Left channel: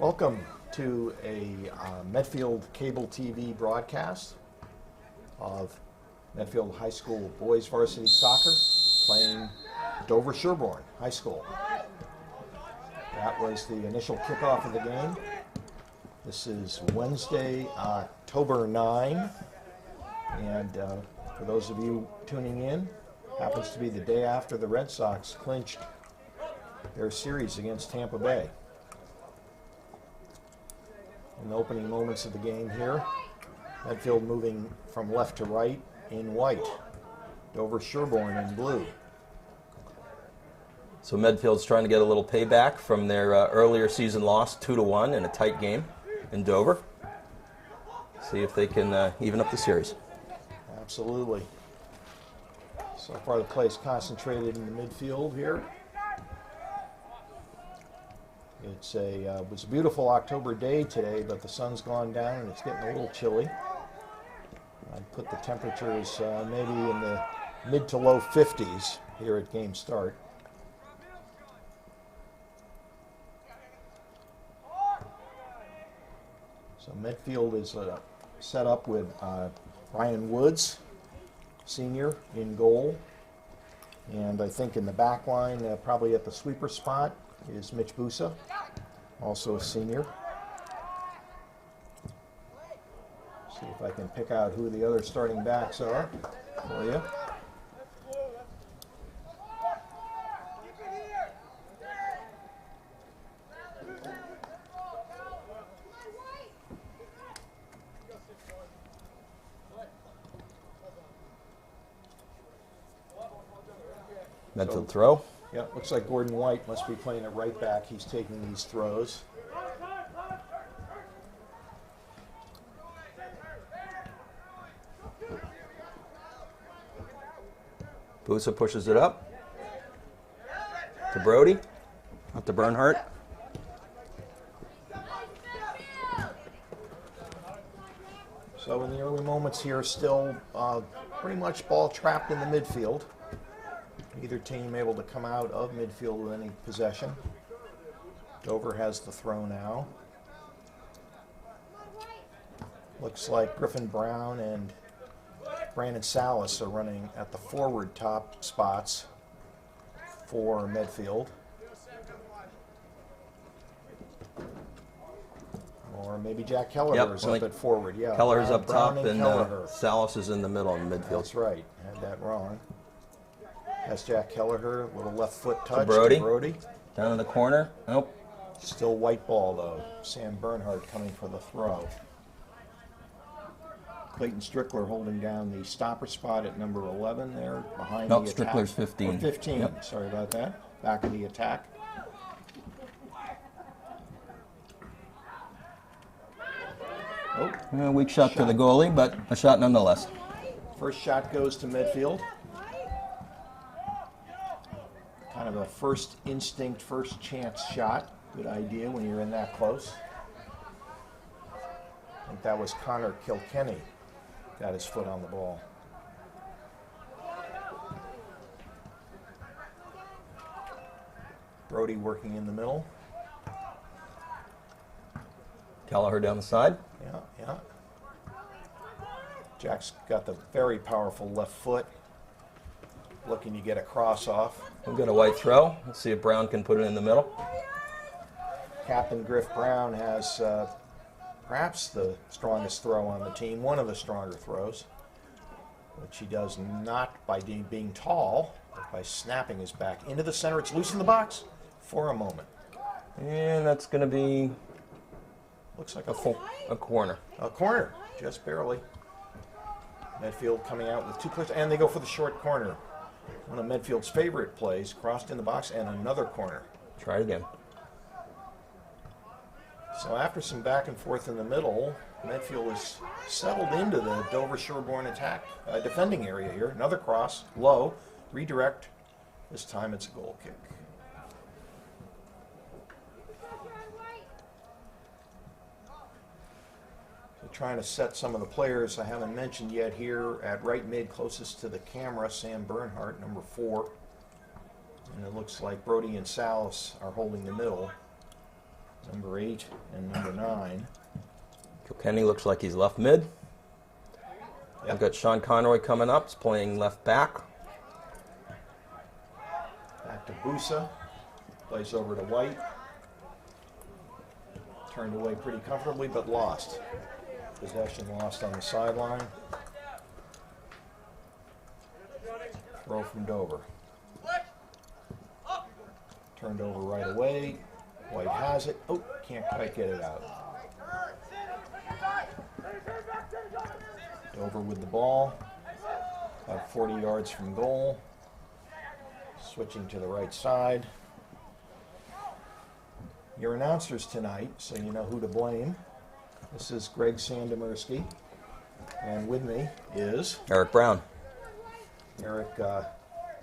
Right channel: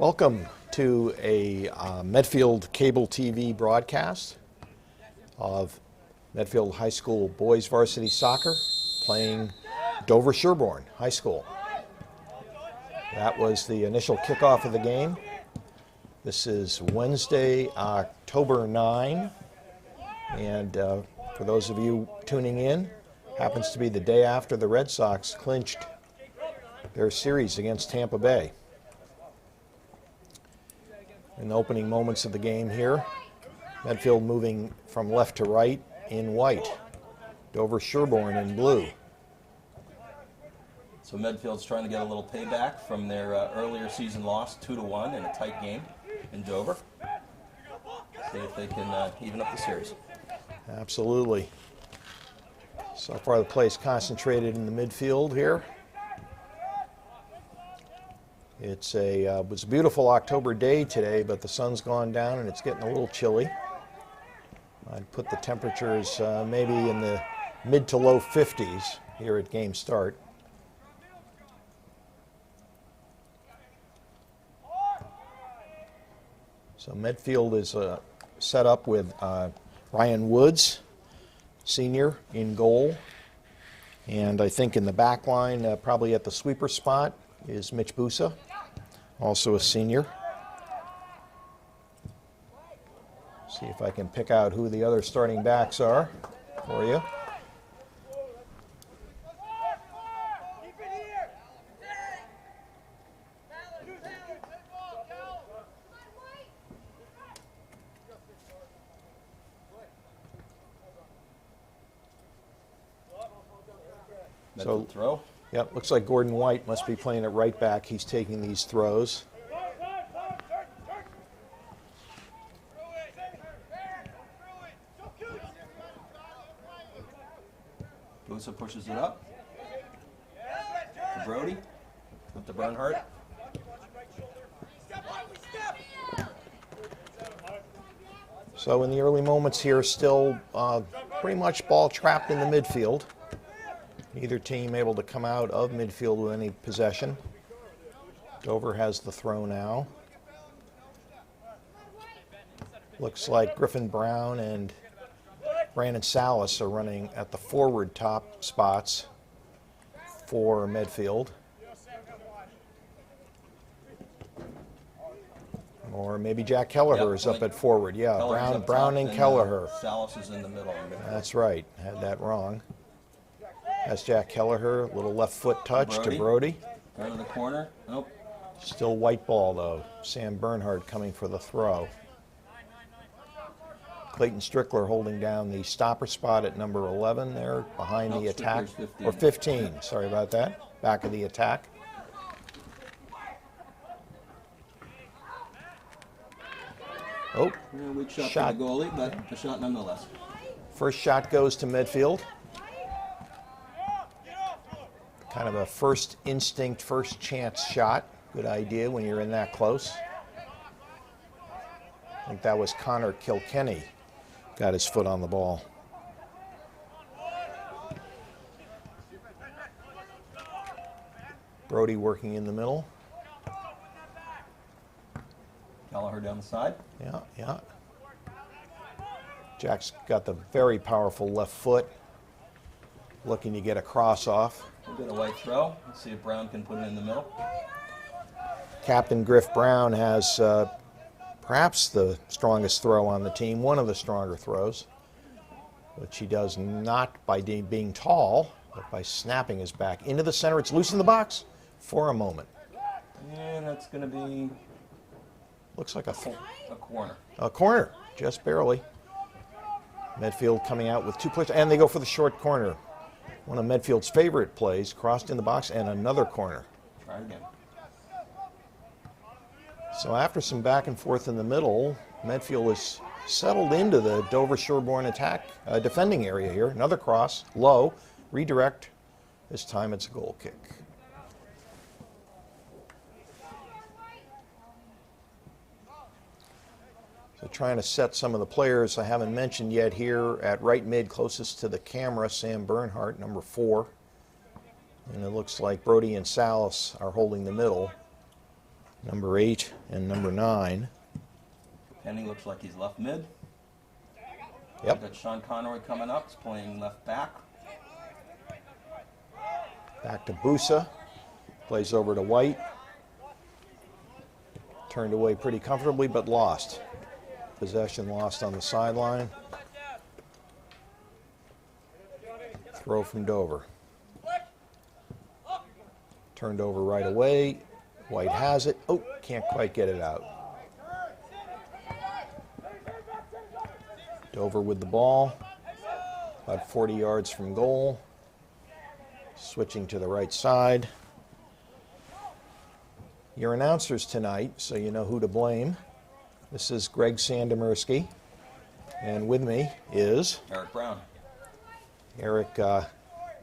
Welcome to a Medfield cable TV broadcast of Medfield High School boys varsity soccer playing Dover Sherborne High School. That was the initial kickoff of the game. This is Wednesday, October 9, and for those of you tuning in, happens to be the day after the Red Sox clinched their series against Tampa Bay. In the opening moments of the game here, Medfield moving from left to right in white, Dover Sherborne in blue. So Medfield's trying to get a little payback from their earlier season loss, 2-1 in a tight game in Dover. See if they can even up the series. Absolutely. So far the play is concentrated in the midfield here. It was a beautiful October day today, but the sun's gone down and it's getting a little chilly. I'd put the temperatures maybe in the mid to low 50s here at game start. So Medfield is set up with Ryan Woods, senior, in goal. And I think in the back line, probably at the sweeper spot, is Mitch Busa, also a senior. See if I can pick out who the other starting backs are for you. Medfield throw. Yep, looks like Gordon White must be playing at right back. He's taking these throws. Busa pushes it up to Brody, not to Bernhardt. So in the early moments here, still pretty much ball trapped in the midfield. Neither team able to come out of midfield with any possession. Dover has the throw now. Looks like Griffin Brown and Brandon Salas are running at the forward top spots for Medfield. Or maybe Jack Kelleher is up at forward. Yeah, Kelleher's up Brown top, and Kelleher. Salas is in the middle in midfield. That's right. Had that wrong. That's Jack Kelleher, little left foot touch to Brody. Down in the corner. Nope. Still white ball though. Sam Bernhardt coming for the throw. Clayton Strickler holding down the stopper spot at number 11 there behind the attack. Strickler's 15. Or 15, yep. Sorry about that. Back of the attack. Oh, weak shot to the goalie, but a shot nonetheless. First shot goes to Medfield. Kind of a first instinct, first chance shot. Good idea when you're in that close. I think that was Connor Kilkenny. Got his foot on the ball. Brody working in the middle. Kelleher down the side. Yeah. Jack's got the very powerful left foot. Looking to get a cross off. We've got a white throw. Let's see if Brown can put it in the middle. Captain Griff Brown has perhaps the strongest throw on the team, one of the stronger throws, which he does not by being tall, but by snapping his back into the center. It's loose in the box for a moment. And that's going to be... Looks like a corner. A corner, just barely. Medfield coming out with two players, and they go for the short corner. One of Medfield's favorite plays, crossed in the box, and another corner. Try it again. So after some back and forth in the middle, Medfield is settled into the Dover Sherborne attack defending area here. Another cross, low, redirect. This time it's a goal kick. So trying to set some of the players I haven't mentioned yet here at right mid, closest to the camera, Sam Bernhardt, number 4. And it looks like Brody and Salas are holding the middle. number 8 and number 9. Kilkenny looks like he's left mid. Yep. We've got Sean Conroy coming up. He's playing left back. Back to Busa. Plays over to White. Turned away pretty comfortably, but lost. Possession lost on the sideline. Throw from Dover. Turned over right away. White has it. Oh, can't quite get it out. Dover with the ball. About 40 yards from goal. Switching to the right side. Your announcers tonight, so you know who to blame. This is Greg Sandemersky. And with me is Eric Brown. Eric,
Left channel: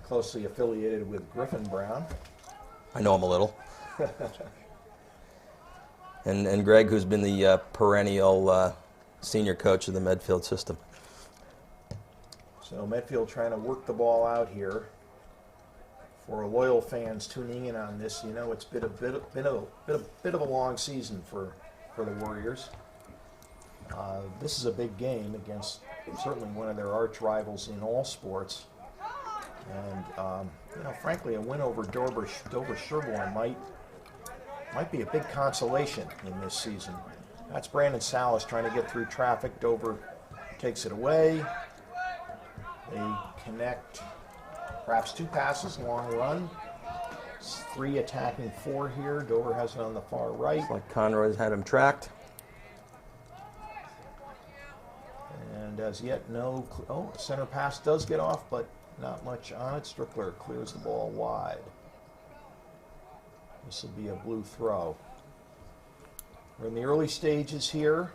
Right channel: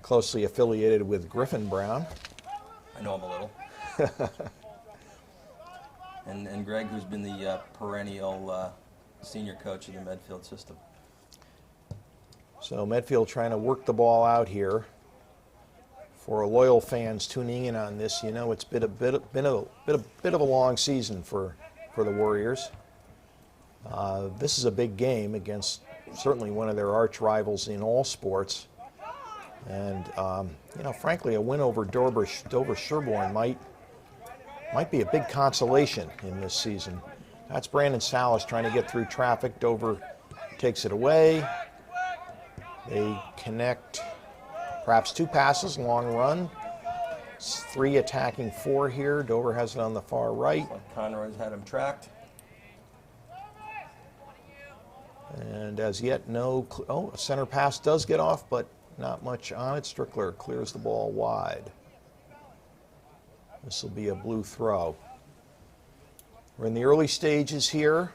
closely affiliated with Griffin Brown. I know him a little. and Greg, who's been the perennial senior coach of the Medfield system. So Medfield trying to work the ball out here. For loyal fans tuning in on this, you know it's been a bit of a long season for the Warriors. This is a big game against certainly one of their arch rivals in all sports. And you know, frankly, a win over Dover Sherborne might be a big consolation in this season. That's Brandon Salas trying to get through traffic. Dover takes it away. They connect perhaps 2 passes, long run. 3 attacking 4 here. Dover has it on the far right. Like Conroy's had him tracked. And as yet, no. Oh, a center pass does get off, but not much on it. Strickler clears the ball wide. This will be a blue throw. We're in the early stages here.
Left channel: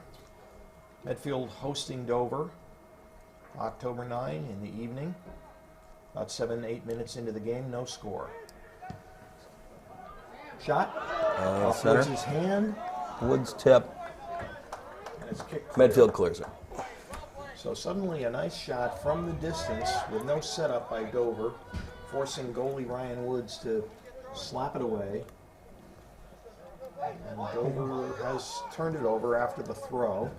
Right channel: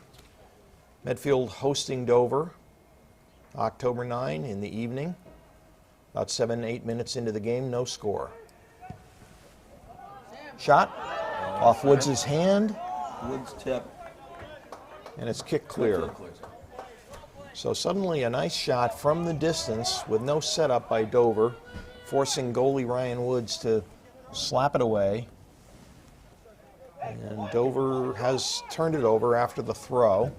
Medfield hosting Dover. October 9 in the evening. About 7-8 minutes into the game, no score. Shot off center. Woods' hand, Woods tip. and it's kicked clear. Medfield clears it. So suddenly a nice shot from the distance with no setup by Dover, forcing goalie Ryan Woods to slap it away. And Dover has turned it over after the throw.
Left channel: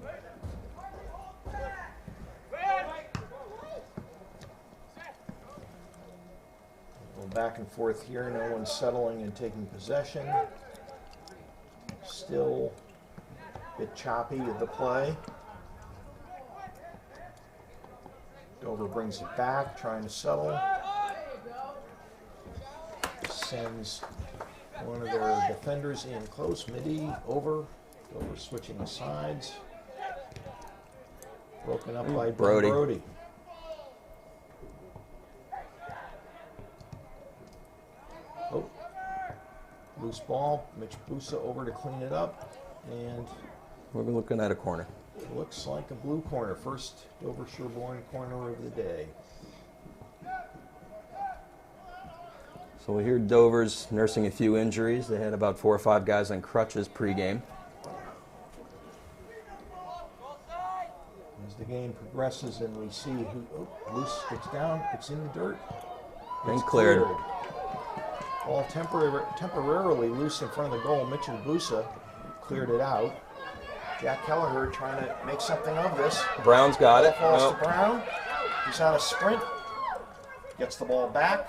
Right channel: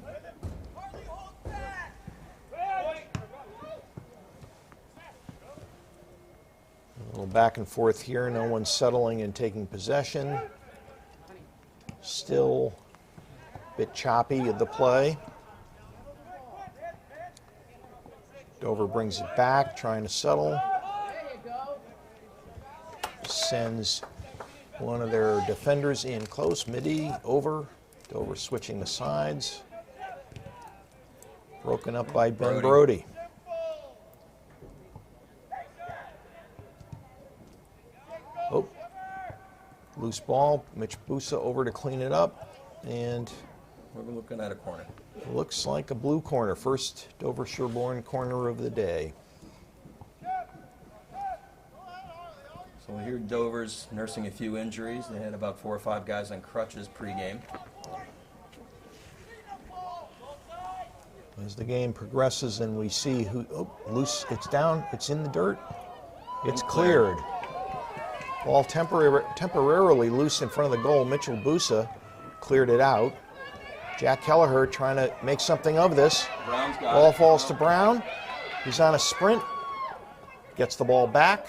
A little back and forth here. No one's settling and taking possession. Still a bit choppy at the play. Dover brings it back, trying to settle. Sends one of their defenders in close, midi, over. Dover switching the sides. Broken up by Ben Brody. Oh, loose ball. Mitch Busa over to clean it up. And We're looking at a corner. looks like a blue corner. First Dover Sherborne corner of the day. So we hear Dover's nursing a few injuries. They had about 4 or 5 guys on crutches pregame. As the game progresses and we see who, oh, loose, it's down, it's in the dirt. It's And cleared. cleared. Ball temporarily loose in front of the goal. Mitchell Busa cleared it out. Jack Kelleher trying to make something of this. Brown's got Ball it. falls Oh. to Brown. He's on a sprint. Gets the ball back.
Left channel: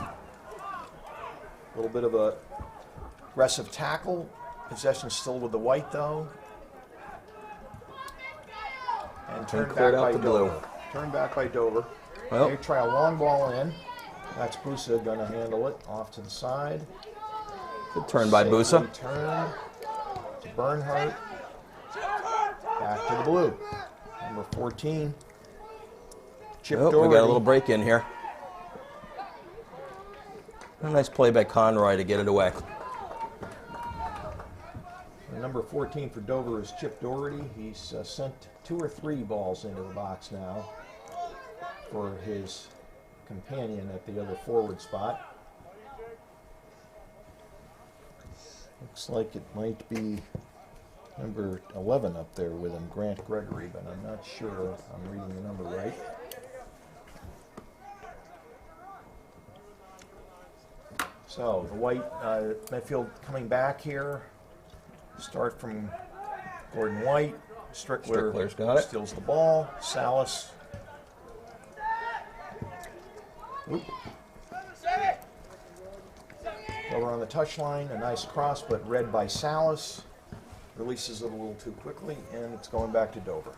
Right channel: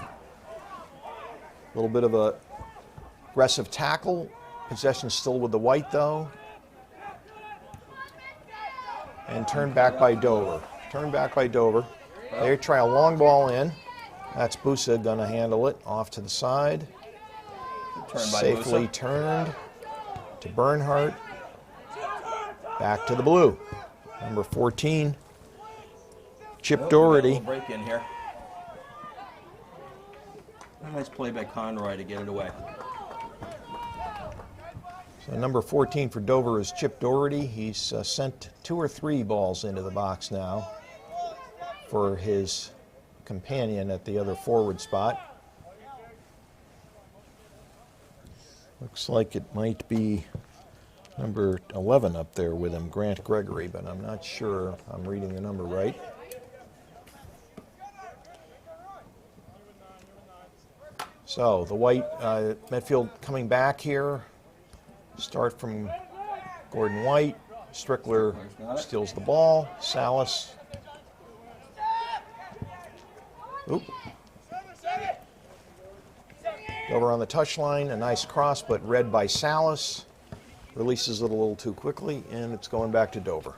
A little bit of a aggressive tackle. Possession still with the White though. And turned back cleared by out the blue. Dover. Turned back by Dover. Well. They try a long ball in. That's Busa gonna handle it off to the side. Good turn by Safely Busa. turned to Bernhardt. Back to the blue. Number 14. Chip Oh, we got a Doherty. little break in here. A nice play by Conroy to get it away. So number 14 for Dover is Chip Doherty. He's sent 2 or 3 balls into the box now for his companion at the other forward spot. Looks like it might be number 11 up there with him, Grant Gregory, but I'm not sure I'm reading the number right. So the White, Medfield coming back here. Start from Gordon White. Strickler's got it. Steals the ball. Salas. Oop. Over on the touchline, a nice cross, but read by Salas. Releases it a little too quickly, and it's going back to Dover.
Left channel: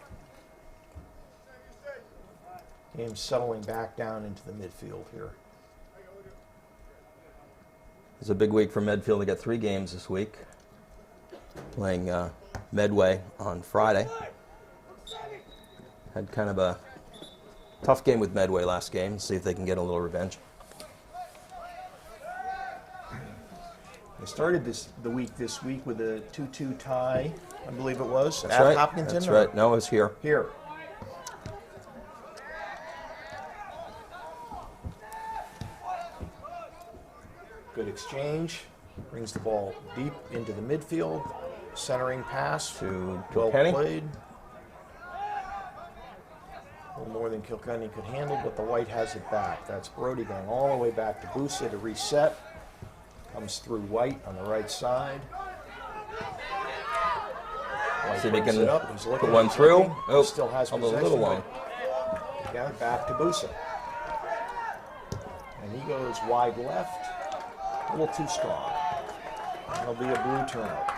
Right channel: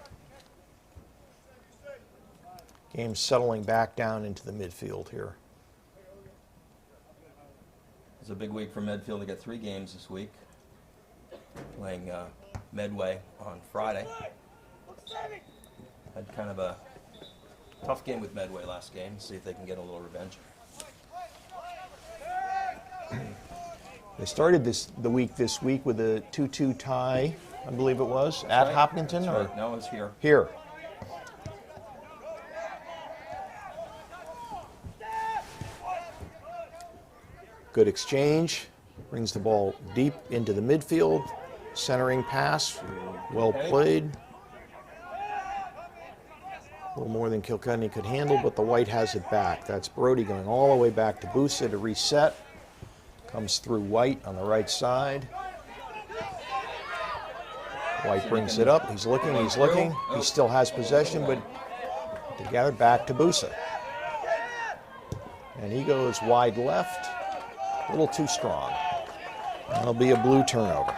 Game settling back down into the midfield here. It's a big week for Medfield. They got 3 games this week. Playing Medway on Friday. Had kind of a tough game with Medway last game. See if they can get a little revenge. They started the week this week with a 2-2 tie, I believe it was, That's at right. Hopkinton. That's right. No, it was here. Here. Good exchange. Brings the ball deep into the midfield. Centering pass. Well Kenny. played. A little more than Kilkenny could handle, but the White has it back. That's Brody going all the way back to Busa to reset. Comes through White on the right side. White See if brings he can it up. He's looking. put one He's through. looking. Oh, He still has a little possession, one. but together back to Busa. And he goes wide left. A little too strong. And there'll be a blue turnover.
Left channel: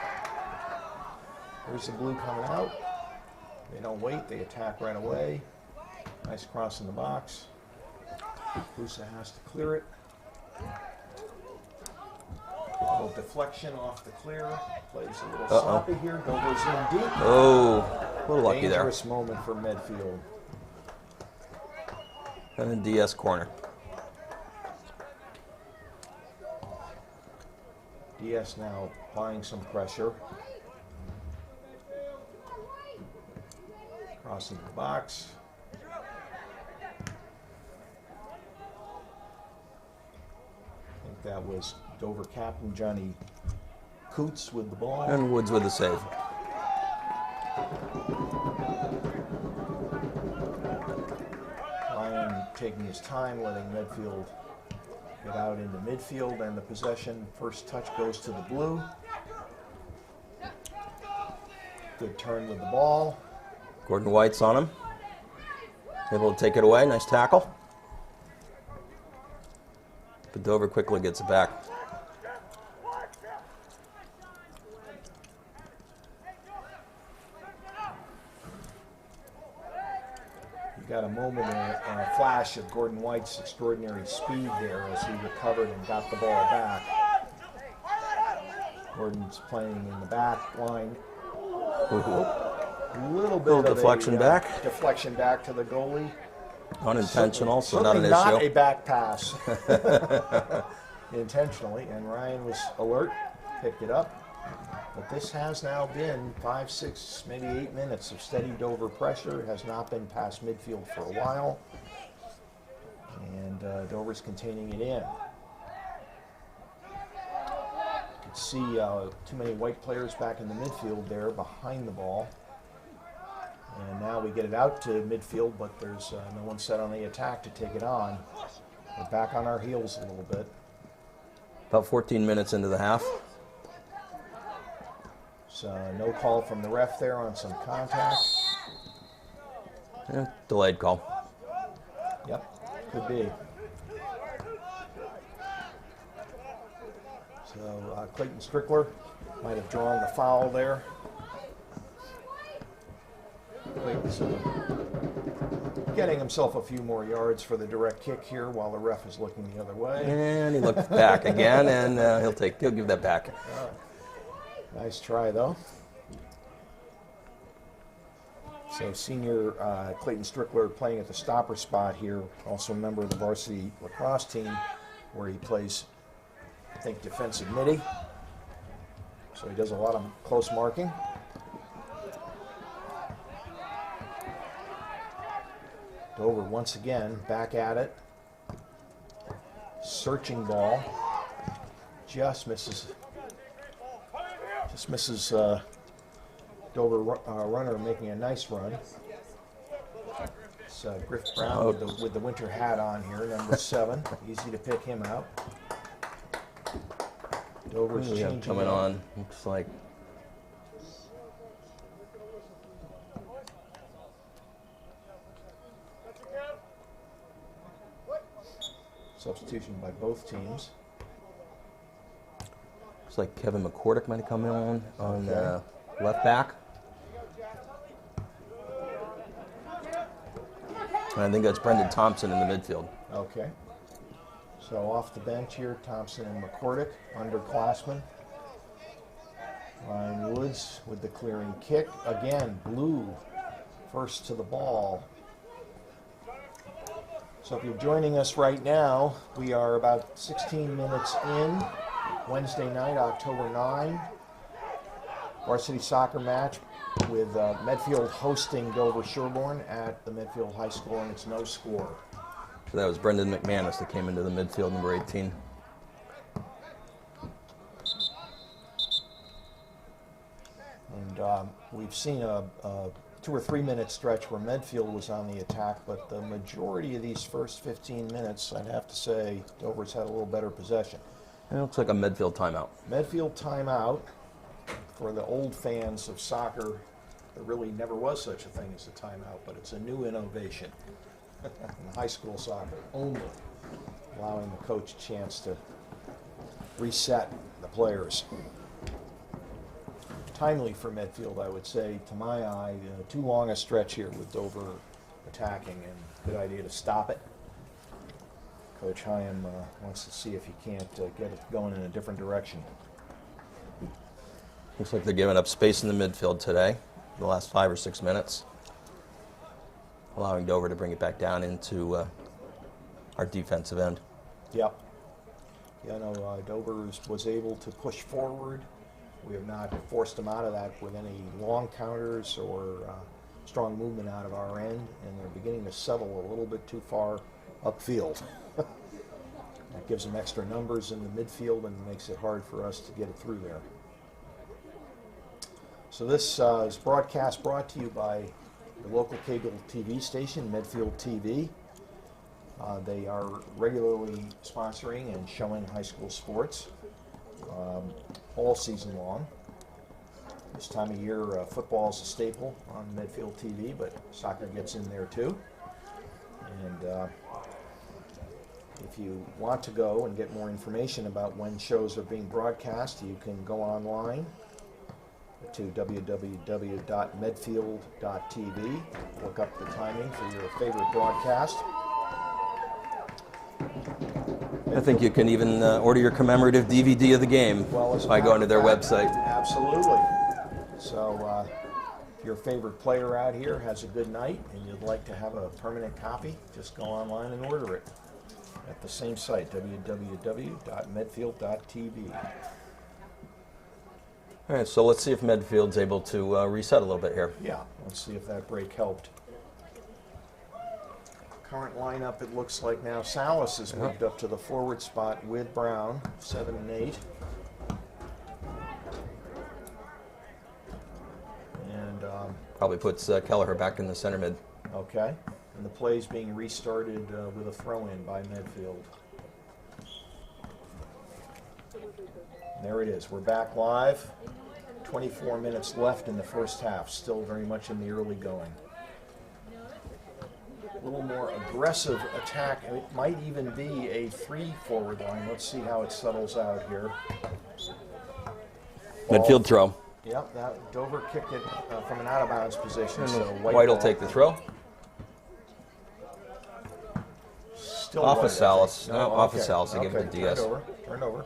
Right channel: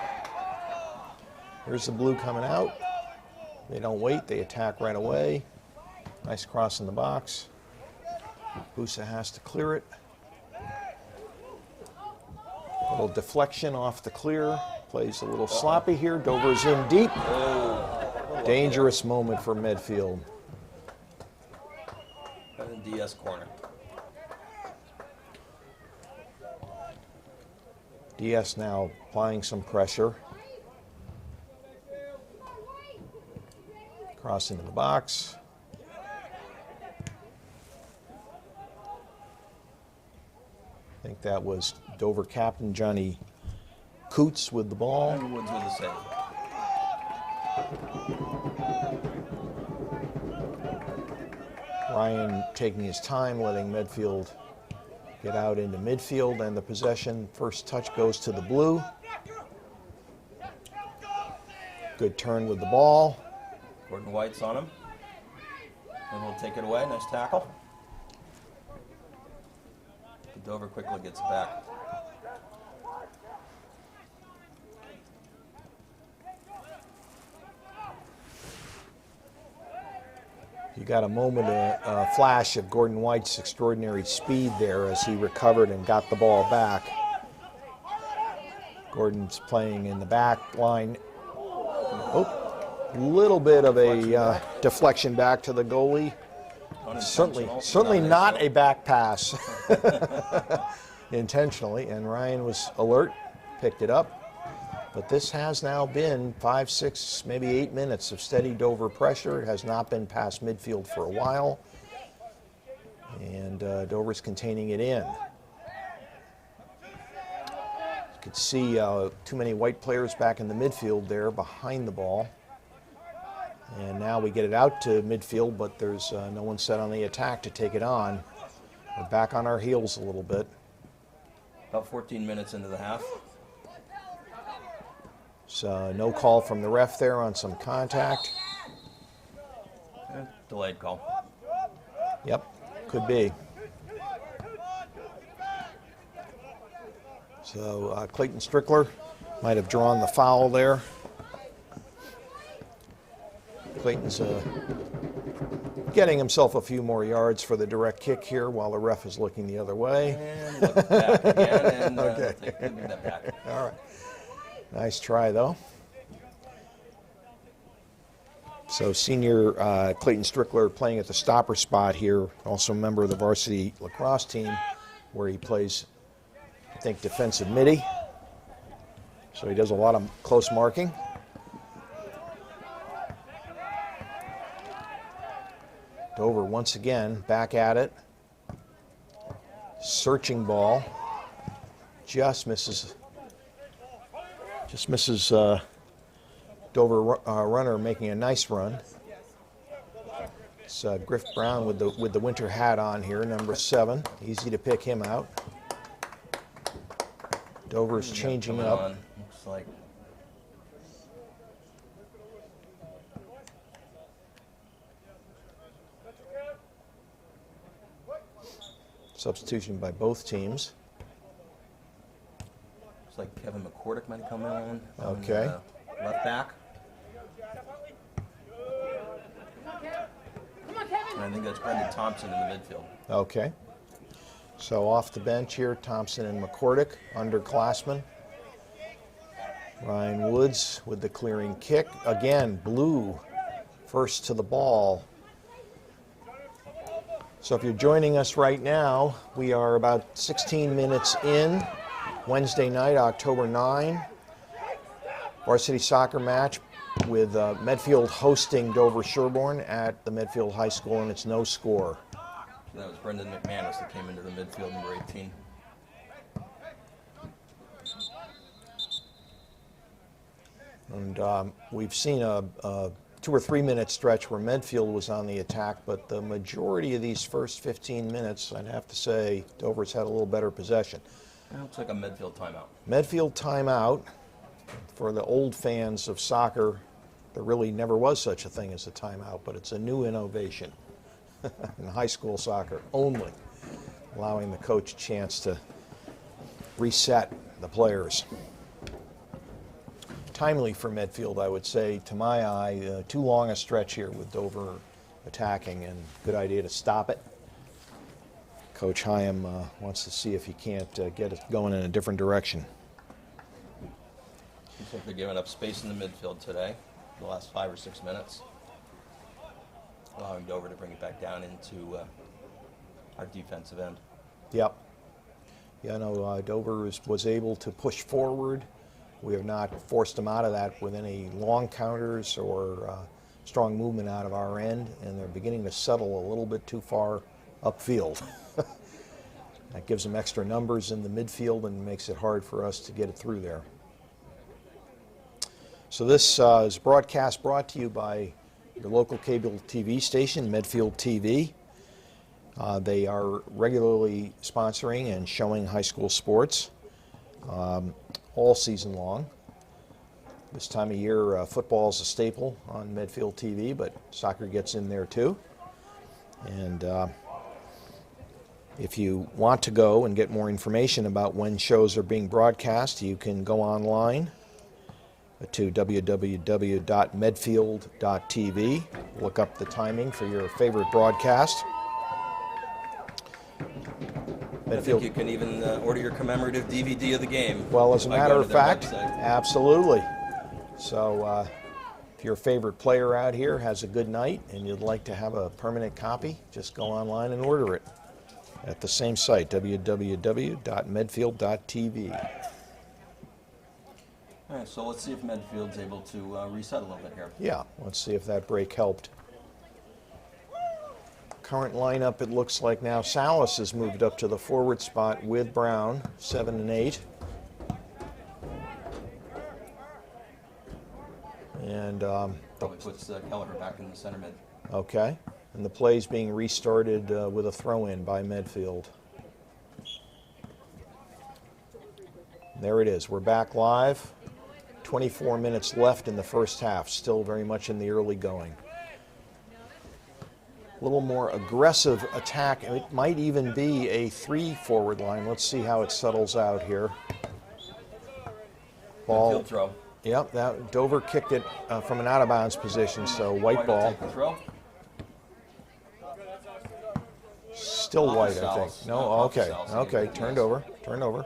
Here's the blue coming out. They don't wait. They attack right away. Nice cross in the box. Busa has to clear it. A little deflection off the clear. Plays a little sloppy here. Dover's in deep. Oh, a little lucky Dangerous moment for Medfield. there. And then DS corner. DS now applying some pressure. Cross into the box. I think that was Dover captain Johnny Coots with the ball. And Woods with the save. Ryan taking his time, letting Medfield get out into midfield, and the possession. First touch goes to the blue. Good turn with the ball. Gordon White's on him. Able to take it away. Nice tackle. But Dover quickly gets it back. You got a moment, a flash of Gordon White's extraordinary speed there as he recovered and got the ball back. Gordon's playing in the back line. A little bit of deflection a back. deflection back to the goalie. Unintentional. Certainly not issue. a back pass. Intentionally, and Ryan was alert, picked it up. But this has now been 5, 6, maybe 8 minutes of steady Dover pressure. It has not been past midfield for a while. And Dover's containing it in. You could see too many White players back in the midfield there behind the ball. And now we get it out to midfield, but there's no one set on the attack to take it on. We're back on our heels a little bit. About 14 minutes into the half. So no call from the ref there on some contact. Yeah, delayed call. Yep, could be. So Clayton Strickler might have drawn the foul there. Clayton's getting himself a few more yards for the direct kick here while the ref is looking the other way. And he looks back again, and he'll give that back. All right. Nice try, though. So senior Clayton Strickler playing at the stopper spot here, also a member of the varsity lacrosse team, where he plays, I think, defensive midi. So he does a lot of close marking. Dover once again back at it. Searching ball. Just misses Dover runner making a nice run. It's Griff Brown with the winter hat on here, number 7. Easy to pick him out. Dover's We got changing coming up. on. Looks like Substitution by both teams. looks like Kevin McCordick might have come in on Okay. left back. And I think that's Brendan Thompson in the midfield. Okay. So off the bench here, Thompson and McCordick, underclassmen. Ryan Woods with the clearing kick. Again, Blue first to the ball. So if you're joining us right now, we are about 16 minutes in. Wednesday night, October 9. Varsity soccer match with Medfield hosting Dover Sherborne at the Medfield High School, and it's no score. So that was Brendan McManus that came into the midfield, number 18. And we've seen a 2 or 3 minute stretch where Medfield was on the attack, but the majority of these first 15 minutes, I'd have to say, Dover's had a little better possession. It looks like a Medfield timeout. Medfield timeout. For the old fans of soccer, there really never was such a thing as a timeout, but it's a new innovation in high school soccer only, allowing the coach a chance to reset the players. Timely for Medfield, I would say, to my eye. Too long a stretch here with Dover attacking, and good idea to stop it. Coach Hyam wants to see if he can't get it going in a different direction. Looks like they're giving up space in the midfield today, the last 5 or 6 minutes, allowing Dover to bring it back down into our defensive end. Yep. Yeah, no, Dover was able to push forward. We have not forced them out of that with any long counters or strong movement out of our end, and they're beginning to settle a little bit too far upfield. That gives them extra numbers in the midfield and makes it hard for us to get it through there. So this is brought to you by your local cable TV station, Medfield TV. They are regularly sponsoring and showing high school sports all season long. This time of year, football is a staple on Medfield TV, but soccer gets in there too. And if you want to go and get more information about when shows are being broadcast, you can go online to www.medfield.tv. Look up the timing for your favorite broadcast. I think you can even order your commemorative DVD of the game by going to their website. Absolutely. So if your favorite player out here has a good night and you'd like to have a permanent copy, just go online and order it at the same site, www.medfield.tv. All right, so let's see if Medfield's able to reset a little bit here. Yeah, let's see if that break helped. Current lineup, it looks like now Salas has moved up to the forward spot with Brown, 7 and 8. And Probably puts Kelleher back in the center mid. okay, and the play's being restarted with a throw-in by Medfield. There it is. We're back live. 24 minutes left in the first half. Still very much in the early going. A little more aggressive attack, and it might even be a 3-forward line. Let's see how it settles out here. Midfield throw. Yep, that Dover kicked it from an out-of-bounds position, so White will take the throw. Still Off of White, I think. Salas. No, No, off of okay. Salas again, Okay, 50, turn yes. it over. Turn it over.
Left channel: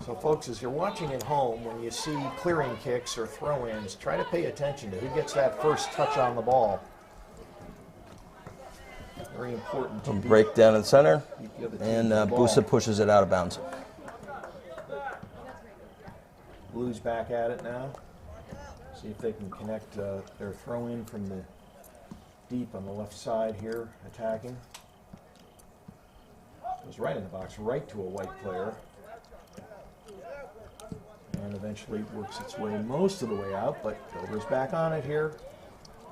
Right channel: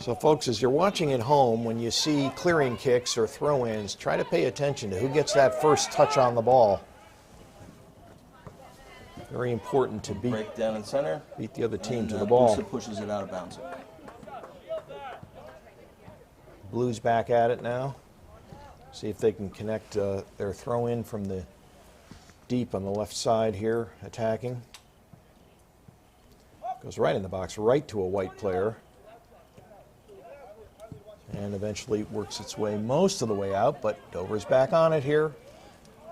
So folks, as you're watching at home, when you see clearing kicks or throw-ins, try to pay attention to who gets that first touch on the ball. Very important to Break down in the center. beat the other team And to the ball. Busa pushes it out of bounds. Blues back at it now. See if they can connect their throw-in from the deep on the left side here, attacking. Goes right in the box, right to a White player. And eventually works its way most of the way out, but Dover's back on it here.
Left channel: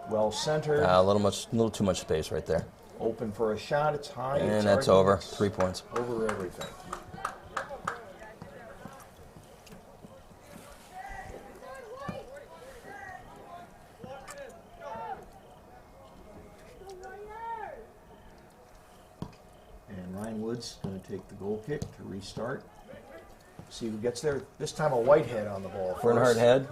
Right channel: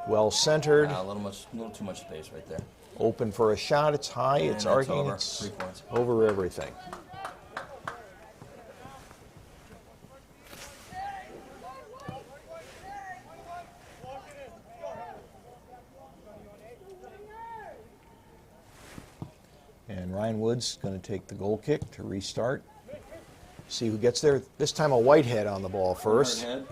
Well centered. A little too much space right there. Open for a shot. It's high. And It's it's over. arguments 3 points. over everything. And Ryan Woods going to take the goal kick to restart. See who gets there. This time a Whitehead on the ball first. Head.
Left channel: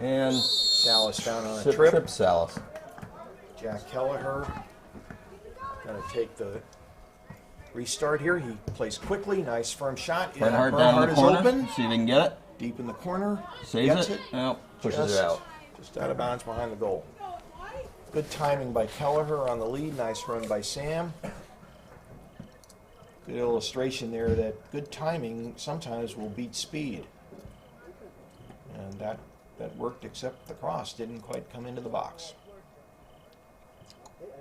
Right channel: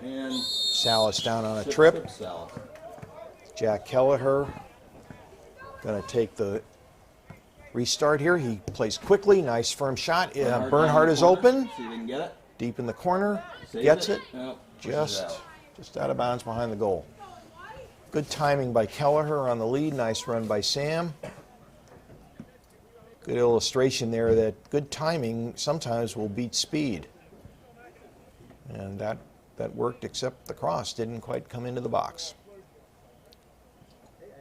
And Salas down on a trip. Salas. Jack Kelleher going to take the restart here. He plays quickly. Nice firm shot. Bernhardt is open. See if he can get it. Deep in the corner. Saves Gets it. No, pushes it out. Just out of bounds behind the goal. Good timing by Kelleher on the lead. Nice run by Sam. Good illustration there that good timing sometimes will beat speed. And that worked, except the cross didn't quite come into the box.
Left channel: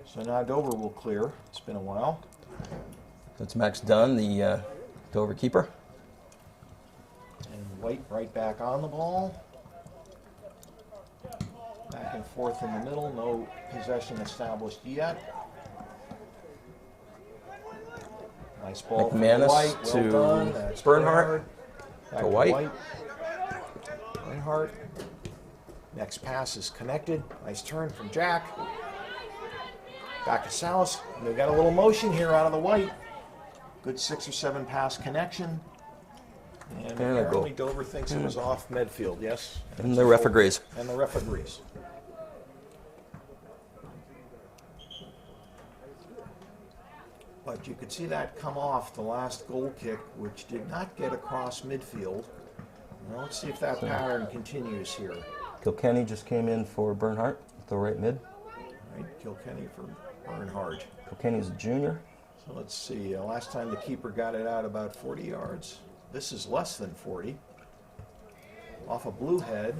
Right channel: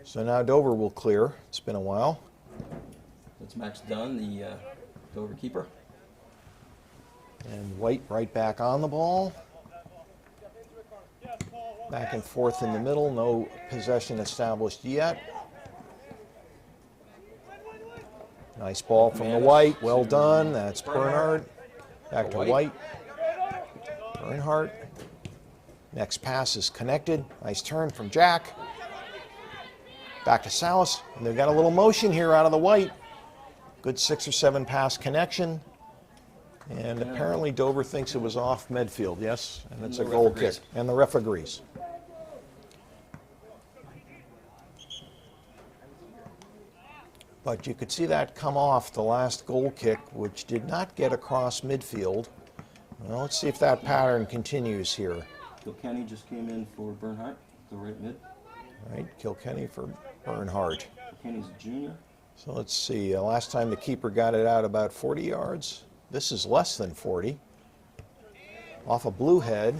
So now Dover will clear. It's been a while. That's Max Dunn, the Dover keeper. And White right back on the ball. Back and forth in the middle. No possession established yet. Nice ball from White. Well done. That's Bernhardt. Back to White. Bernhardt. Next pass is connected. Nice turn from Jack. Back to Salas. And they've got a little motion here out of the White. Good 6 or 7 pass connection. And apparently Dover thinks it was off Medfield, yes? And the ref agrees. And the ref agrees. But you could see that come off the last goal kick, which did not get across midfield. Well, let's see if that pattern continues here. Kilkenny just came in for Bernhardt, the right mid. Right, Kilkenny for Bernhardt. Kilkenny's a junior. So let's see, last time the keeper got it out about 40 yards. This is less than 40. Off a blue head.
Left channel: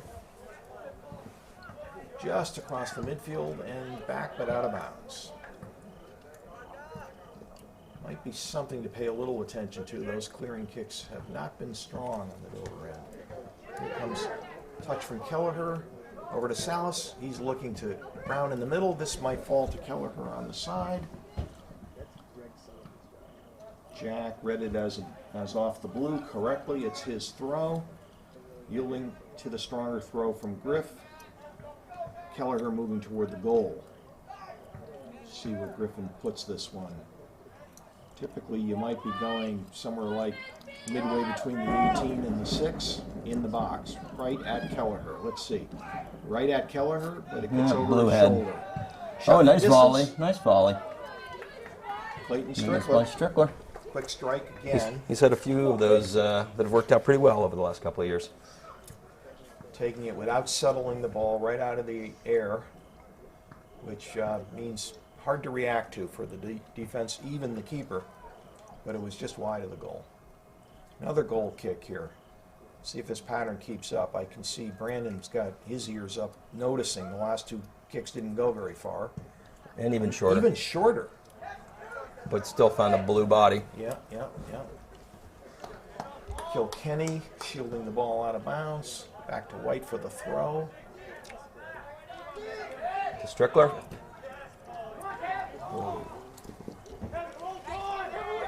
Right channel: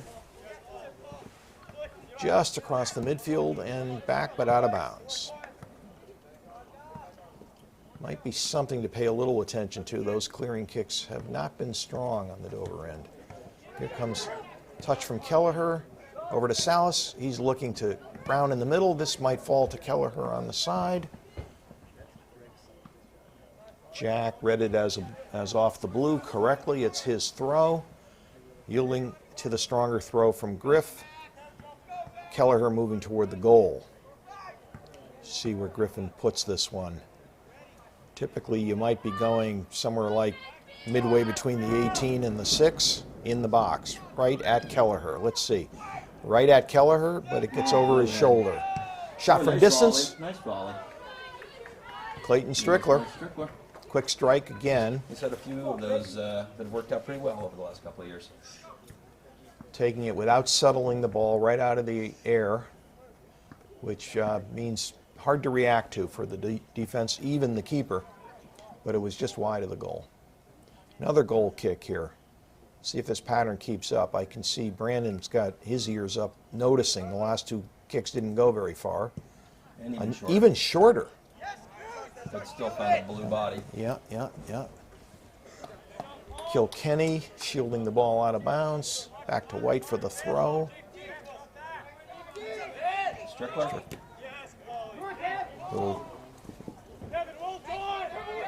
Just across the midfield and back, but out of bounds. Might be something to pay a little attention to. Those clearing kicks have not been strong on the Dover end. Here comes a touch from Kelleher. Over to Salas. He's looking to Brown in the middle. This might fall to Kelleher on the side. Jack read it as off the blue correctly. It's his throw. Yielding to the stronger throw from Griff. Kelleher moving toward the goal. See where Griffin puts this one. Typically, you might be going somewhere like midway between the 18 and the 6 in the box, right at Kelleher. Let's see. Right at Kelleher, but it gets over his shoulder. Shot from nice distance. volley. Nice volley. Clayton Strickler. Strickler. Quick strike again. He's had a few of those that have worked out pretty well over the last couple of years. Taking it without settling the ball right out of the air, which means hard to react to for the defense, even the keeper, but it was just wide of the goal. Another goal kick here. See if this pattern keeps up. I can see Brandon's got his ears up, noticing the last 2 kicks didn't go very far. And even shorter. Even shorter. But still found a blue body. Yeah. Kilkenny shielding the ball out of bounds. Back to White for the throw. Strickler.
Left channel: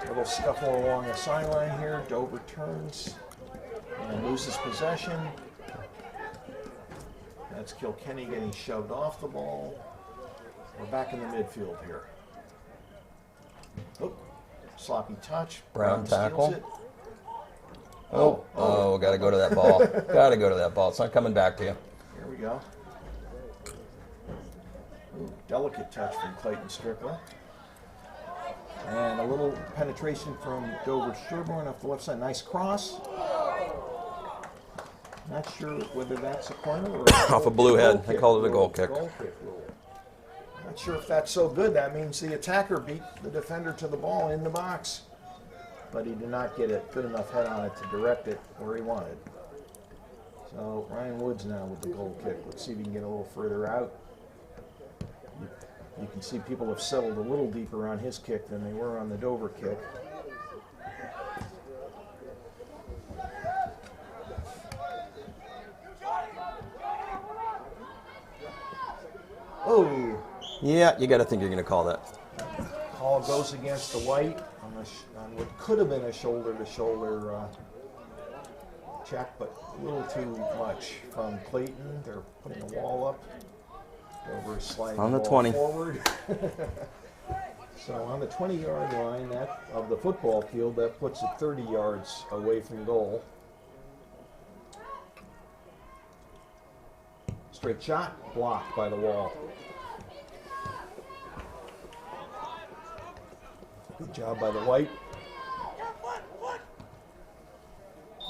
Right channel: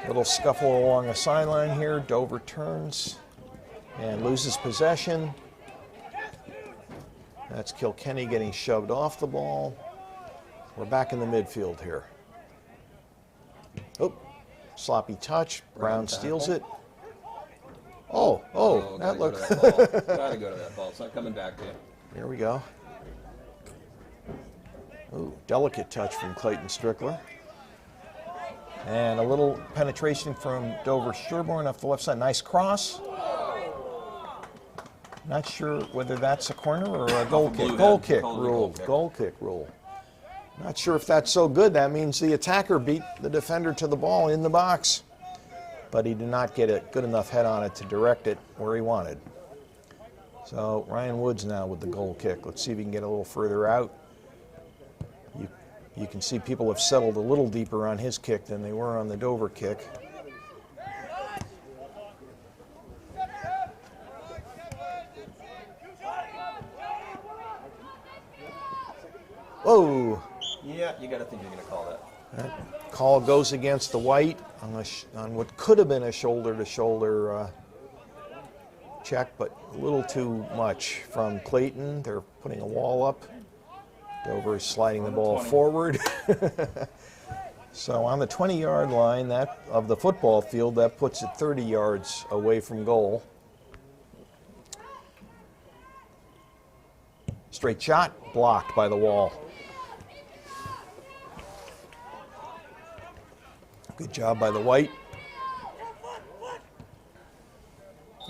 Little scuffle along the sideline here. Dover turns and loses possession. That's Kilkenny getting shoved off the ball. We're back in the midfield here. Oh, sloppy touch. Brown steals it. Oh, got to go to that ball. Got to go to that ball. It's not coming back to you. Here we go. Ooh, delicate touch from Clayton Strickler. And a little penetration from Dover Sherborne off the left side. Nice cross. Not sure whether that's a corner or a goal Off a blue kick. head. Goal kick Called it a rule. goal kick. Goal kick rule. Not sure if that's so good. That means the attacker beat the defender to the ball in the box. But he did not get a good enough head on it to direct it where he wanted. So Ryan Woods now with the goal kick. Let's see if he can get a little further out. You can see people have settled a little deeper on his kick than they were on the Dover kick. Whoa! Yeah, you got to think you're going to call that. That call goes against the white on what could have been a shoulder-to-shoulder check, but a little too much from Clayton. They're putting a wall up. Dover is sliding On the the ball 20. forward. So on the 20-yard line of the football field, that puts it 30 yards away from goal. Straight shot, blocked by the wall. Good job by the white.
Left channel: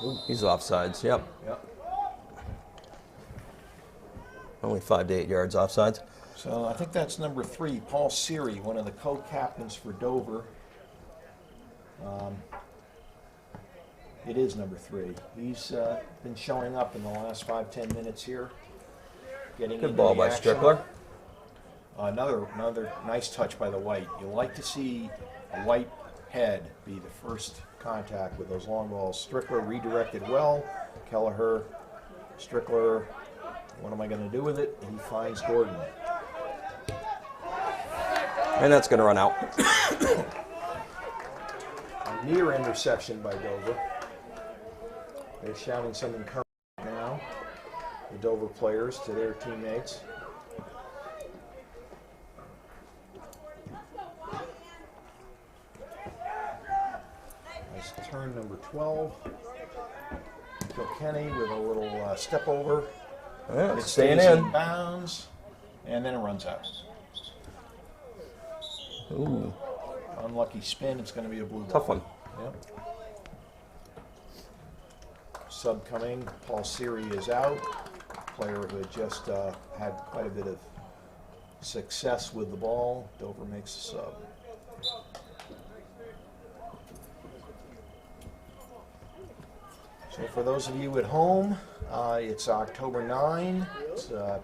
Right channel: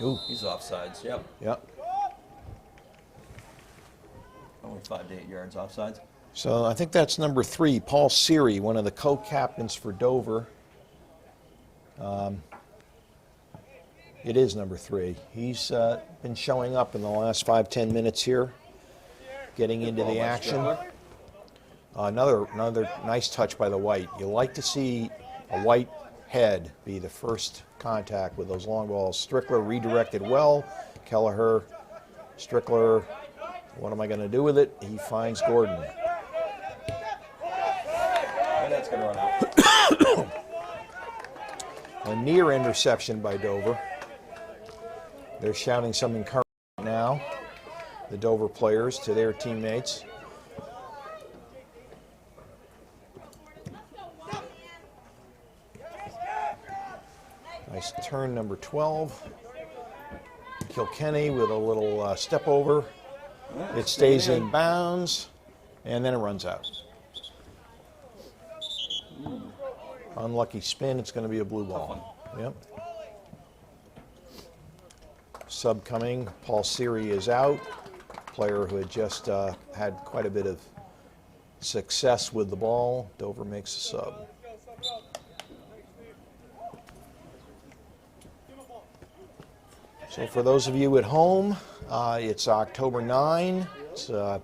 Ooh, he's offsides. Yep. Yep. Only 5 to 8 yards offsides. So I think that's number 3, Paul Seary, one of the co-captains for Dover. It is number 3. He's been showing up in the last 5-10 minutes here, getting Good into ball the by action. Strickler. Another nice touch by the white. You like to see a white head be the first contact with those long balls. Strickler redirected well. Kelleher, Strickler, what am I going to do with it? He finds Gordon. And that's going to run out. A near interception by Dover. They're shouting some encouragement now, the Dover players, to their teammates. Nice turn, number 12. Kilkenny with a little step over. Yeah, It staying stays in. in bounds, and then it runs out. Ooh, Unlucky spin, it's going to be a blue ball. tough one. Yep. Sub coming, Paul Seary is out. Player who had just had quite a bit of success with the ball. Dover makes a sub. So for those of you at home, it's October 9. It's an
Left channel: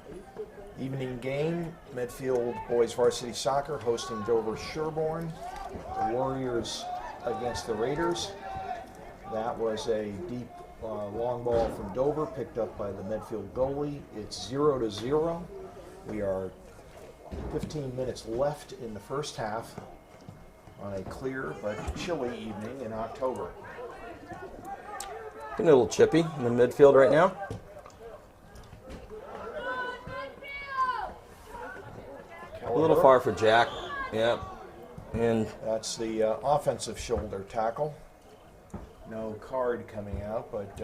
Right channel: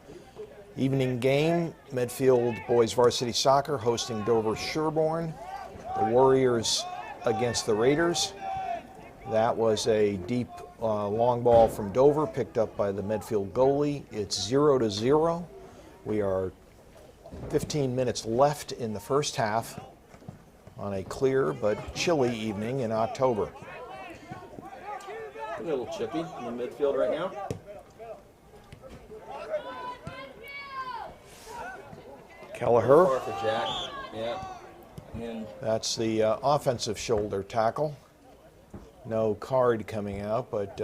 evening game. Medfield Boys Varsity Soccer hosting Dover Sherborne. The Warriors against the Raiders. That was a deep long ball from Dover picked up by the Medfield goalie. It's 0-0. We are 15 minutes left in the first half on a clear but chilly evening in October. Getting a little chippy in the midfield right now. A little Kelleher. far for Jack. Yeah. And That's the offensive shoulder tackle. No card coming out, but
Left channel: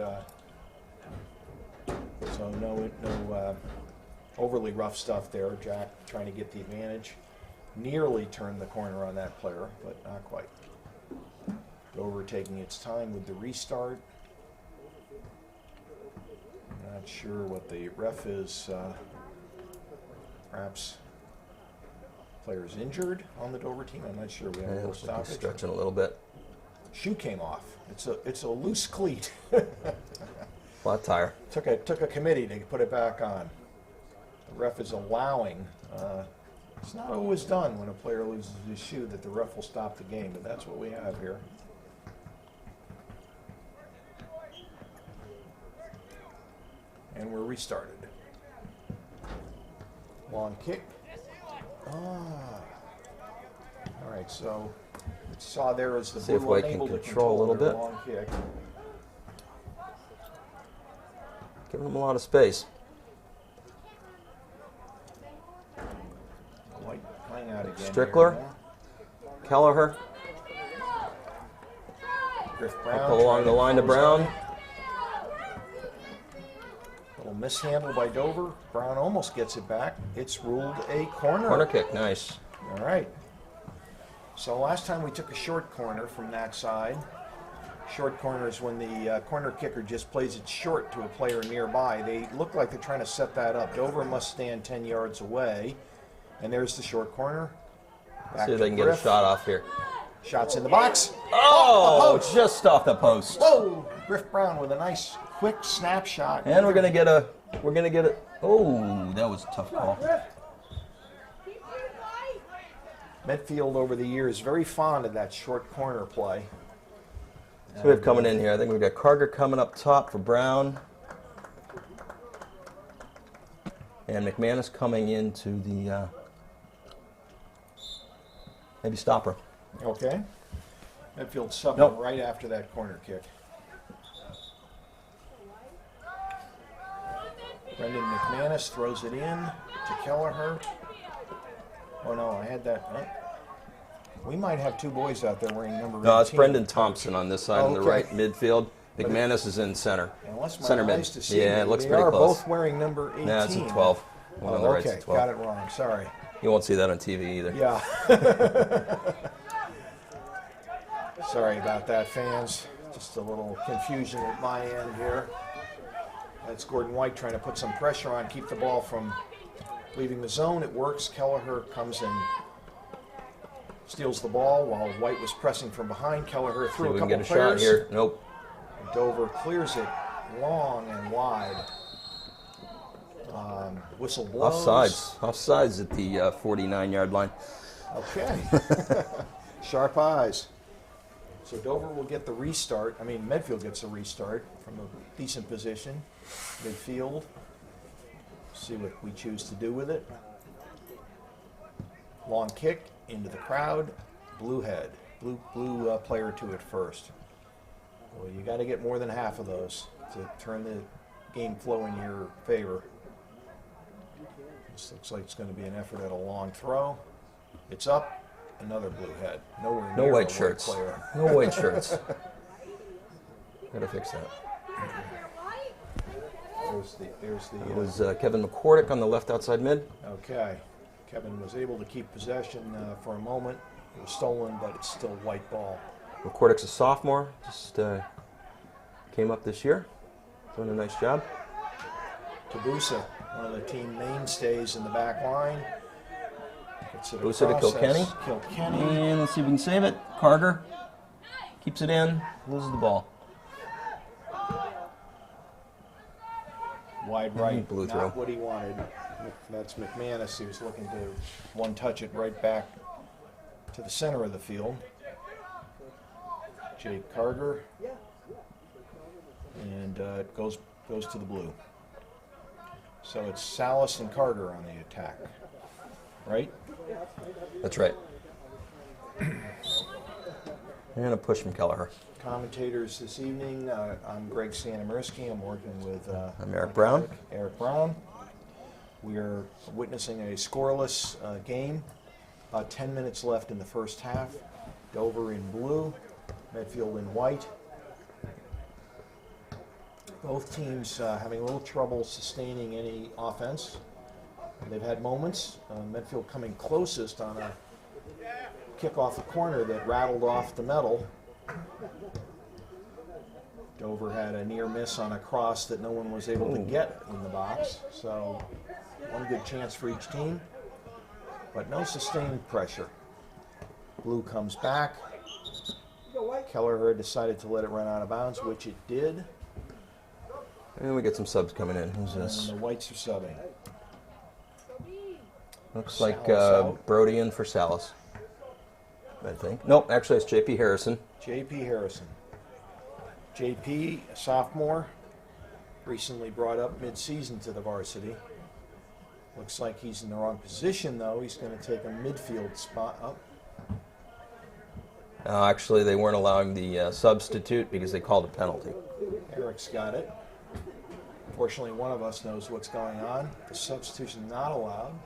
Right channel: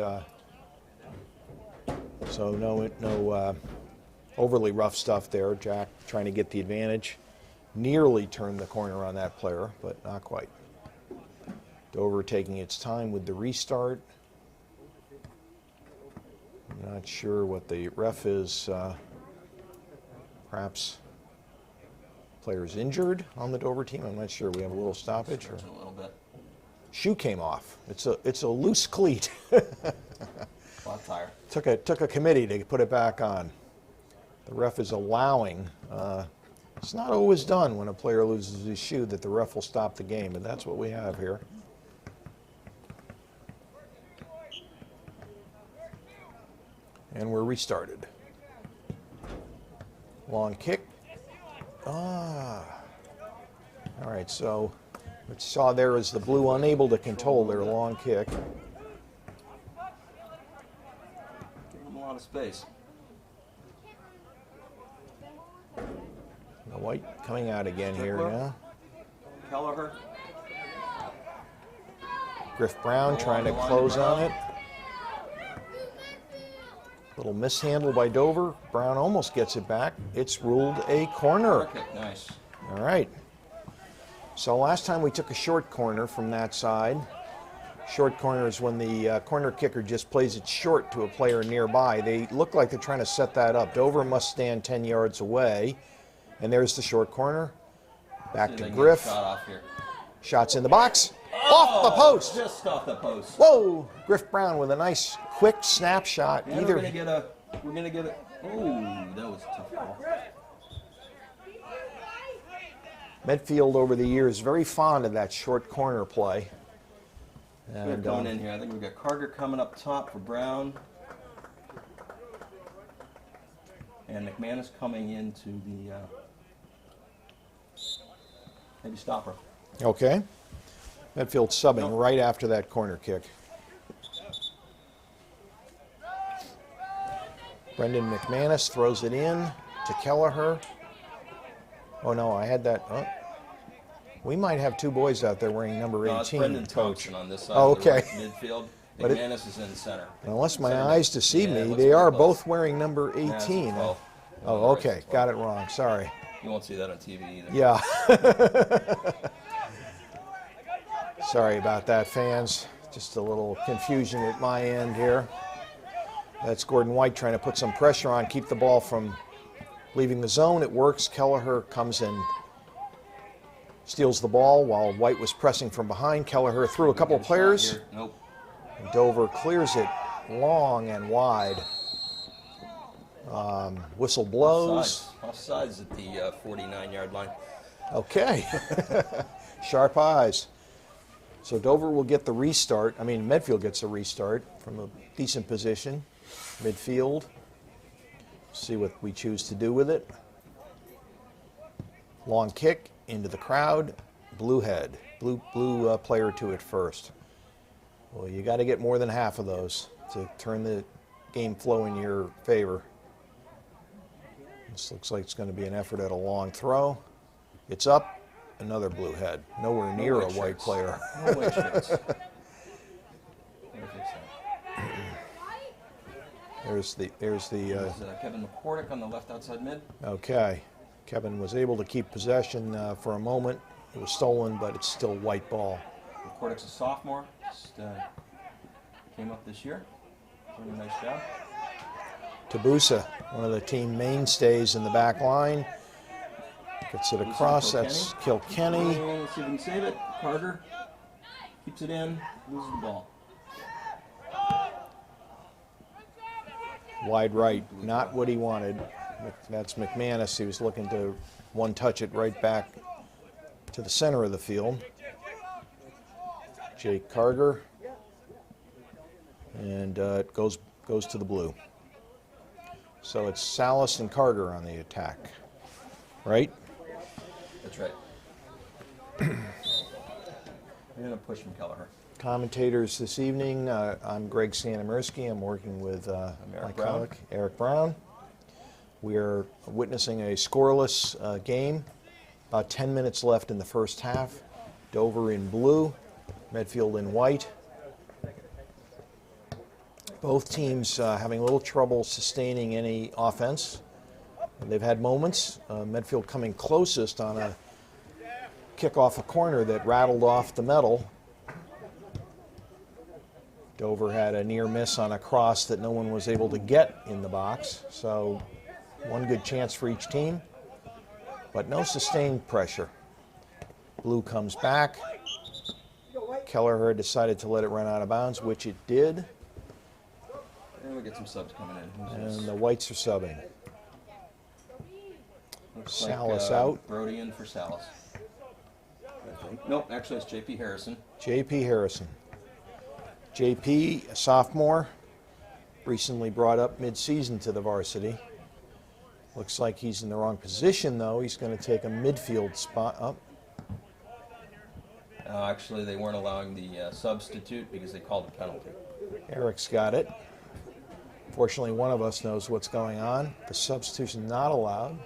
so no overly rough stuff there. Jack trying to get the advantage. Nearly turned the corner on that player, but not quite. Dover taking its time with the restart. Not sure what the ref is. Perhaps players injured on the Dover team. I'm not sure. We have a little stoppage. stretching a little bit. Shoe came off. It's a loose cleat. Flat tire. Took a committee to put it back on. The ref is allowing. It's not always done when a player loses his shoe that the ref will stop the game, but that's what we have here. And we're restarted. Long kick. All right, so what you saw there is the See if blue White can unable to control a control their little bit. long kick. Giving him a lot of space. The White coming out again Strickler. here now. Kelleher. Griff Brown Pull trying along the line to close on Brown. it. Little mishandle by Dover. Brown almost gets it back. It's ruled a corner. Corner kick. Nice. All right. So last time we took a short corner from that side. Short corner is when the corner kicker just plays it short to a player nearby. They look like they're trying to set that up. Dover must stand 10 yards away. And there's the short corner. Back See if to they can get a Griff. shot off here. Shots in the box. Oh, Off the post. just off the post. Whoa! Griff Brown with a nice quick snapshot. And we're gonna get a. Oh, that was a tough call. Medfield over the years very fond of that short corner play. So we have coming in here. I think we've got Carger coming up top for Brown. And McManus coming into the Maybe stop her. Okay. Medfield subbing Nope. right after that corner kick. Brendan McManus throws it in to Kelleher. Oh no, I had that. Oh. We might have two boys out there wearing number 18. No, it's Brendan Thompson on this side Oh, on the okay. right midfield. McManus is in center. Unless my Center eyes mid. deceive Yeah, it me, looks they pretty are close. both wearing number 18. Nah, it's a 12. Oh, On the right's okay, a 12. got it wrong. Sorry. You won't see that on TV either. Yeah. Sorry about that, fans. Just a little confusion at my end here. That's Gordon White trying to put some pressure on, keep the ball from leaving the zone. It works. Kelleher comes in, steals the ball while White was pressing from behind. Kelleher threw a couple players. Here. Nope. Dover clears it long and wide. Whistle blows. Offsides at the 49-yard line. Okay. Sharp eyes. So Dover will get the restart. I mean, Medfield gets a restart from a decent position. Midfield. See what we choose to do with it. Long kick into the crowd. Blue head. Blue player to it first. Well, you got to get more than half of those to turn the game flow in your favor. This looks like it's going to be an effort at a long throw. It's up. Another blue head. Nowhere near a white player. No white shirts. Better fix that. There's the. There's Kevin McCordick on the left outside mid. Okay. Kevin was able to keep possession for a moment. It was stolen, but it's still white ball. McCordick's a sophomore. Just came up this year. Doing a nice job. Tabusa, one of the team mainstays in the back line. Gets it Tabusa across. to Kilkenny. That's Kilkenny. And let's see if we can save it. Carter keeps it in, loses the ball. Wide right, Blue not throw. what he wanted. That's McManus. He was looking to one-touch it right back to the center of the field. Jake Carter. And it goes to the blue. So it's Salas and Carter on the attack, right? That's right. I'm going to push from Kelleher. Commentators this evening, I'm Greg Stanimirski. I'm working with I'm Eric my Brown. colleague, Eric Brown. We are witnessing a scoreless game. About 10 minutes left in the first half. Dover in blue, Medfield in white. Both teams having a little trouble sustaining any offense. They've had moments. Medfield coming closest on a kick off a corner that rattled off the metal. Dover had a near miss on a cross that no one was able to get in the box. So one good chance for each team, but no sustained pressure. Blue comes back. Kelleher decided to let it run out of bounds, which it did. And we get some subs coming in. Who's And this? the whites are subbing. Looks Salas like out. Brody in for Salas, I think. Nope, actually it's J.P. Harrison. J.P. Harrison. J.P., a sophomore, recently brought up mid-season to the varsity. Looks like he's in the wrong position, though. He's going to take a midfield spot up. Actually, they weren't allowing the substitute because they called a penalty. Eric's got it. Fortunately, one of us knows what's going on. The substitution not allowed.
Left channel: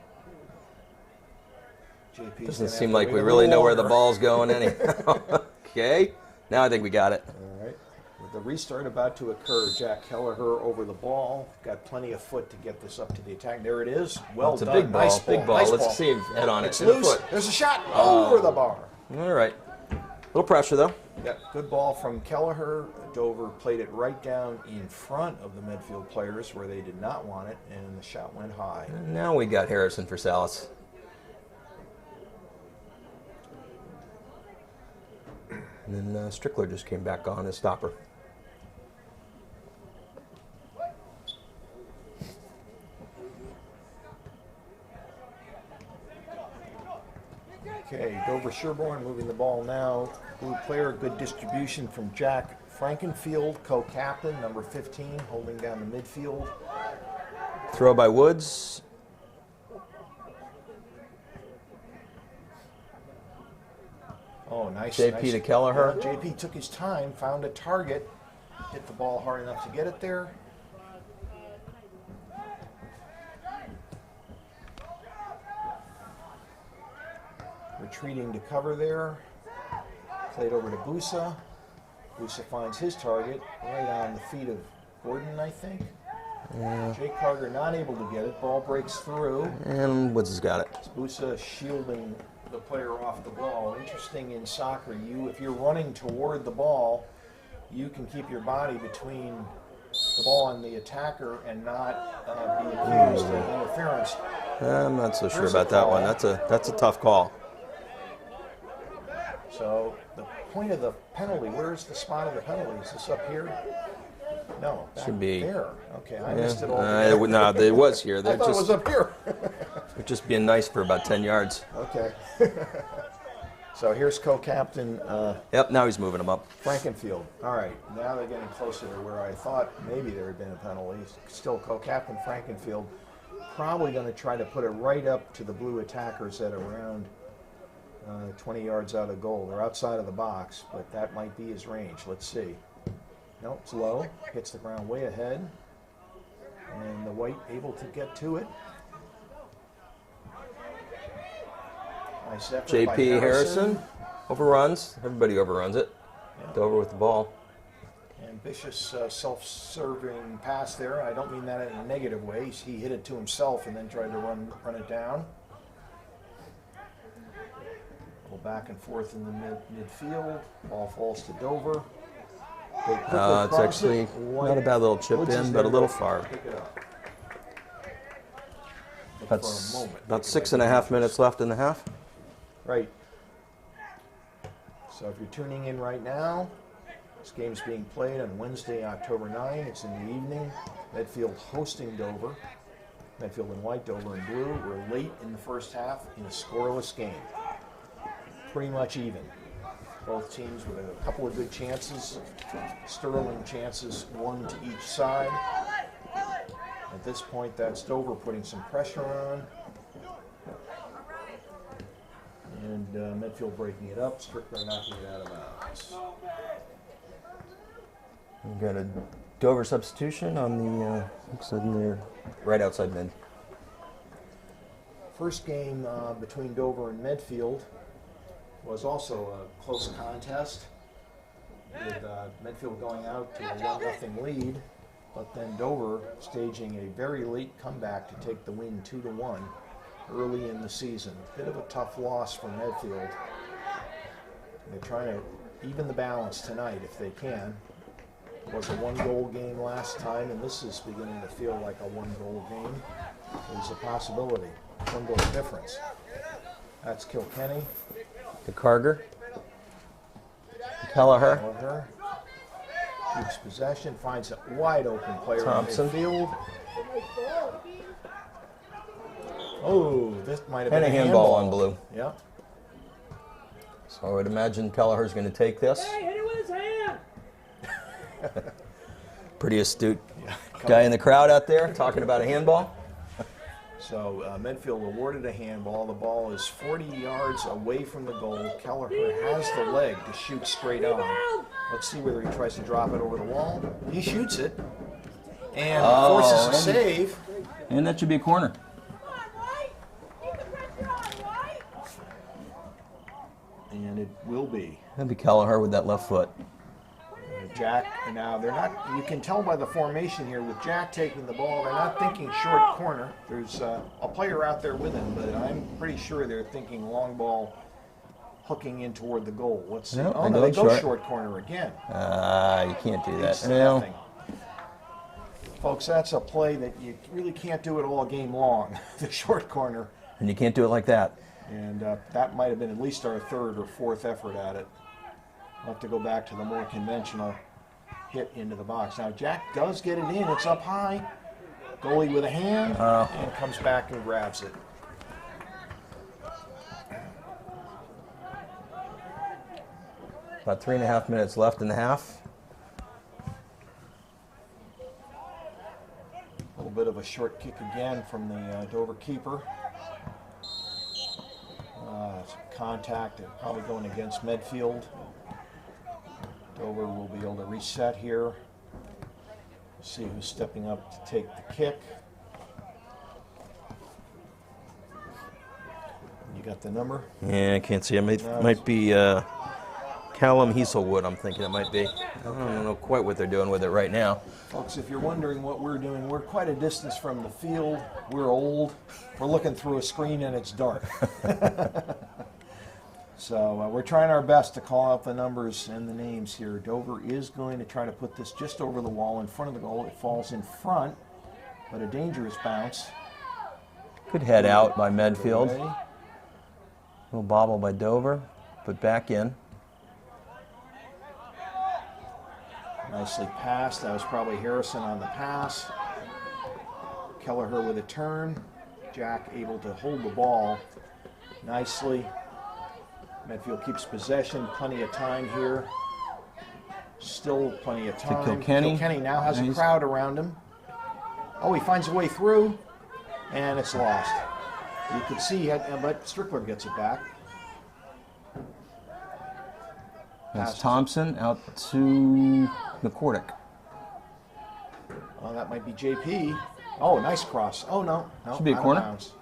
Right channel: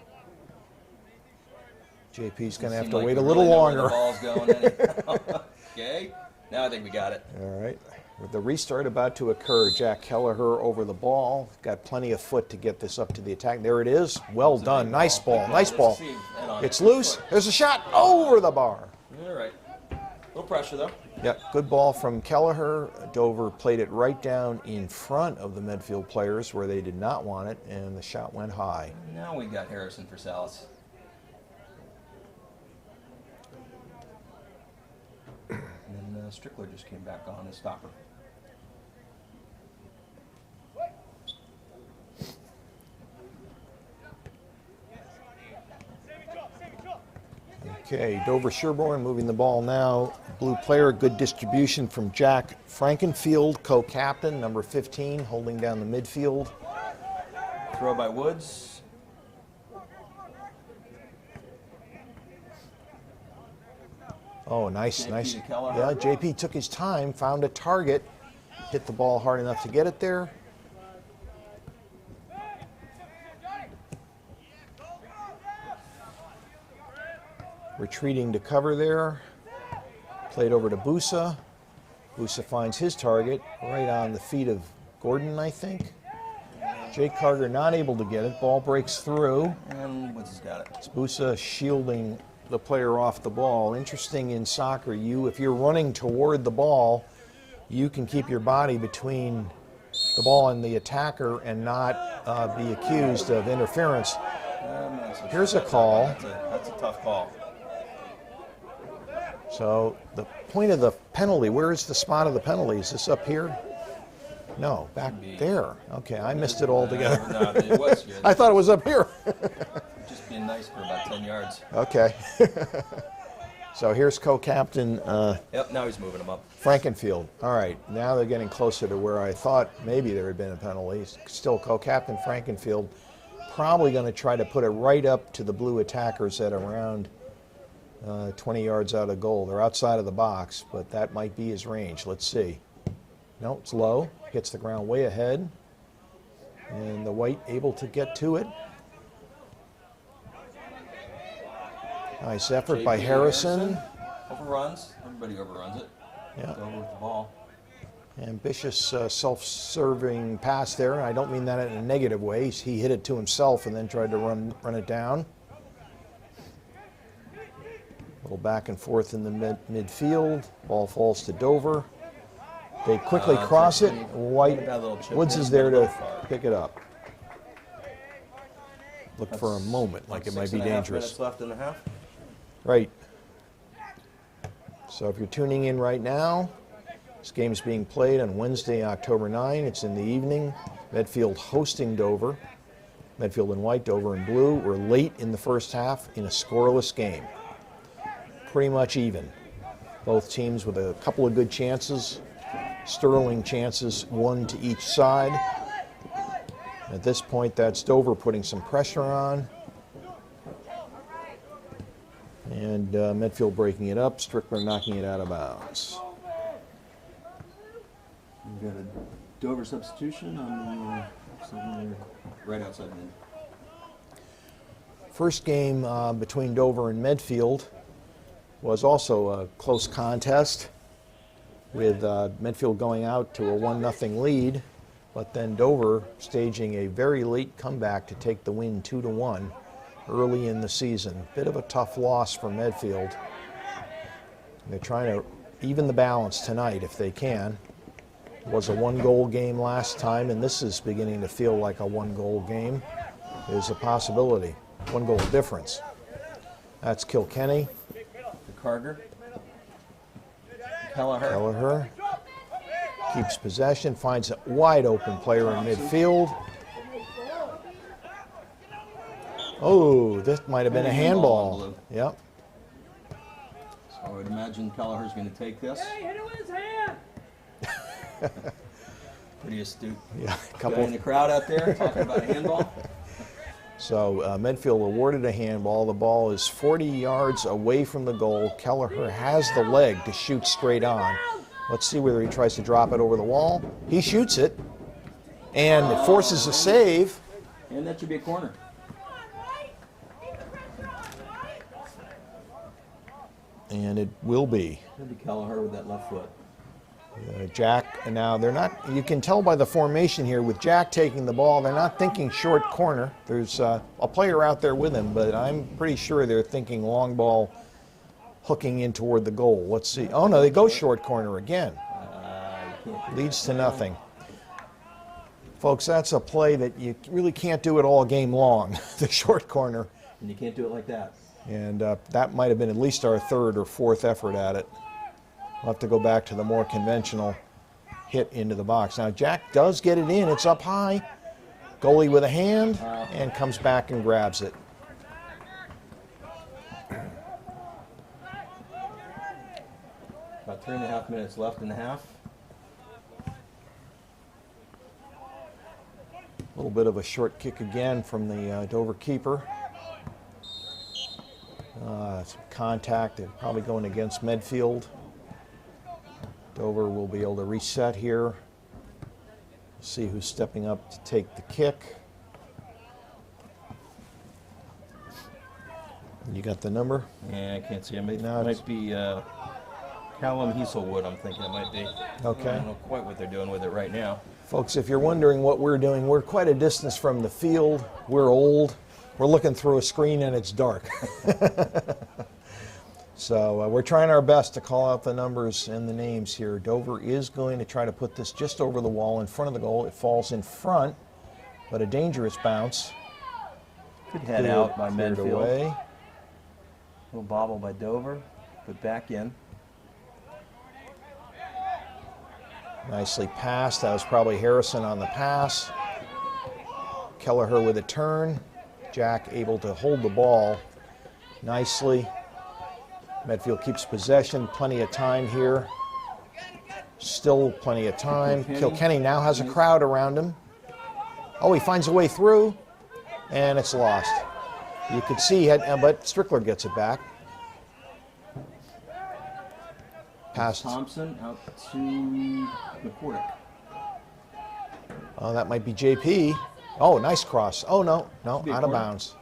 JP's going Doesn't to have seem to like wait we a really little know where the longer. ball's going anyhow. Okay, now I think we got it. All right. With the restart about to occur, Jack Kelleher over the ball. Got plenty of foot to get this up to the attack. There it is. Well It's a done. big ball, Nice ball. big ball. Nice Let's ball. see him head on It's it. And a loose. foot. There's a shot over the bar. All right. Little pressure though. Yep, good ball from Kelleher. Dover played it right down in front of the Medfield players where they did not want it, and the shot went high. Now we got Harrison for Salas. And then Strickler just came back on as stopper. Okay, Dover Sherborne moving the ball now. Blue player, good distribution from Jack Frankenfield, co-captain, number 15, holding down the midfield. Throw by Woods. Oh, nice. JP nice. to Kelleher. Yeah, JP took his time, found a target, hit the ball hard enough to get it there. Retreating to cover there. Played over to Busa. Busa finds his target right on the feet of Gordon, I think. Jake Carger not able to get it. Ball breaks through. And Woods has got it. It's Busa shielding the player off the ball. Interesting in soccer, if you're running toward the ball, you can keep your body between the ball and the attacker and not be accused of interference. I'm not so Here's sure a about that call. one. That's a tough call. So the point of the penalty, where is the spot of the penalty? Is this up here? No, back Should be there. Okay, I missed it altogether. No, it was here. I thought it was up here. They're just being nice for about 10 yards. Okay. So here's co-captain Yep, now he's moving them up. Frankenfield. All right, now they're getting closer to where I thought maybe there had been a penalty. Still co-captain Frankenfield. Probably going to try to put it right up to the blue attackers at around 20 yards out of goal. They're outside of the box, but that might be his range. Let's see. No, it's low. Hits the ground way ahead. And the white able to get to it. Nice effort by JP Harrison. overruns. Everybody overruns it. Yeah. Dover with the ball. Ambitious self-serving pass there. I don't mean that in a negative way. He hit it to himself and then tried to run it down. A little back and forth in the midfield. Ball falls to Dover. They quickly cross it. White, not a bad little chip. Woods in, is but there a little to far. pick it up. Look for a moment. About like it 6.5 might be dangerous. minutes left in the half. Right. So if you're tuning in right now, this game is being played on Wednesday, October 9. It's in the evening. Medfield hosting Dover. Medfield in white, Dover in blue. We're late in the first half in a scoreless game. Pretty much even. Both teams with a couple of good chances. Sterling chances, one to each side. At this point, that's Dover putting some pressure on. And Medfield breaking it up. Strickler knocking it out of bounds. We've got a Dover substitution on the looks like near right outside mid. First game between Dover and Medfield was also a close contest, with Medfield going out to a 1-0 lead, but then Dover staging a very late comeback to take the win 2-1 early in the season. Bit of a tough loss for Medfield. They're trying to even the balance tonight if they can. It was a 1-goal game last time, and this is beginning to feel like a 1-goal game. There's a possibility. 1-goal difference. That's Kilkenny. The Carger. Kelleher. Kelleher keeps possession, finds a wide open player Thompson. in midfield. Oh, this might have been And a a handball handball. on blue. Yep. So I would imagine Kelleher's going to take this. Pretty astute guy in the crowd out there talking about a handball. So Medfield awarded a handball. The ball is 40 yards away from the goal. Kelleher has the leg to shoot straight on. Let's see whether he tries to drop it over the wall. He shoots it and forces a save. And that should be a corner. And it will be. That'd be Kelleher with that left foot. Jack, now they're not, you can tell by the formation here with Jack taking the ball, they're not thinking short corner. There's a player out there with him, but I'm pretty sure they're thinking long ball hooking in toward the goal. Let's see. No, Oh no, they go short corner again. You can't do Leads that. to nothing. Folks, that's a play that you really can't do it all game long, the short corner. And you can't do it like that. And that might have been at least our third or fourth effort at it. We'll have to go back to the more conventional hit into the box. Now, Jack does get it in. It's up high. Goalie with a hand and comes back and grabs it. About 3.5 minutes left in the half. A little bit of a short kick again from the Dover keeper. some contact. They're probably going against Medfield. Dover will be able to reset here. See who's stepping up to take the kick. You got the number? Yeah, I can't see. It might be Callum Heaselwood, I'm thinking it might be. Okay. I don't know quite what they're doing with it right now. Folks, if you're wondering what we're doing, we're quite a distance from the field. We're old. We're looking through a screen and it's dark. So we're trying our best to call out the numbers and the names here. Dover is going to try to put this just over the wall in front of the goal. It falls in front, but a dangerous bounce. Good head out by Cleared Medfield. away. Little bobble by Dover, but back in. Nicely passed. That was probably Harrison on the pass. Kelleher with a turn. Jack able to hold the ball nicely. Medfield keeps possession. Plenty of time here. Still plenty of time. Kilkenny now has a crowd around him. Oh, he finds a way through, and it's lost. You can see it, but Strickler gets it back. Pass Thompson out to McCordick. Oh, that might be JP. Oh, nice cross. Oh, no, out of bounds.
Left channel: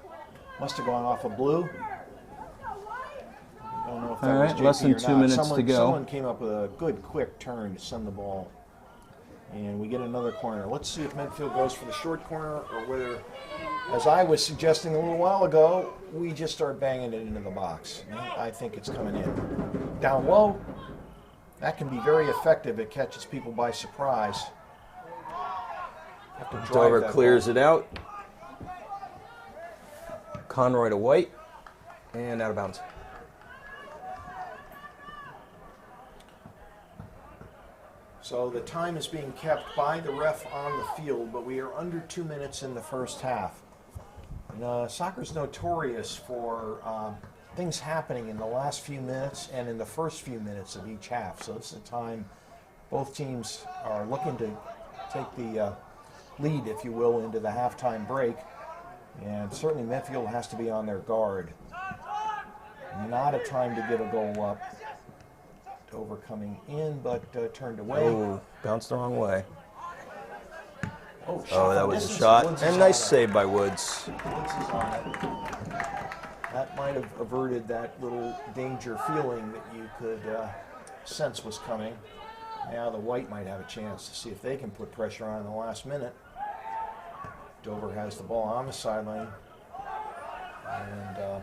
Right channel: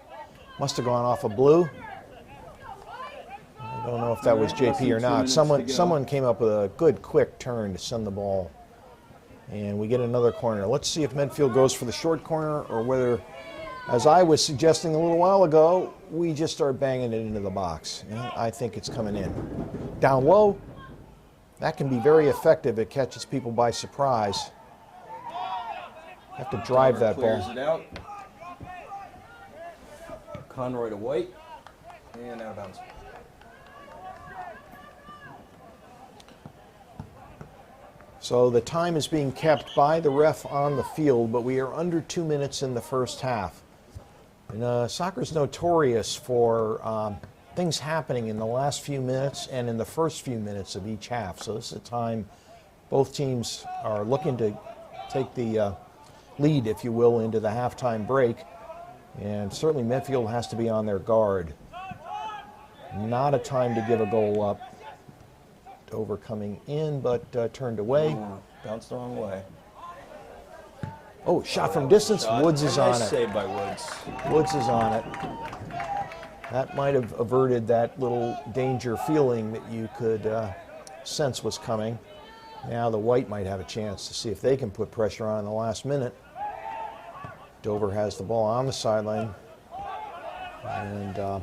Must have gone off of blue. I don't know if that was JP or not. Someone came up with a good, quick turn to send the ball. And we get another corner. Let's see if Medfield goes for the short corner or whether, as I was suggesting a little while ago, we just start banging it into the box. I think it's coming in. Down low, that can be very effective. It catches people by surprise. Have to drive that clears ball. it out. Conroy to White, and out of bounds. So the time is being kept by the ref on the field, but we are under 2 minutes in the first half. And, soccer's notorious for things happening in the last few minutes and in the first few minutes of each half. So this is a time both teams are looking to take the lead, if you will, into the halftime break. And certainly Medfield has to be on their guard. Not a time to give a goal up. Dover coming in, but turned away. Ooh, bounced the wrong way. Oh, shot from distance. Woods is on it. Nice save by Woods. Woods is on it. That might have averted that little danger feeling that you could sense was coming. Now the White might have a chance to see if they can put pressure on in the last minute. Dover has the ball on the sideline. And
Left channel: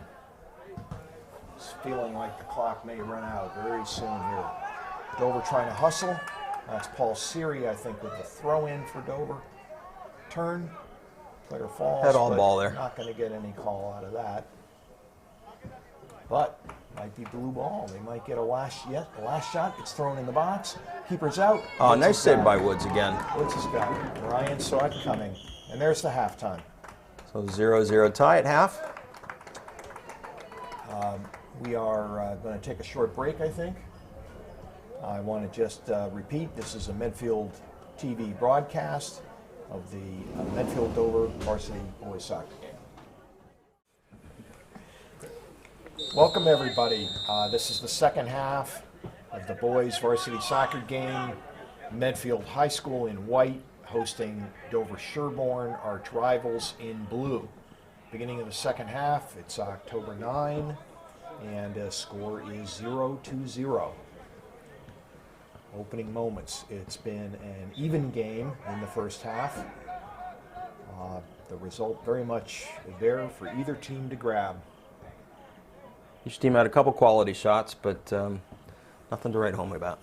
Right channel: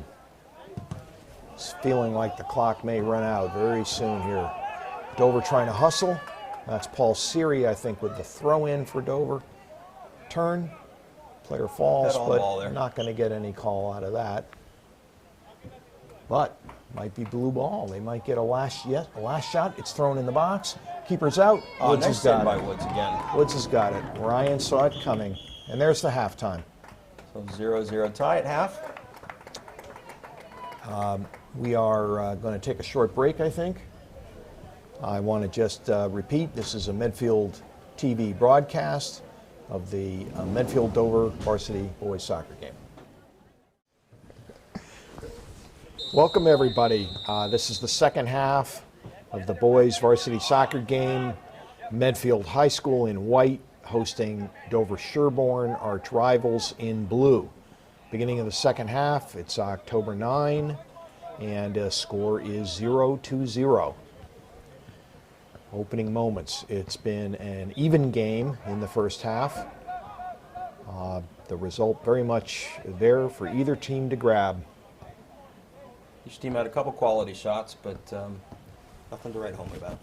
it's feeling like the clock may run out very soon here. Dover trying to hustle. That's Paul Seary, I think, with the throw in for Dover. Turn. Player falls, but not going to get any call out of that. But might be blue ball. They might get a last shot. It's thrown in the box. Keeper's out. Oh, nice save by Woods again. Woods has got it. Ryan saw it coming. And there's the halftime. So 0-0 tie at half. We are going to take a short break, I think. I want to just repeat, this is a Medfield TV broadcast of the Medfield Dover varsity boys soccer game. Welcome everybody. This is the second half of the boys varsity soccer game. Medfield High School in white hosting Dover Sherborne, arch rivals, in blue. Beginning of the second half, it's October 9, and score is 0-0. Opening moments, it's been an even game in the first half. The result very much there for either team to grab. Each team had a couple quality shots, but nothing to write home about.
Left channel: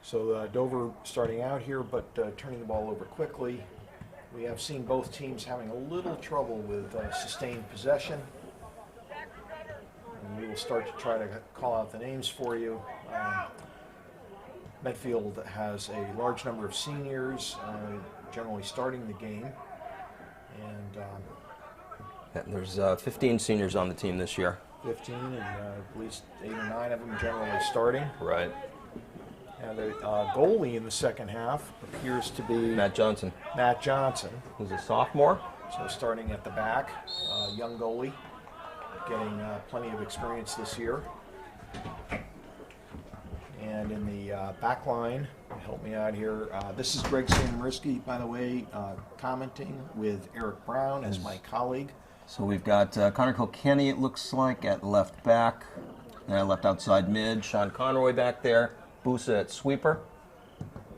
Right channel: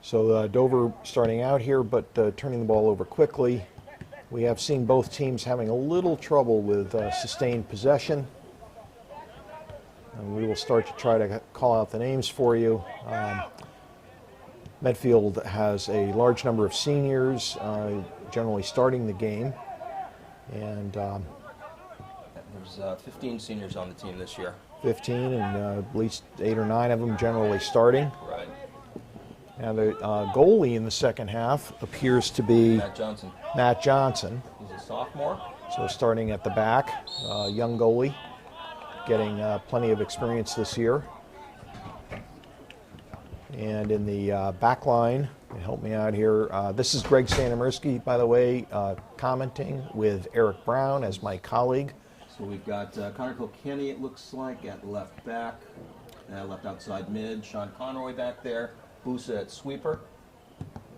So Dover starting out here, but turning the ball over quickly. We have seen both teams having a little trouble with sustained possession. And we will start to try to call out the names for you. Medfield has a large number of seniors generally starting the game. And there's 15 seniors on the team this year. 15, and at least 8 or 9 of them generally starting. Right. And the goalie in the second half appears to be Matt Johnson. Matt Johnson. He's a sophomore. So starting at the back, young goalie, getting plenty of experience this year. And in the back line, help me out here, this is Greg Santamirski, by the way, commenting with Eric Brown as my colleague. So we've got Connor Kilkenny, it looks like, at left back, left outside mid. Sean Conroy back there. Busa at sweeper.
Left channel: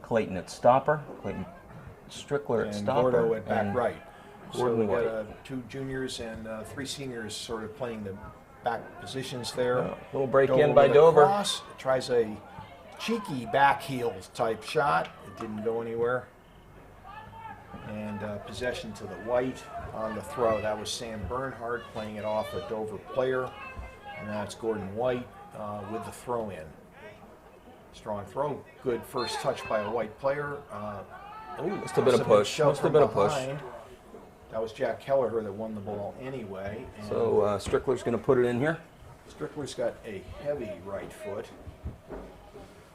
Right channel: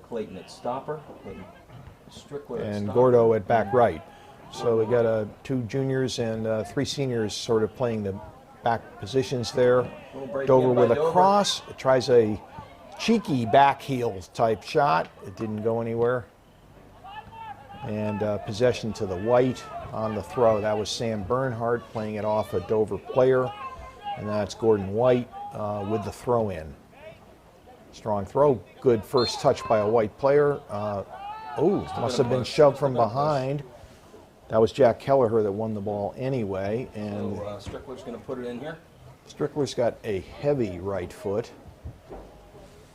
Clayton at stopper. Clayton Strickler at And stopper. Gordo at back right. So Gordon we got White. 2 juniors and 3 seniors sort of playing the back positions there. Little break Dover in by with a Dover. cross. It tries a cheeky back heel type shot. It didn't go anywhere. And possession to the White on the throw. That was Sam Bernhardt playing it off a Dover player. And that's Gordon White with the throw in. Strong throw. Good first touch by a White player. Must bit of have been push. shoved Just a from bit of push. behind. That was Jack Kelleher that won the ball anyway. And So Strickler's going to put it in here. Strickler's got a heavy right foot.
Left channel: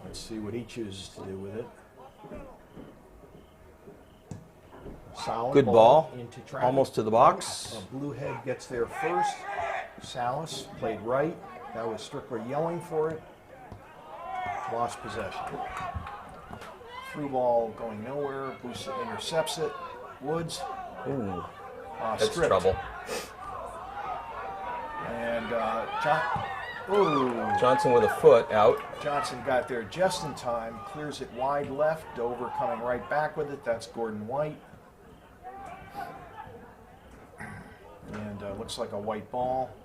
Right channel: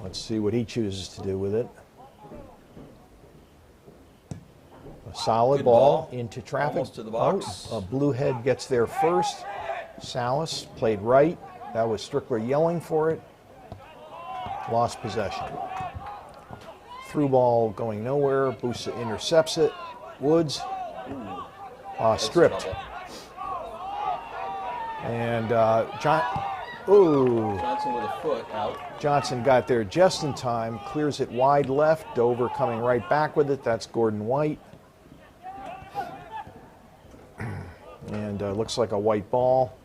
Let's see what he chooses to do with it. A solid Good ball ball. into traffic. Almost to the box. A blue head gets there first. Salas played right. That was Strickler yelling for it. Lost possession. Through ball going nowhere. Busa intercepts it. Woods. That's Stripped. trouble. And Johnson with a foot out. Johnson got there just in time, clears it wide left. Dover coming right back with it. That's Gordon White. And looks like a white ball,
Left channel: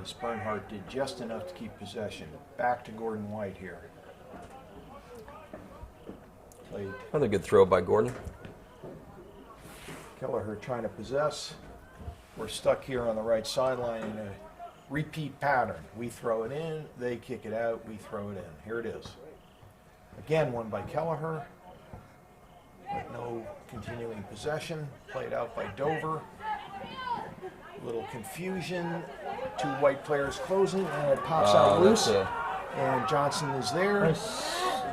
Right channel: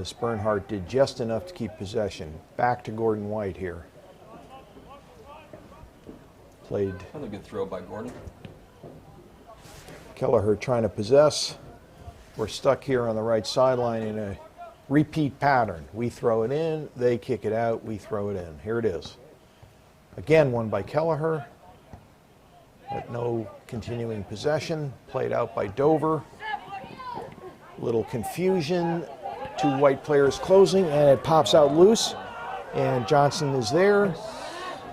as Bernhardt did just enough to keep possession. Back to Gordon White here. Played Another good throw by Gordon. Kelleher trying to possess. We're stuck here on the right sideline in a repeat pattern. We throw it in, they kick it out, we throw it in. Here it is. Again, won by Kelleher. But no continuing possession. Played out by Dover. Little confusion. 2 White players closing, and it pops out loose. And Johnson is there.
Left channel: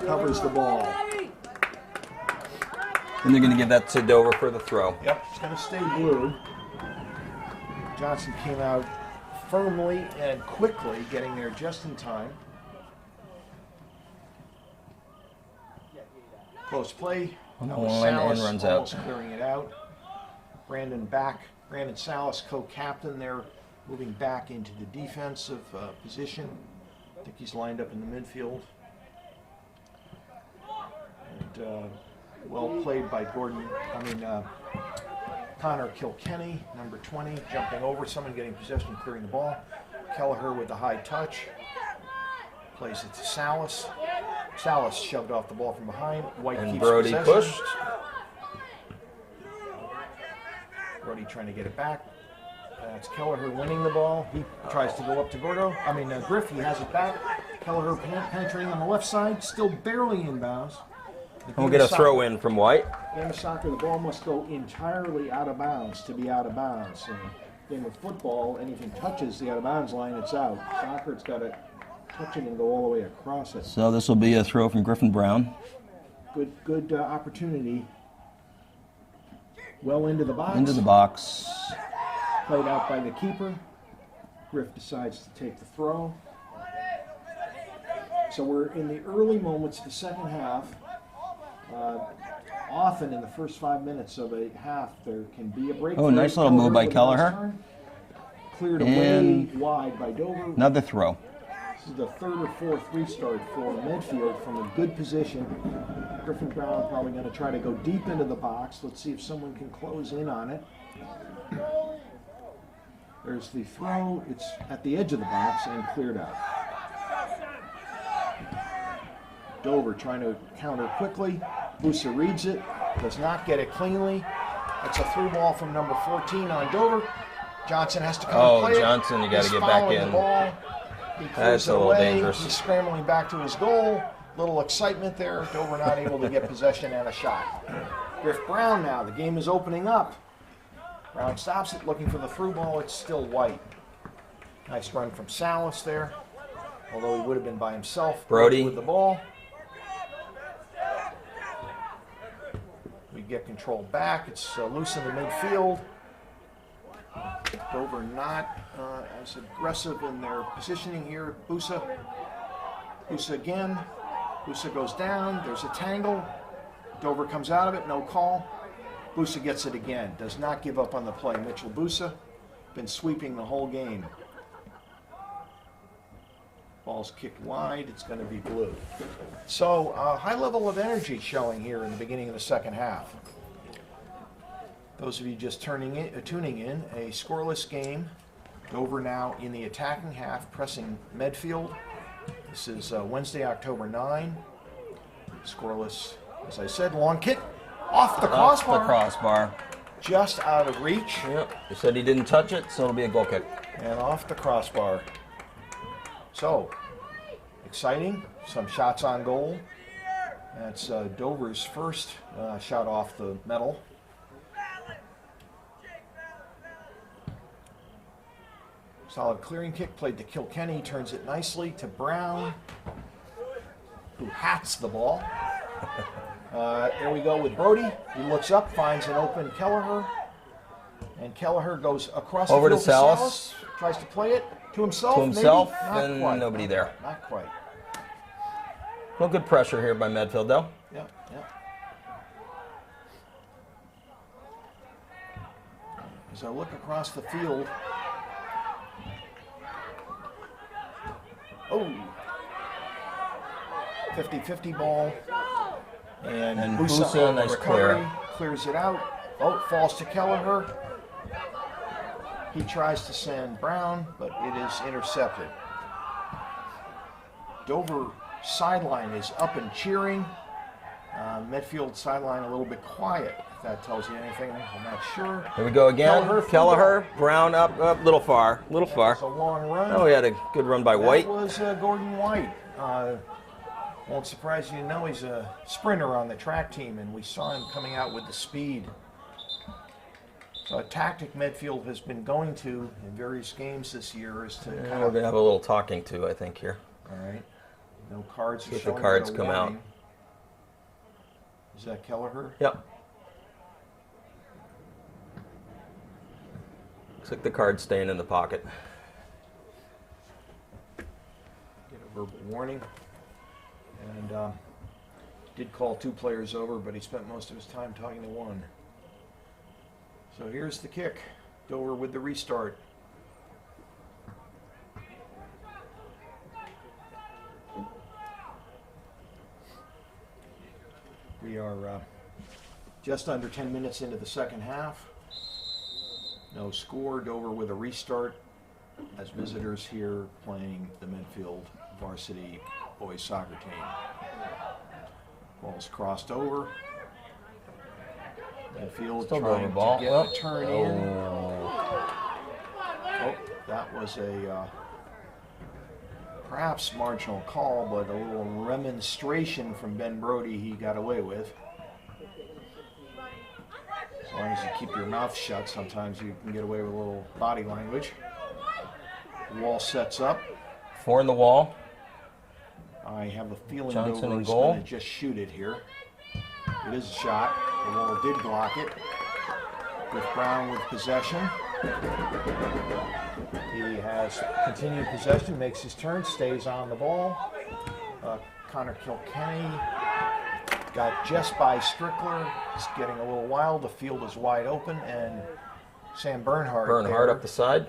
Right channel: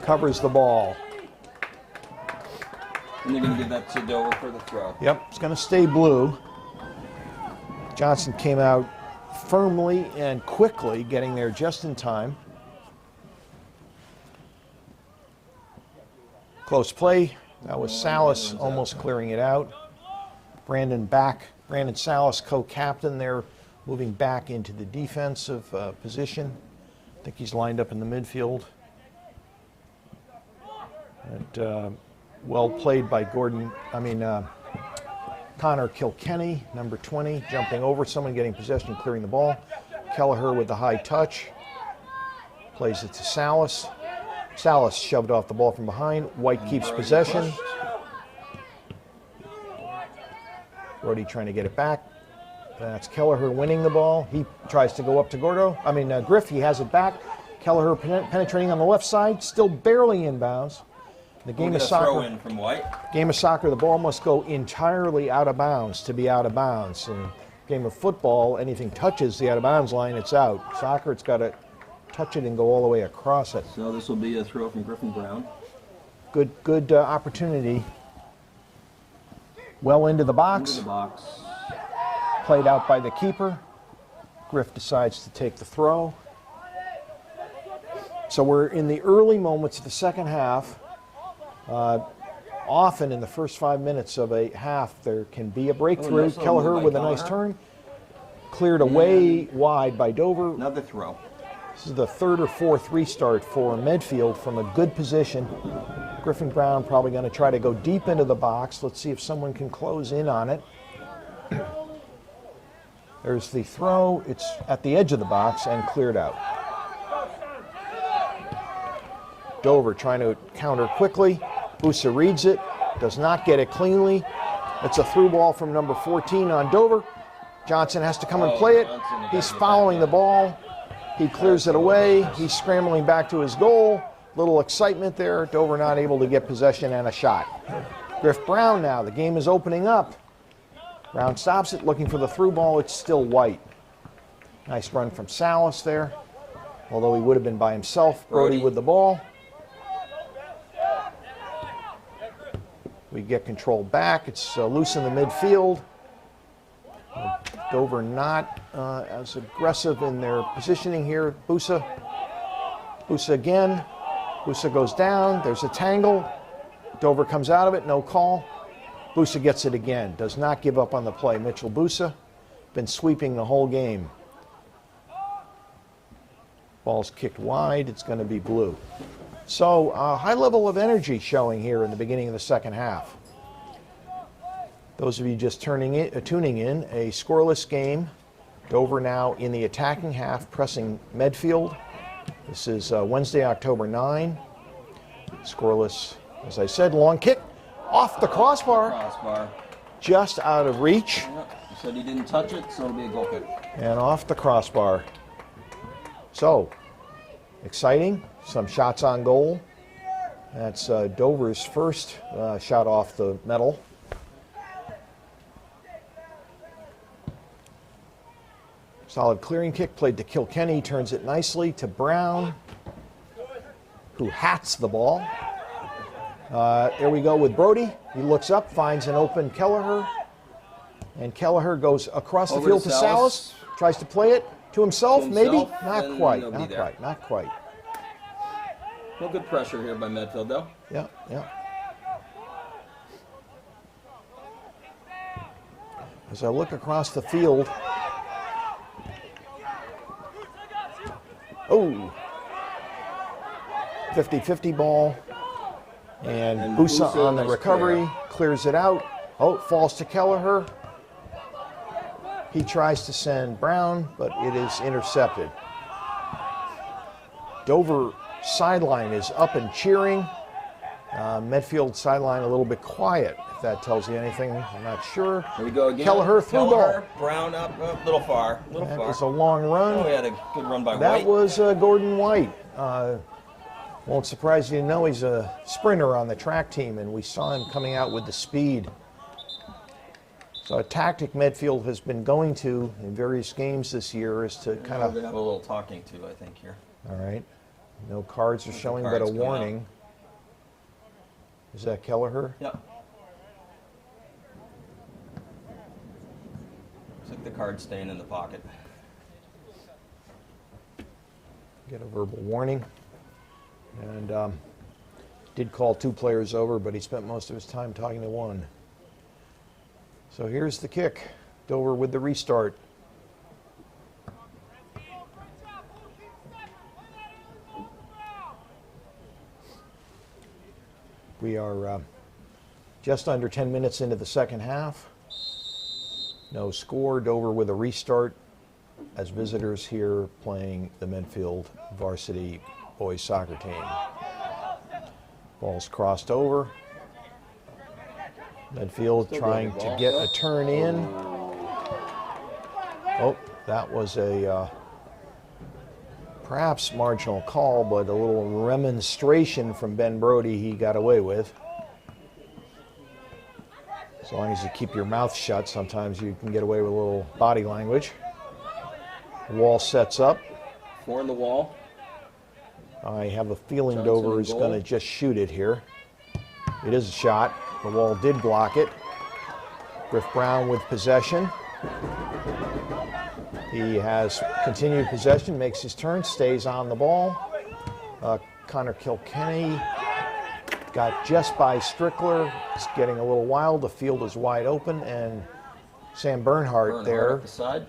Covers the ball. And they're going to give that to Dover for the throw. Yep, it's going to stay blue. Johnson came out firmly and quickly, getting there just in time. Close play. That was Oh, and Salas runs out. almost clearing it out. Brandon Salas, co-captain there, moving back into the defensive position. I think he's lined up in the midfield. And well played by Connor Kilkenny, number 20, jumping over someone, getting possession, clearing the ball. Kelleher with the high touch. Plays it to Salas. Salas shoved off the ball from behind. White And keeps Brody possession. pushed. Brody trying to get it back. That's Kelleher winning the ball. He tries to go up to Griff. He has it back. Kelleher penetrating on the left side, still barely inbounds. We'll get a throw in from White. Game of soccer, the ball must go entirely out of bounds to be out of bounds. In game of football, anything touches the out of bounds line, it's out. Soccer, it's got to touch it and go all the way across it. So this will be a throw from Griffin Brown. Good opportunity. Well into the box. Into the box. Played out by the keeper. Griff decides to take the throw. So we're in the early moments of the second half. Often in the first 5 minutes of a half, there can be a breakthrough. Nice little move by with a nice Kelleher. turn. Cleared away wide by Dover. Another throw. This is the 3rd or 4th restart for Medfield from a good position. Griffin Brown probably going to try to go deep into the box. Let's see if someone can close in on it. There's the throw. It's at the edge of the box and cleared out. Dover trying to counter quickly. Busa reads it, does not get it cleanly. It's a through ball from number 14 on Dover. Johnson has to come and play Johnson, you it. gotta He's get back following in. the ball. He clears That's it a little away. dangerous. He's scrambling back to his goal. Little excitement there. Dover not able to get possession and a shot. Griff Brown now. The game is opening up. Brown stops it, looking for the through ball. It's still White. Nice run from Salas there. Although he would have been by himself. Brody with the ball. We get control back. It's loose in the midfield. Dover not as aggressive in their positioning here. Busa again. Busa goes down. There's a tangle. Dover comes out of it. No call. Busa gets it again. Does not give up on the play. Mitchell Busa been sweeping the whole game. Ball's kicked wide. It's going to be blue. So high level of energy showing here in the beginning of the second half. Those of you just tuning in, a scoreless game. Dover now in the attacking half, pressing Medfield. This is Wednesday, October 9. Scoreless, as I said, long kick off the crossbar. Off the crossbar. Just out of reach. Yep. He said he didn't touch it, so it'll be a goal kick. And off the crossbar. So, exciting. Some shots on goal. That's Dover's first shot off the metal. Solid clearing kick played to Kilkenny, turns it nicely to Brown, who hats the ball. There we go with Brody. He looks up, finds an open Kelleher, and Kelleher goes across Over the field to to Salas. Salas. Tries to play it to himself, To himself, maybe? Not and quite. nobody Not there. quite. Not quite. No good pressure here by Medfield, though. Yeah, yeah. As I look across the field, oh, 50-50 ball, and Busa Busa, on the nice recovery, clears it out. Oh, it falls to Kelleher. He tries to send Brown, but it is intercepted. Dover sideline is up and cheering. Medfield sideline a little bit quiet, if that tells you anything. I'm not sure. Here we go again. Kelleher through Kelleher, ball. Brown up, little far, little That far. was a long run. Oh, he had a good run by That White. was Gordon White. Won't surprise you to know he's a sprinter on the track team, and we saw him coming out with the speed. So a tactic Medfield has been going to in various games this year is to We're kind going of... to have a little talking to, I think, here. All right. No cards are If the showing, cards but a come out. warning. Is that Kelleher? Yep. Looks like the card's staying in the pocket. Get a verbal warning. And did call 2 players over, but he spent most of his time talking to 1. So here's the kick. Dover with the restart. We are just under 10 minutes into the second half. No score. Dover with a restart as visitors here playing the Medfield varsity boys soccer team. Ball's crossed over. Medfield Still trying going ball. to get a turn in. Oh, that was a perhaps marginal call, but a little remonstration from Ben Brody he got away with. As long as you keep your mouth shut, sometimes you can get away with a little body language. Wall sets up. 4 in the wall. I have a feeling Johnson Dover in is goal. going to just shoot it here. It is a shot. The wall did block it. With Brown with possession. He has continued possession, makes his turn, stays on the ball. Connor Kilkenny got just by Strickler. It's getting a little wild. The field is wide open, and Sam Bernhardt there. up the side.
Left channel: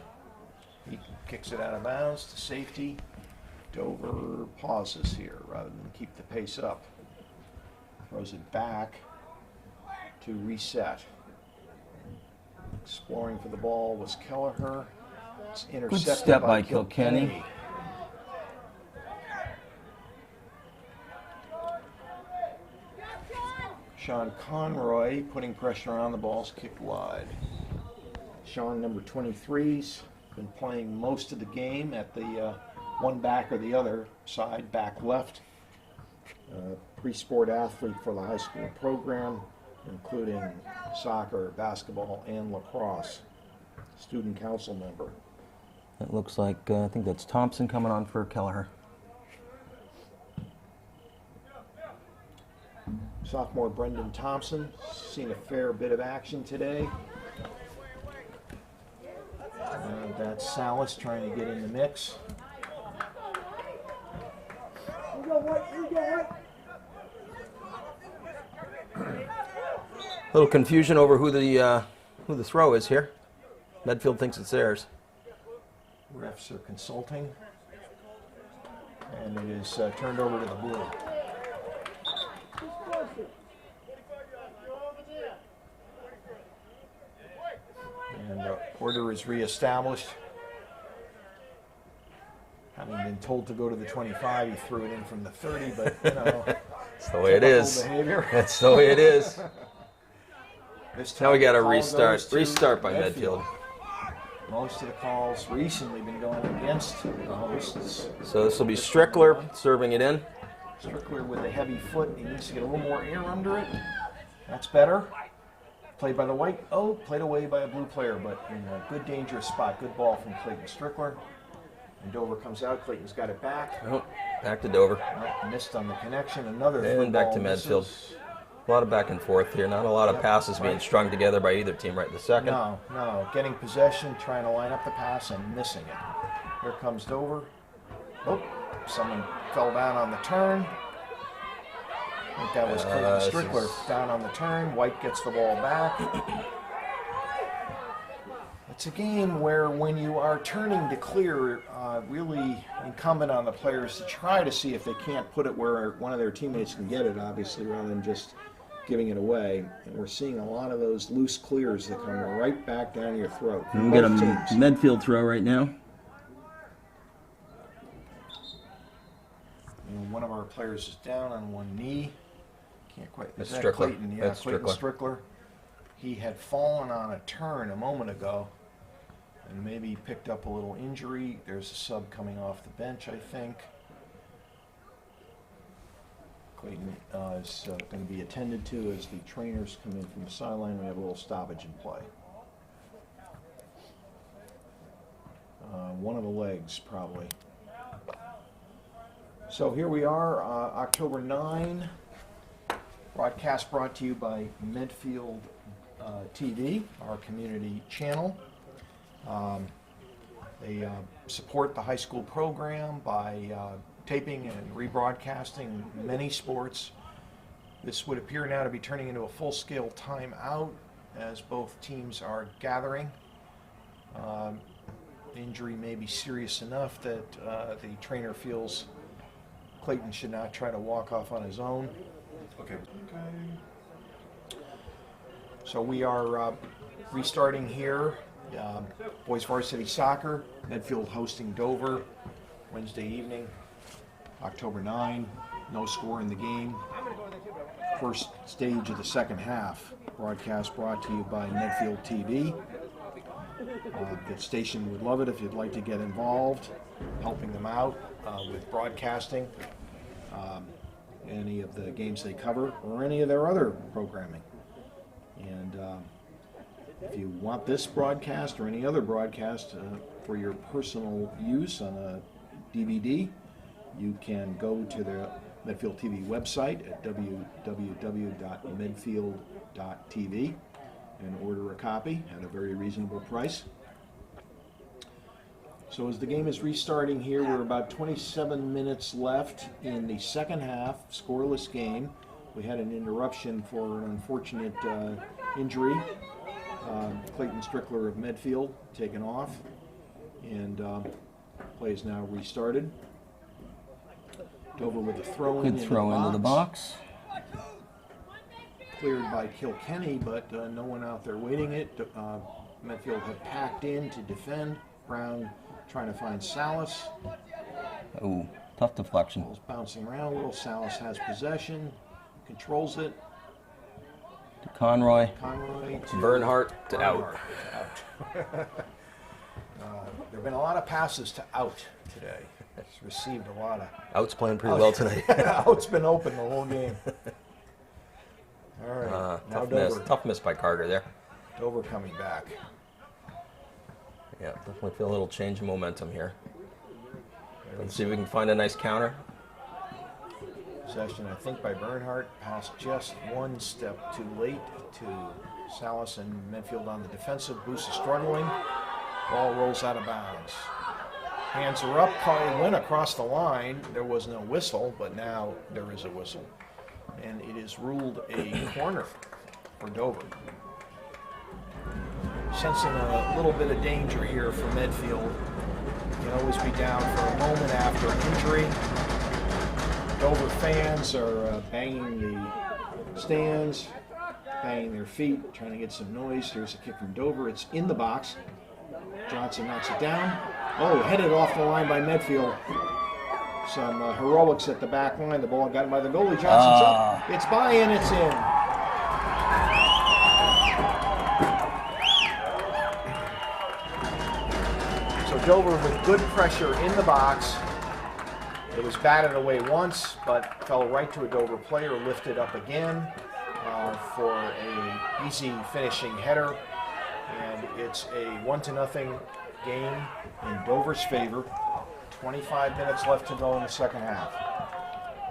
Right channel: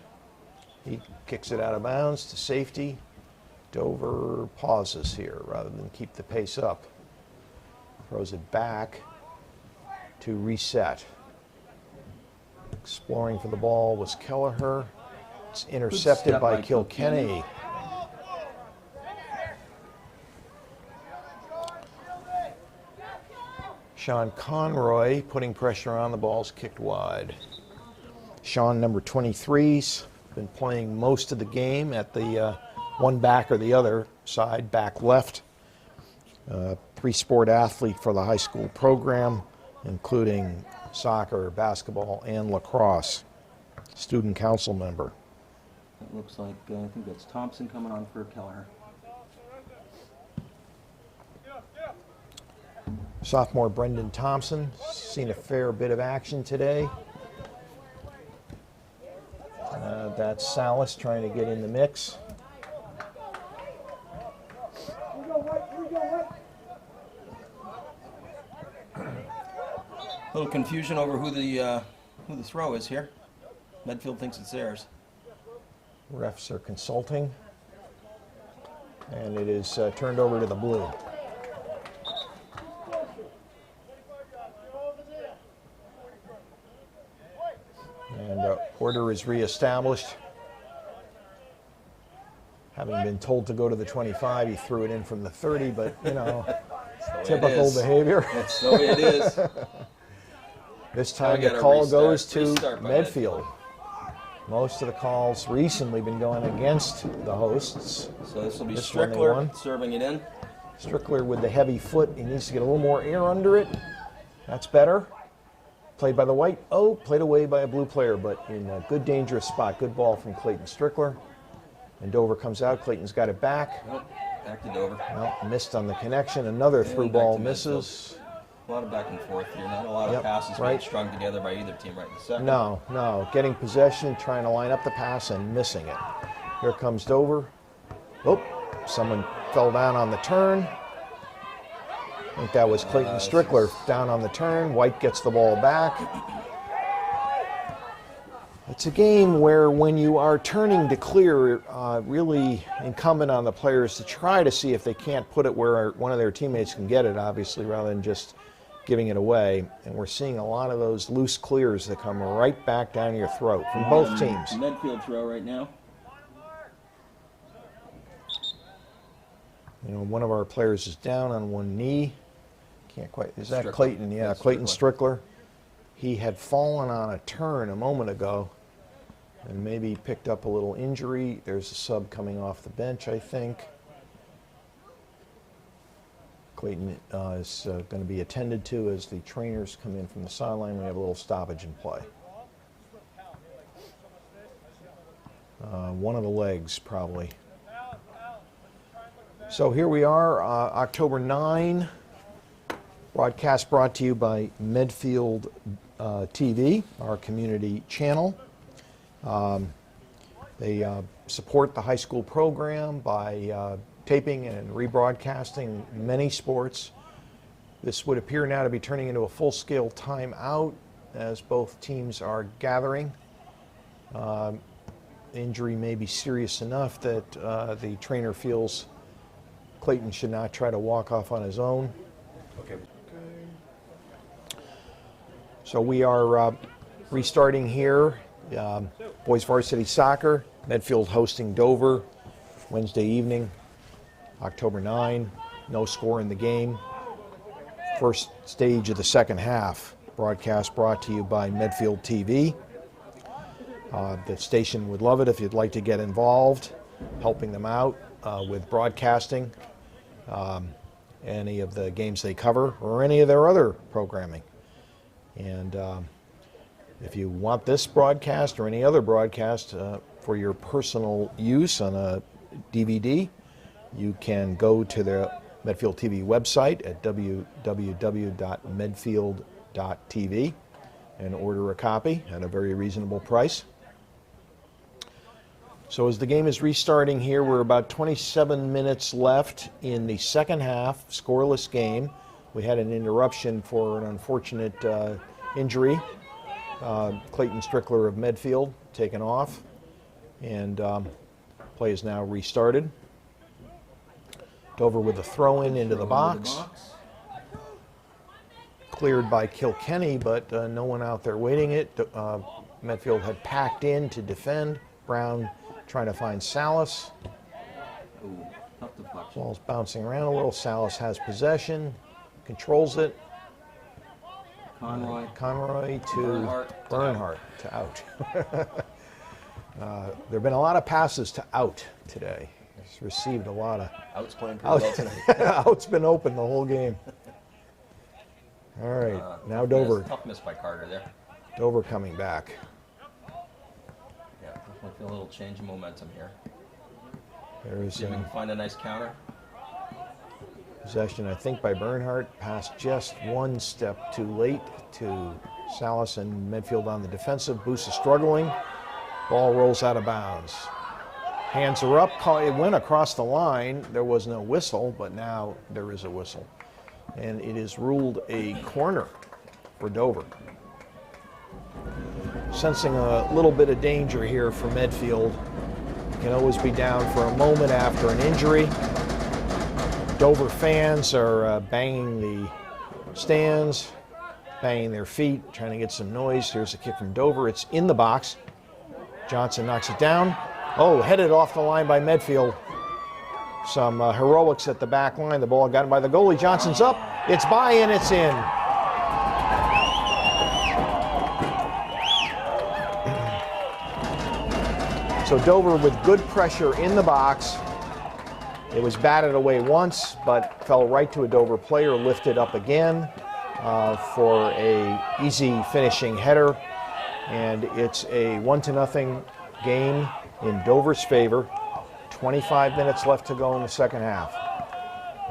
He kicks it out of bounds to safety. Dover pauses here rather than keep the pace up. Throws it back to reset. Exploring for the ball was Kelleher. It's intercepted step by by Kilkenny. Kilkenny. Sean Conroy putting pressure on the ball's kicked wide. Sean, number 23's been playing most of the game at the one back or the other side, back left. 3-sport athlete for the high school program, including soccer, basketball, and lacrosse. Student council member. It looks like, I think that's Thompson coming on for Kelleher. Sophomore Brendan Thompson, seen a fair bit of action today. That's Salas trying to get in the mix. A little confusion over who the throw is here. Medfield thinks it's theirs. Refs are consulting, and it is turned over to the blue. And order is reestablished. Having been told to go to the 25, he threw it in from the 30, but you know, That's the way it typical is. behavior. That's the way it is. This Now we time got the a call restart. goes to Restart by Medfield. Most of the calls recently been going against the hosts. So this will be This one they Strickler won. serving it in. Strickler with the heavy foot. He needs to get a little more air under it. That's better. Played by the white. Oh, played away by a blue player, but in a good dangerous spot. Good ball from Clayton Strickler. And Dover comes out. Clayton's got it back. Oh, back to Dover. Missed on the connection. Another And through back ball to Medfield. misses. A lot of back and forth here. Not a lot of Yep, passes being right. strung together by either team right in the second. No. Getting possession, trying to line up the pass, and missing it. Here comes Dover. Oh, someone fell down on the turn. I think that was Clayton this Strickler is- down on the turn. White gets the ball back. It's a game where when you are turning to clear, really incumbent on the players to try to see if they can't put it where one of their teammates can get it, obviously, rather than just giving it away. And we're seeing a lot of those loose clears that come right back down your throat from We got both a teams. Medfield throw right now. You know, one of our players is down on one knee. Can't quite. Is that Strickler. Clayton? Yeah, That's Clayton Strickler. He had fallen on a turn a moment ago, and maybe picked up a little injury. There's a sub coming off the bench, I think. Clayton is going to be attended to as the trainers come in from the sideline. We have a little stoppage in play. One of the legs, probably. So here we are, October 9. Broadcast brought to you by Medfield TV, our community channel. They support the high school program by taping and rebroadcasting many sports. This would appear now to be turning into a full-scale timeout as both teams are gathering. Injury may be serious enough that the trainer feels Clayton should not try to walk off on his own. Okay. So we are restarting here. Boys varsity soccer, Medfield hosting Dover Wednesday evening, October 9. No score in the game. First stage of the second half. Broadcast brought to you by Medfield TV. The station would love it if you'd like to get involved, helping them out with broadcasting any of the games they cover or any of their other programming. And if you want this broadcast or any other broadcast for your personal use on a DVD, you can go to the Medfield TV website at www.medfield.tv and order a copy at a very reasonable price. So as the game is restarting here, we're about 27 minutes left in the second half, scoreless game. We had an interruption for an unfortunate injury. Clayton Strickler of Medfield taken off, and play is now restarted. Dover with a throw-in into the box. Cleared by Kilkenny, but no one out there waiting it. Medfield had packed in to defend. Brown trying to find Salas. Ooh, tough deflection. Ball's bouncing around a little. Salas has possession, controls it. Conroy. Conroy to Bernhardt to Bernhardt to out. There have been a lot of passes to out today. It's received a lot of. Out's playing pretty well tonight. Out's been open the whole game. All right, now Dover. Tough miss by Carter there. Dover coming back. Yeah, definitely feel a little change in momentum here. There's See if we can find a nice counter. Possession, I think, by Bernhardt. Pass just one step too late to Salas, and Medfield on the defensive. Boosa struggling. Ball rolls out of bounds. Hands are up. It went across the line. There was no whistle, but now there is a whistle. And it is ruled a corner for Dover. Sensing a little bit of danger here for Medfield. Can always be down for a moment after an injury. Dover fans are banging the stands, banging their feet, trying to get some noise. Here's a kick from Dover. It's in the box. Johnson knocks it down. Oh, headed off the line by Medfield. Some heroics at the back line. The ball got it by the goalie. Johnson's up. It's by and it's in. So Dover with good pressure in the box. It was batted away once, but fell right to a Dover player, lifted up again for a easy finishing header. And it's a 1-0 game in Dover's favor. 25 minutes left to go in the second half.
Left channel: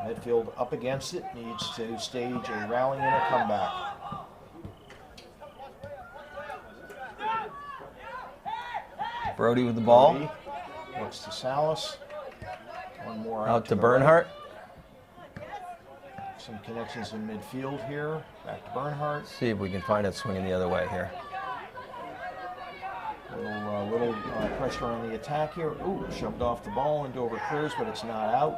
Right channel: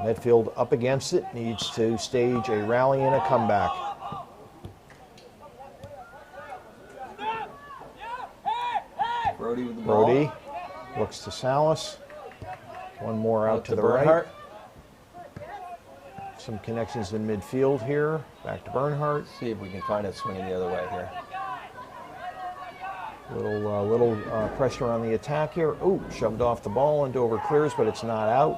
Medfield up against it, needs to stage a rally and a comeback. Brody with the ball. Brody looks to Salas. One more out to the Bernhardt. Right. Some connections in midfield here. Back to Bernhardt. See if we can find it swinging the other way here. Little pressure on the attack here. Ooh, shoved off the ball and Dover clears, but it's not out.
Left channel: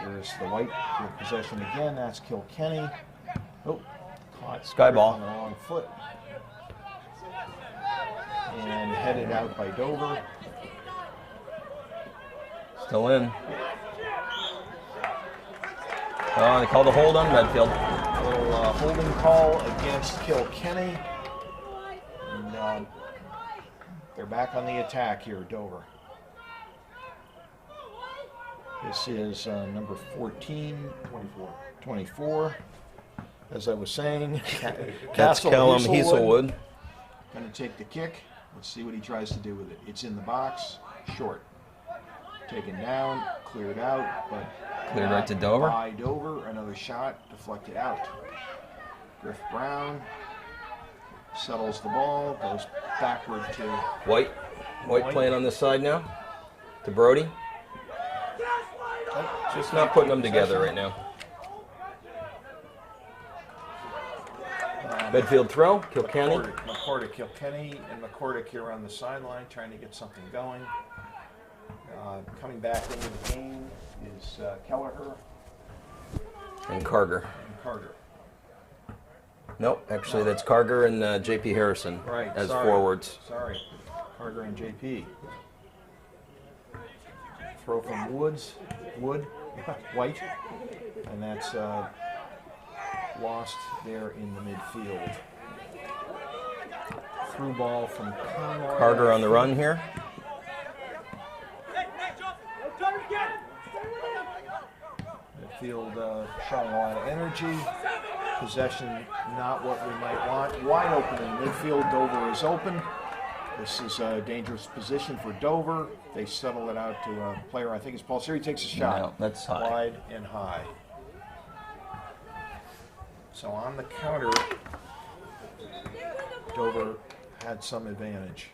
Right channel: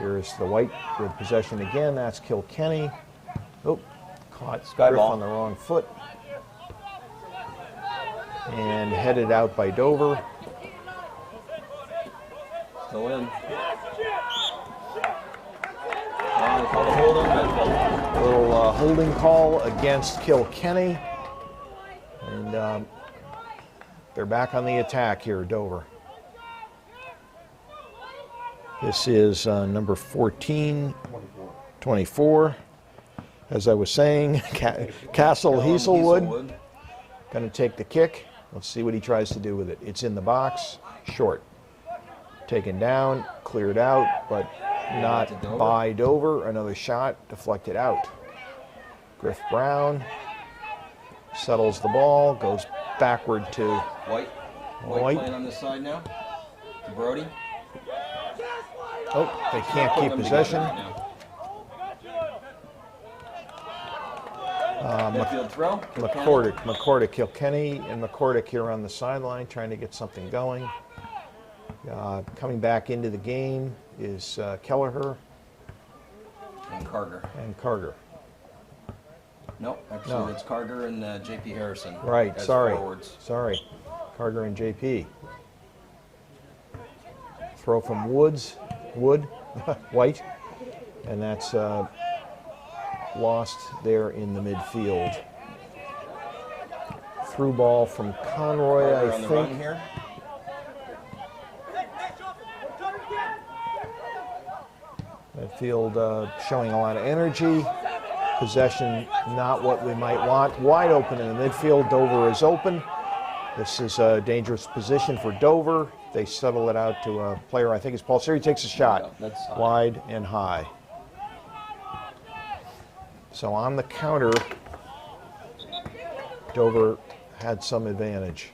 Here's the White with possession again. That's Kilkenny. Oh, caught Griff on the wrong foot. And headed out by Dover. Still in. Oh, they called a hold on Medfield. A little holding call against Kilkenny. And they're back on the attack here, Dover. This is number 24. As I was saying, Castle Heaselwood. Going to take the kick. Let's see what he tries to do with it. It's in the box, short. Taken down, cleared out, but not by Dover. Another shot, deflected out. Griff Brown settles the ball, goes backward to White playing on this side now. To Brody. Oh, they can't keep possession right now. Midfield throw. McCordick, Kilkenny, and McCordick here on the sideline trying to get something going. Coming back into the game is Kelleher. And Carger. Nope, actually that's Carger and JP Harrison. Right, as sorry. Forwards. Sorry, Carger and JP. Throw from White, and that's lost there in the midfield. Through ball from Conroy. Carter on the run here. Medfield showing a lot of energy. Possession not what we might want. Wide open in the midfield. Dover is open. This is a dangerous position for Dover. They settle it out to a player, I think it's Paul Siri, takes a shot. No, that's high. Wide and high. So on the counter, Dover had some advantage.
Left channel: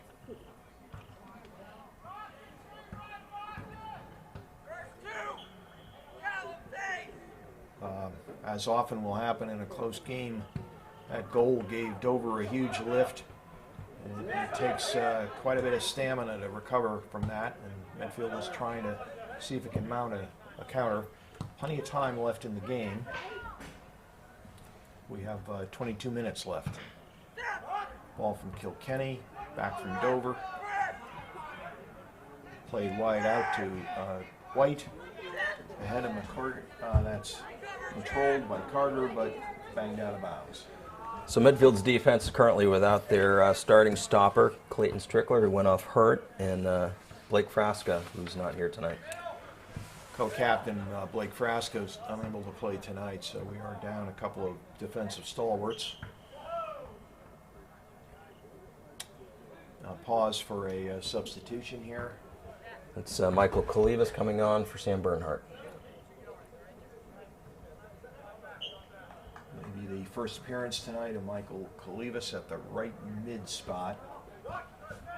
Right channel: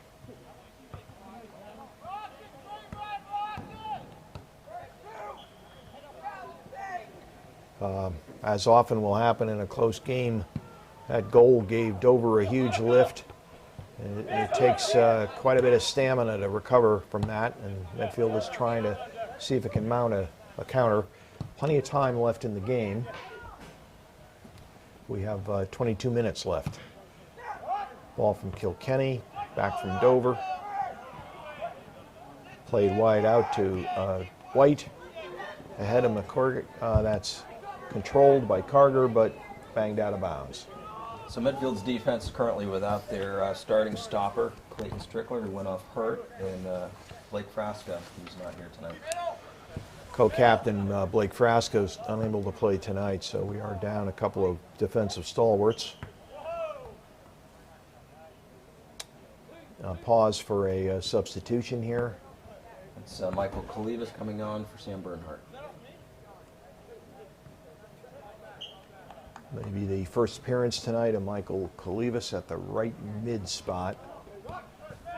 As often will happen in a close game, that goal gave Dover a huge lift. And it takes quite a bit of stamina to recover from that, and Medfield is trying to see if it can mount a counter. Plenty of time left in the game. We have 22 minutes left. Ball from Kilkenny, back from Dover. Played wide out to White. Ahead of McCordick, that's controlled by Carter, but banged out of bounds. So Medfield's defense is currently without their starting stopper, Clayton Strickler, who went off hurt, and Blake Frasca, who's not here tonight. Co-captain Blake Frasca is unable to play tonight, so we are down a couple of defensive stalwarts. Pause for a substitution here. It's Michael Kalivas coming on for Sam Bernhardt. the first appearance tonight of Michael Kalivas at the right mid spot.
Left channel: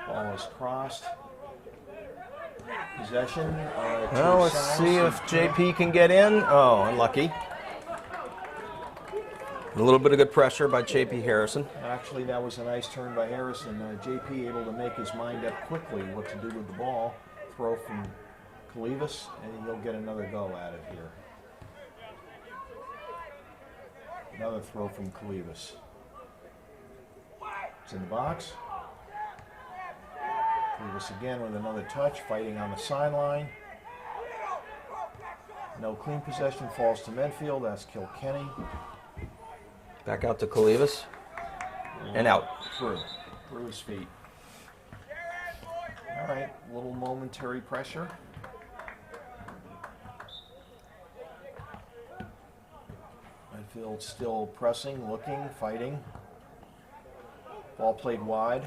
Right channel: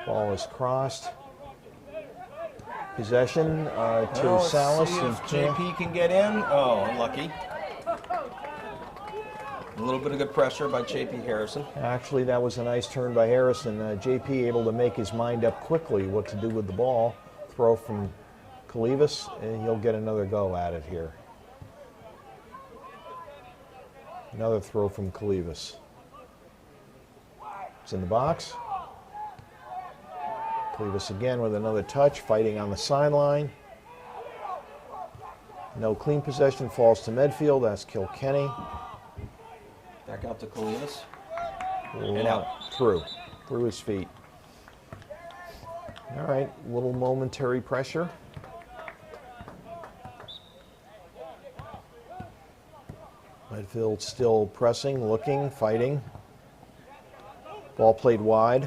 Ball is crossed. Possession to Well, let's Salas. see if JP can get in. Oh, unlucky. A little bit of good pressure by JP Harrison. Actually, that was a nice turn by Harrison. JP able to make his mind up quickly what to do with the ball. Throw from Kalivas, and he'll get another go at it here. Another throw from Kalivas. It's in the box. Kalivas again with another touch, fighting on the sideline. No clean possession, falls to Medfield. That's Kilkenny. Back out to Kalivas. And out. Through his feet. All right, little momentary pressure. Medfield still pressing, looking, fighting. Ball played wide.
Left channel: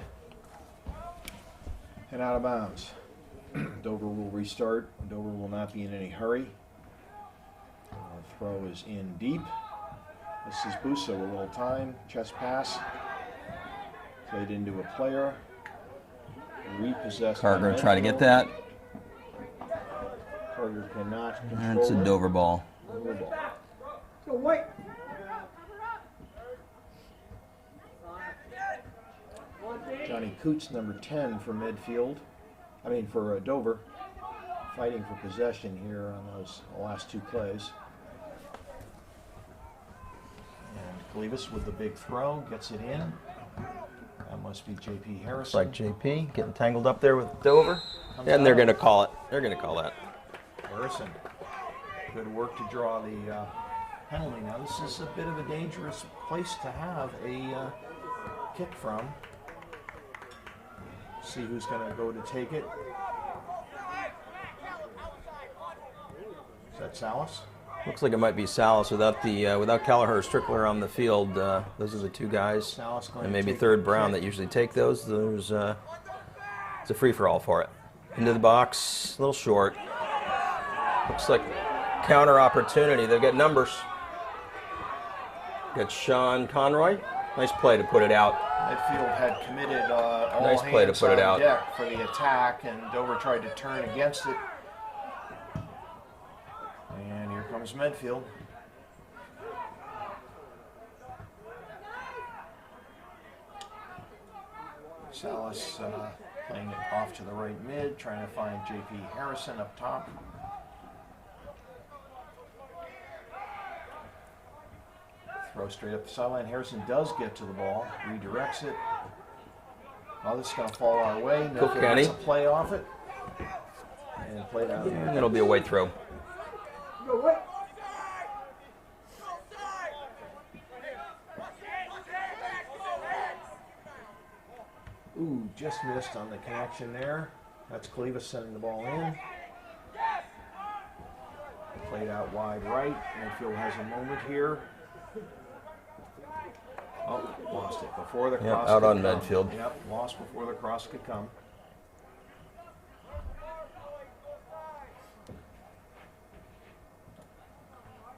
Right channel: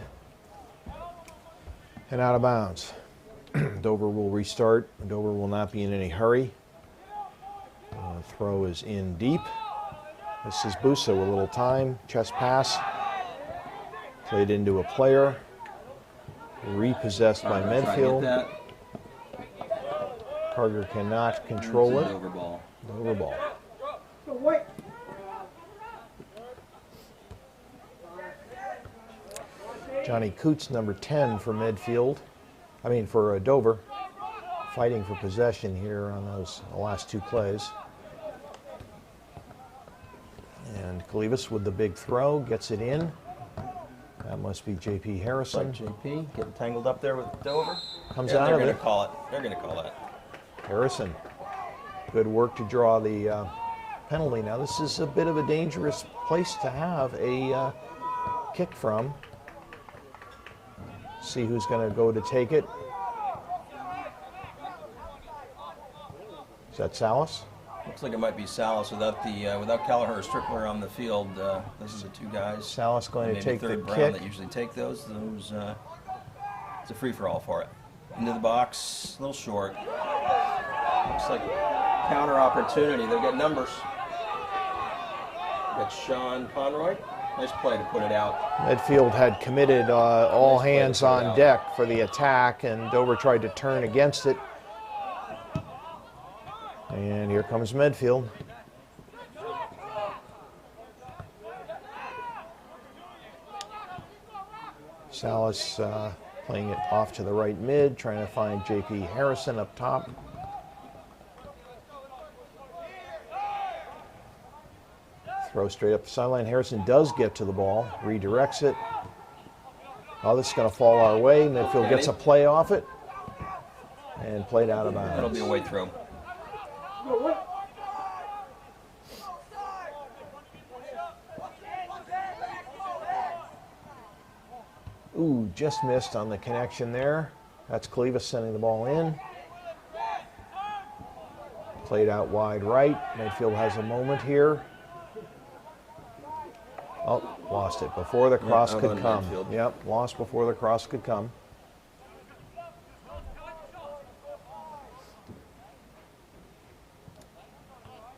And out of bounds. Dover will restart. Dover will not be in any hurry. Throw is in deep. This is Busa with a little time. Chest pass. Played into a player. Repossessed by Medfield. Try to get that. Carter cannot control it. It's a Dover ball. Dover ball. Johnny Coots, number 10 for Medfield. For Dover. Fighting for possession here on the last two plays. And Kalivas with the big throw, gets it in. That must be JP Harrison. Like JP, getting tangled up there with Dover. Comes And out they're of going to it. call it. They're going to call that. Harrison. Good work to draw the penalty. Now this is a bit of a dangerous place to have a kick from. See who's going to go to take it. Is that Salas? Looks like it might be Salas without Kelleher or Strickler on the field. Those are the two guys. Salas going and to maybe take third the Brown kick. that usually take those. It's a free-for-all for it. Into the box, a little short. Looks like counter opportunity. They've got numbers. Got Sean Conroy. Nice play to put it out. Medfield had committed all Nice play to hands put it on out. deck for the attack, and Dover tried to turn against it. And here comes Medfield. Salas playing it off to the right mid, trying to find JP Harrison up top. Throw straight up the sideline. Harrison does get to the ball, redirects it. Oh, this is going to fall our way. Medfield gets a play off it and played out of bounds. It'll be a way through. Ooh, just missed on the connection there. That's Kalivas sending the ball in. Played out wide right. Medfield has a moment here. Oh, lost it before the cross out could on come. Medfield. Yep, lost before the cross could come.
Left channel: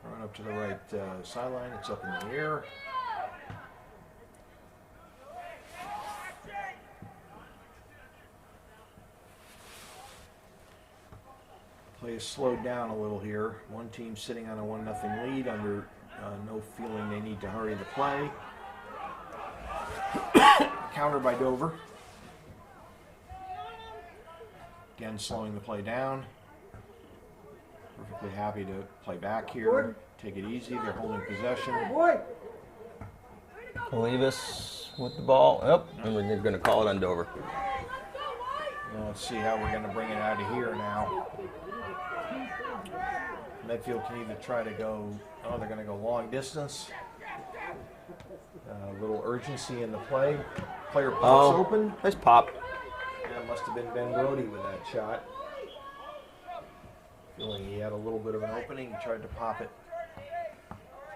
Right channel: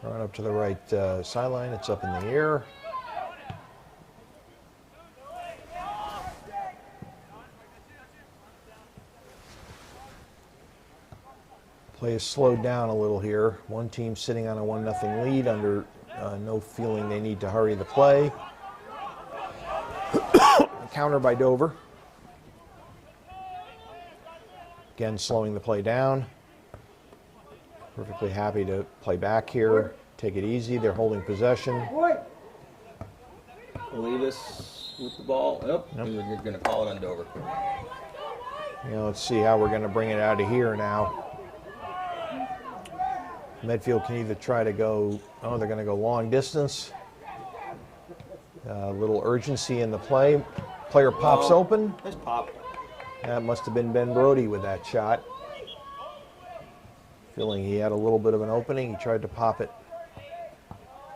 Right up to the right sideline. It's up in the air. Play is slowed down a little here. One team sitting on a 1-0 lead under no feeling they need to hurry the play. Counter by Dover. Again, slowing the play down. Perfectly happy to play back here. Take it easy. They're holding possession. Kalivas with the ball. Yep. And we're going to call it on Dover. Let's see how we're going to bring it out of here now. Medfield can either try to go, they're going to go long distance. A little urgency in the play. Player pops open. Nice pop. That must have been Ben Brody with that shot. Feeling he had a little bit of an opening. He tried to pop it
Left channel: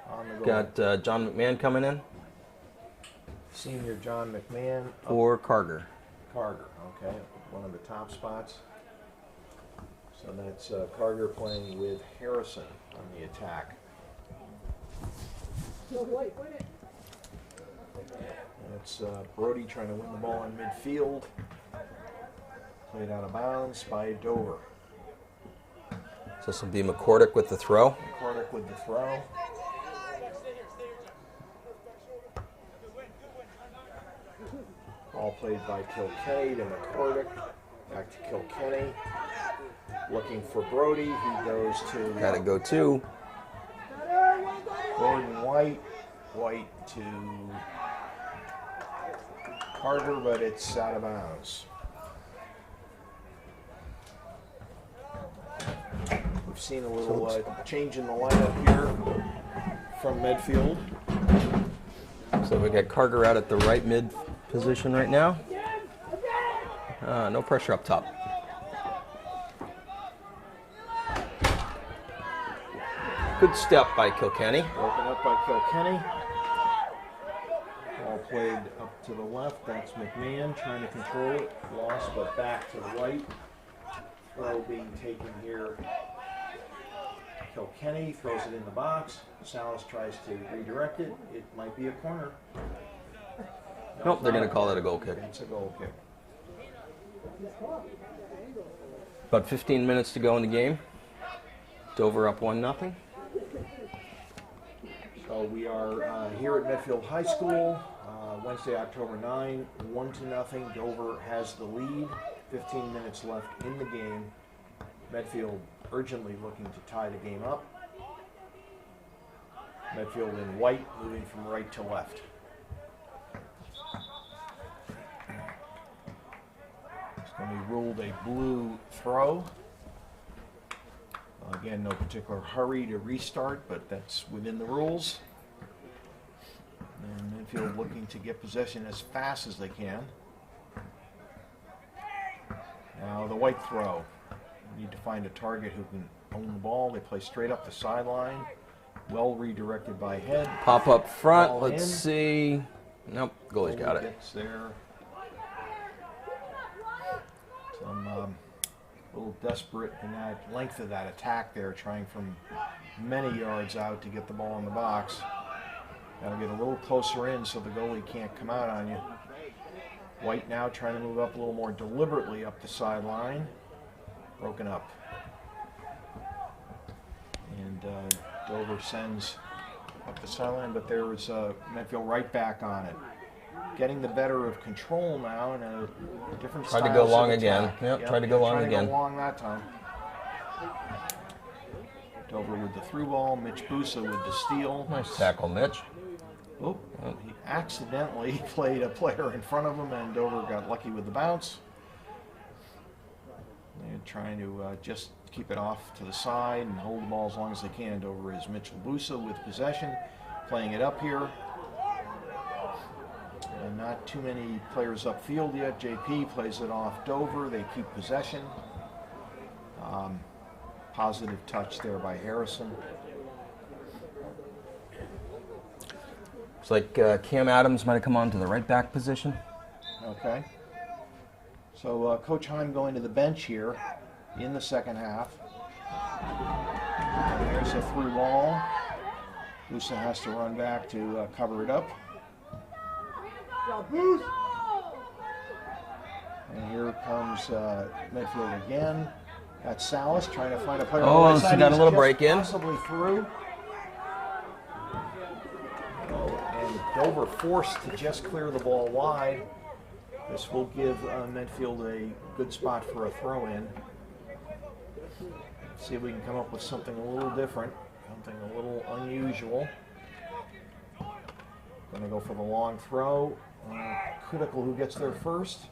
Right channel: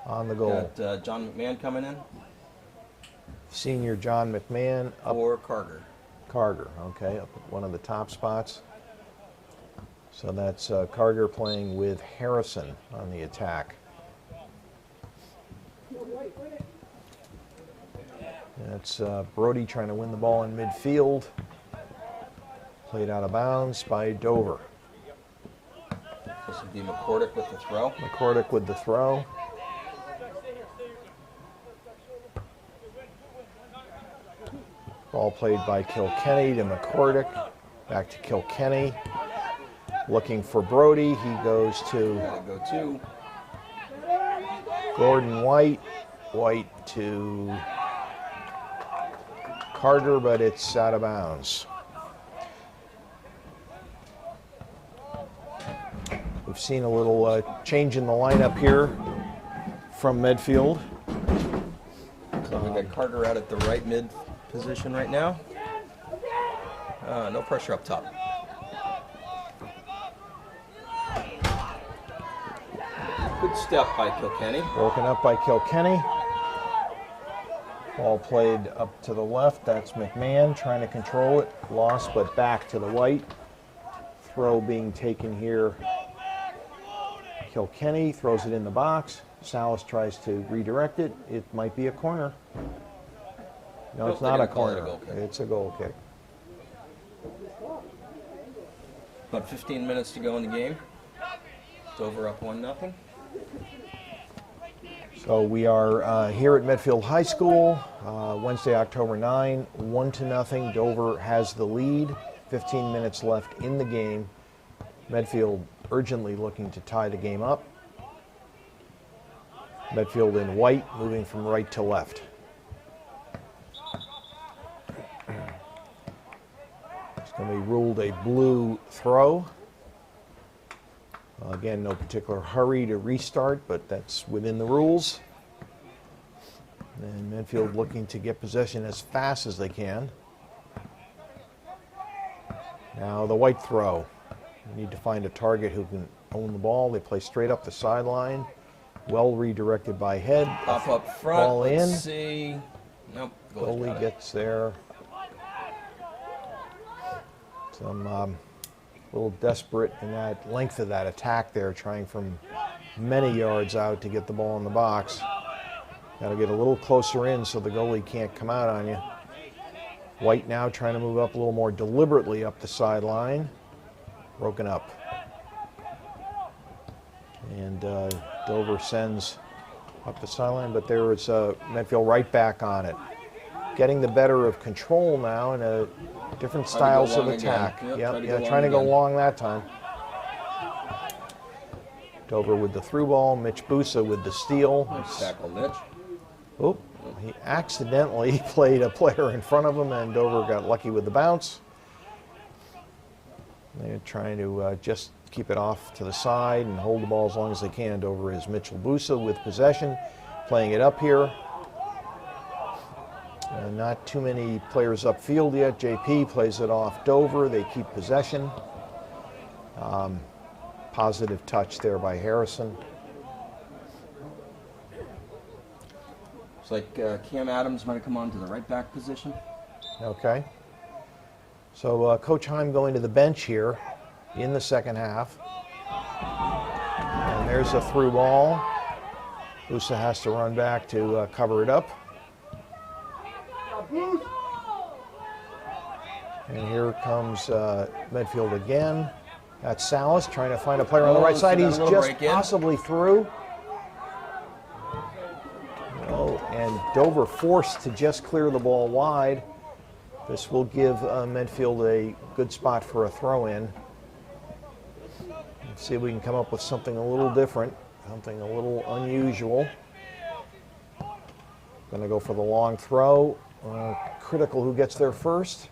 on the goal. Got John McMahon coming in. Senior John McMahon. Or Carger. Carger, okay, up at one of the top spots. So that's Carger playing with Harrison on the attack. That's Brody trying to win the ball in midfield. Played out of bounds by Dover. So this will be McCordick with the throw. McCordick with the throw. Ball played by Kilkenny to McCordick. Back to Kilkenny. Looking for Brody. He goes to Had to go to Gordon White. White to Carter, but it's out of bounds. We've seen a little change in the lineup here from Medfield. So we got Carter out at the right mid position right now. No pressure up top. Good step by Kilkenny. Broken up by Kilkenny. Ball played up to the left. That's McMahon trying to control it. Lost, but back to the White. Throw being taken here. Kilkenny throws it in the box. Salas tries to redirect it. It might be a corner. No, Nope, it's they're not gonna a call corner. it a goal kick. It's a goal kick. About 15 minutes to go in the game. Dover up 1-0. So we are here at Medfield High School, Wednesday, October 9, 1-0. Dover has the lead. 15 minutes left in the game. Medfield urgently looking to tie the game up. Medfield in white, moving from right to left. It's going to be ruled a blue throw. Again, no particular hurry to restart, but that's within the rules. And Medfield looking to get possession as fast as they can. Now the White throw. We need to find a target who can own the ball. They play straight up the sideline. Well redirected by Head. Pop up front. Ball Let's in. see. Nope. Goalie's Goalie got it. gets there. Some little desperate in that length of that attack there, trying from many yards out to get the ball in the box. Got to get a little closer in so the goalie can't come out on you. White now trying to move up a little more deliberately up the sideline. Broken up. And Dover sends up the sideline, but there is Medfield right back on it. Getting the better of control now in a different Tried to go styles long of again. attack. Yep, Yep, tried to go long trying to go again. long that time. Dover with the through ball. Mitch Busa with the steal. Nice tackle, Mitch. Oop, he accidentally played a player in front of him, and Dover got lucky with the bounce. They're trying to just keep it off to the side and hold the ball as long as they can. Dover is Mitchell Busa with possession, playing it up here. Not too many players upfield yet. JP plays it off Dover. They keep possession. Positive touch there by Harrison. It's like Cam Adams might have come on to the right back position. Okay. So Coach Heim going to the bench here in the second half. And there's a through ball. Busa has to run back to cover it up. And here comes Medfield again. That's Salas trying to find a player on the right so side. got a He's little just break in. possibly through. And Dover forced to just clear the ball wide. This will give Medfield a good spot for a throw-in. Let's see if we can come up with something a little different, something a little unusual. Going to go for the long throw. Critical who gets there first.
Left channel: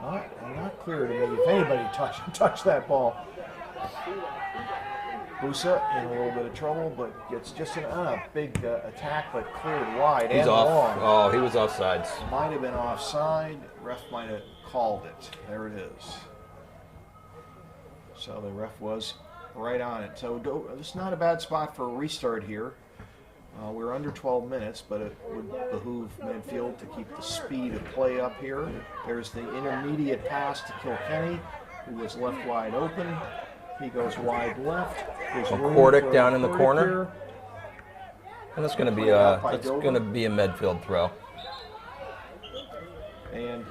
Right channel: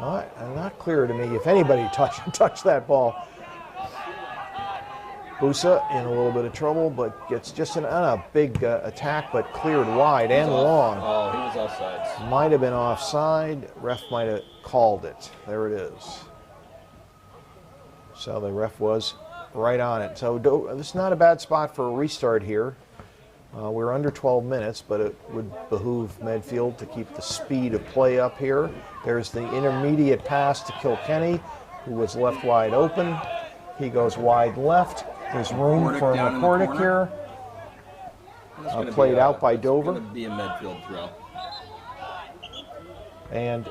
Not clear to me if anybody touched that ball. Busa in a little bit of trouble, but gets just on a big attack, but cleared wide and long. Oh, he was offsides. Might have been offside. Ref might have called it. There it is. So the ref was right on it. So this is not a bad spot for a restart here. We're under 12 minutes, but it would behoove Medfield to keep the speed of play up here. There's the intermediate pass to Kilkenny, who was left wide open. He goes wide left. There's room McCordick for down in the McCordick corner. here. And that's going to be Played out by that's Dover. going to be a Medfield throw. and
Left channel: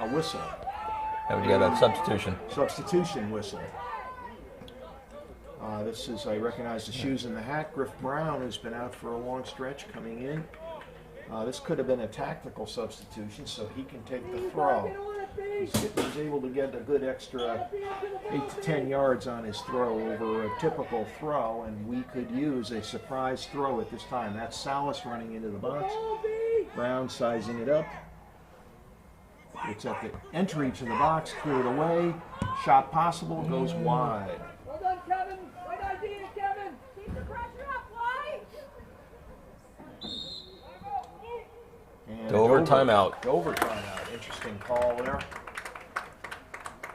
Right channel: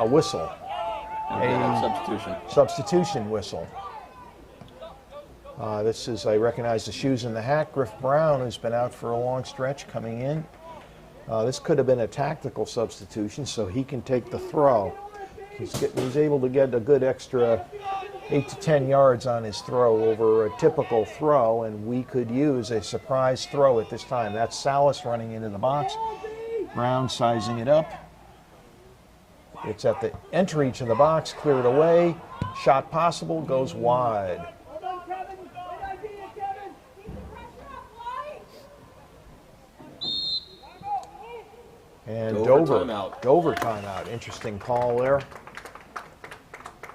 a whistle. And we got a substitution. Substitution whistle. This is, I recognize the shoes in the hat. Griff Brown, who's been out for a long stretch, coming in. This could have been a tactical substitution, so he can take the throw. He's able to get a good extra 8 to 10 yards on his throw over a typical throw, and we could use a surprise throw at this time. That's Salas running into the box. Brown sizing it up. It's at the entry to the box, cleared away. Shot possible, goes wide. And Dover timeout. Dover timeout. Interesting call there. A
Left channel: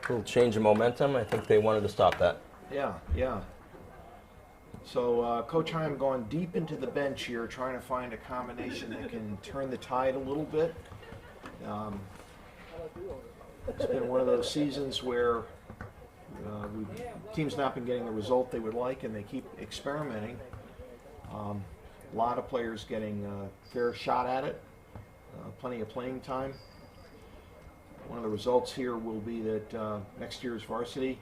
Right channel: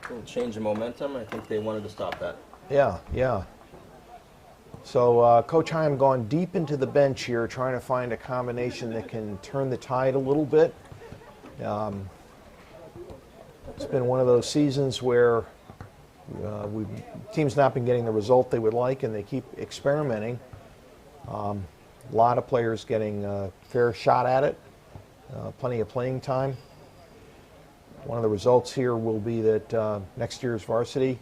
little change of momentum. I think they wanted to stop that. Yeah, yeah. So Coach Heim gone deep into the bench here, trying to find a combination that can turn the tide a little bit. It's been one of those seasons where teams not been getting the result they would like, and they keep experimenting. A lot of players getting a fair shot at it, plenty of playing time. One of the results here will be that next year's varsity,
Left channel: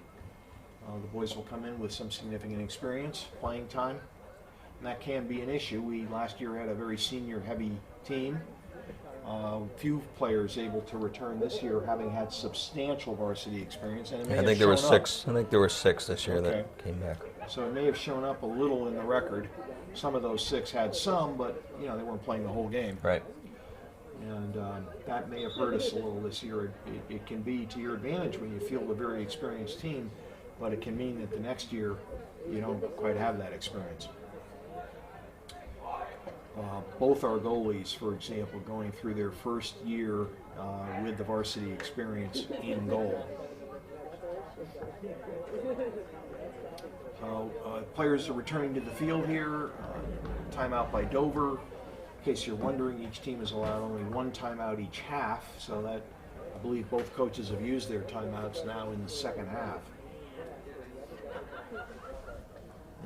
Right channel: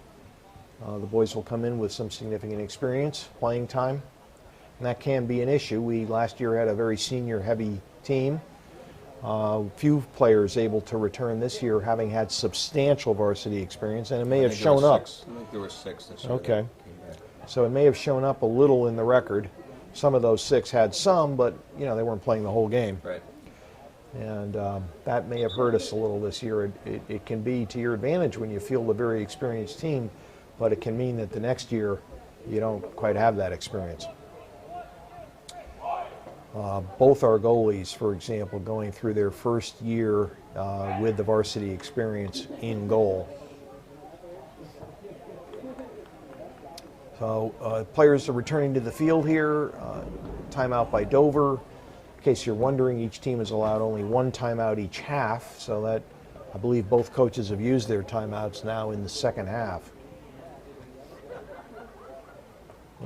the boys will come in with some significant experience, playing time, and that can be an issue. We last year had a very senior-heavy team. Few players able to return this year, having had substantial varsity experience, and it may have shown up. I think there were 6 this year that came back. So it may have shown up a little in the record. Some of those 6 had some, but they weren't playing the whole game. Right. And that may have hurt us a little this year. It can be to your advantage when you field a very experienced team, but it can mean that the next year you don't quite have that experience. Both our goalies, for example, going through their first year with the varsity experience in goal. So players are returning to the field here. Timeout by Dover. In case you're wondering, each team is allowed only 1 timeout each half, so that I believe both coaches have used their timeouts now in the second half.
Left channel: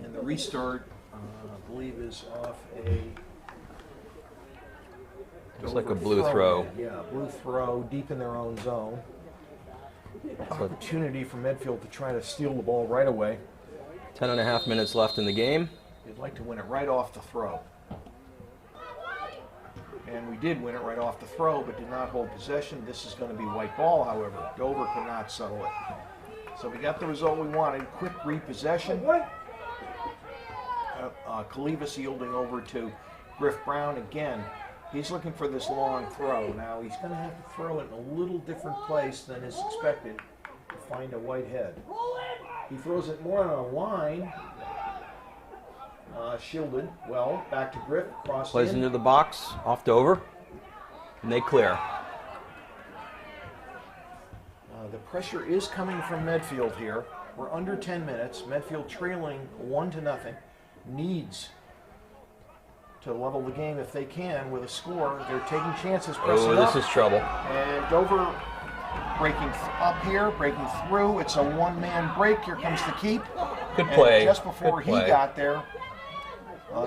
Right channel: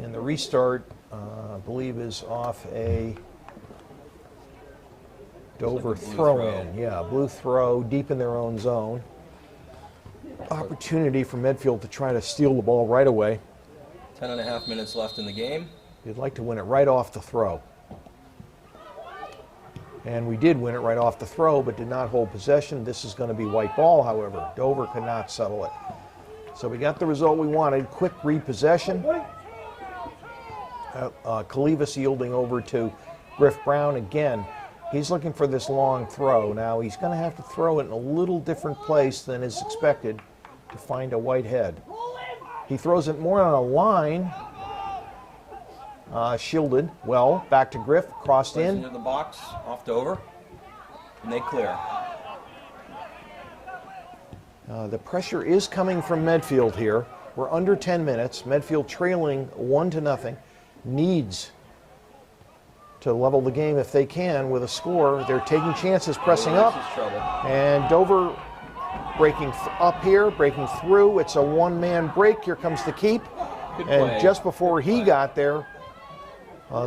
And the restart, I believe, is off a Dover like a blue throw. Yeah, blue throw deep in their own zone. Opportunity for Medfield to try to steal the ball right away. 10.5 minutes left in the game. You'd like to win it right off the throw. And we did win it right off the throw, but did not hold possession. This is going to be white ball, however. Dover could not settle it. So we got the result we wanted. Quick repossession. Kalivas yielding over to Griff Brown again. He's looking for this long throw. Now he's going to have to throw it in a little different place than is expected to find a white head. He throws it more on a line. Shielded well, back to Griff, crossed Plays in. into the box, off Dover, and they clear. The pressure is coming from Medfield here. We're under 10 minutes. Medfield trailing 1-0. Needs to level the game if they can with a score. They're taking chances, pressing up. This is trouble. And Dover breaking up here, breaking through. It's a one-man break. Here comes the keep. Good play. And just before he got there,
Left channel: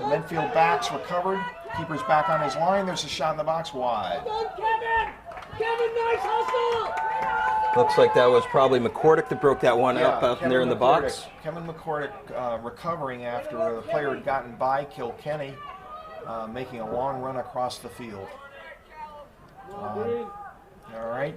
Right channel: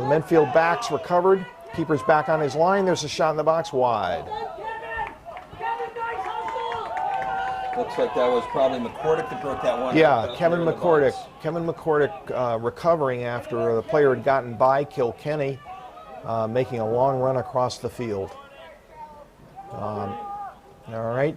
Medfield backs recovered. Keeper's back on his line. There's a shot in the box wide. Looks like that was probably McCordick that broke that one up there in the box. Kevin McCordick recovering after the player had gotten by Kilkenny, making a long run across the field. All right.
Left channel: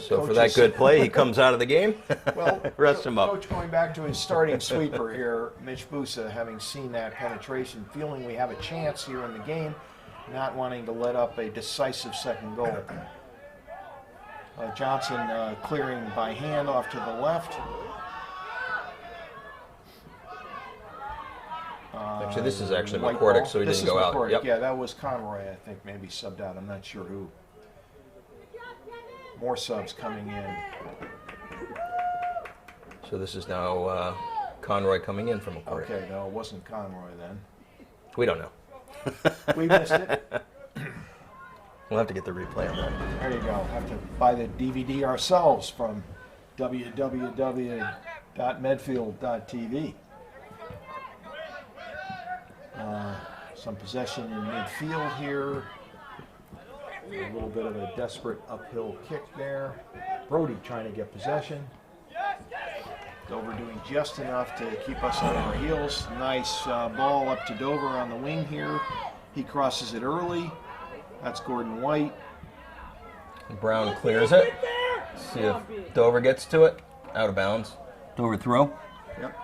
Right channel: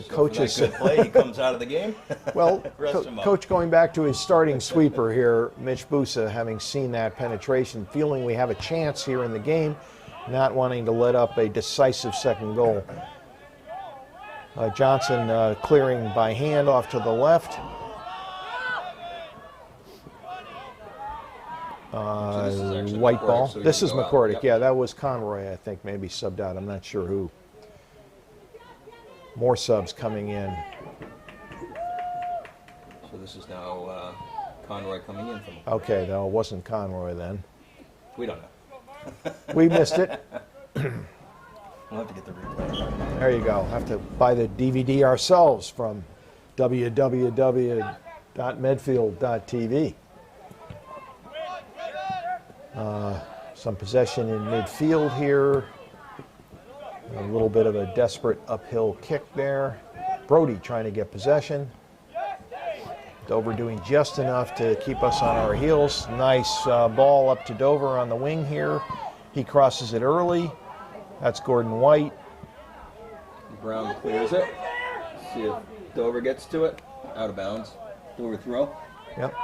So for that good play, he comes out of the game. Well, rest him up. Coach going back to his starting sweeper here, Mitch Busa, having seen that penetration, feeling we have a chance here in the game, not wanting to let up a decisive second goal. Johnson clearing by hand off to the left. Actually, this is actually white McCordick, ball. so he This is didn't go out. McCordick. Yep. Yeah, that was Conroy, I think, maybe subbed out. I'm not sure who. More subs coming in. So this is now Conroy coming in from McCordick. Okay, no, it wasn't Conroy then. We don't know. We missed it. We'll have to get the replay of that. There you go. Have to buy the DVD ourselves from www.medfield.tv. Some possession in midfield here. A little bit of a desperate uphill kick there. Brody trying to get possession. Dover doing just enough to keep us on our heels. Nice ball up to Dover on the wing here. He crosses it early. That's Gordon White. Brown clears it. See if Dover gets to it. Out of bounds. Dover throw. Yep.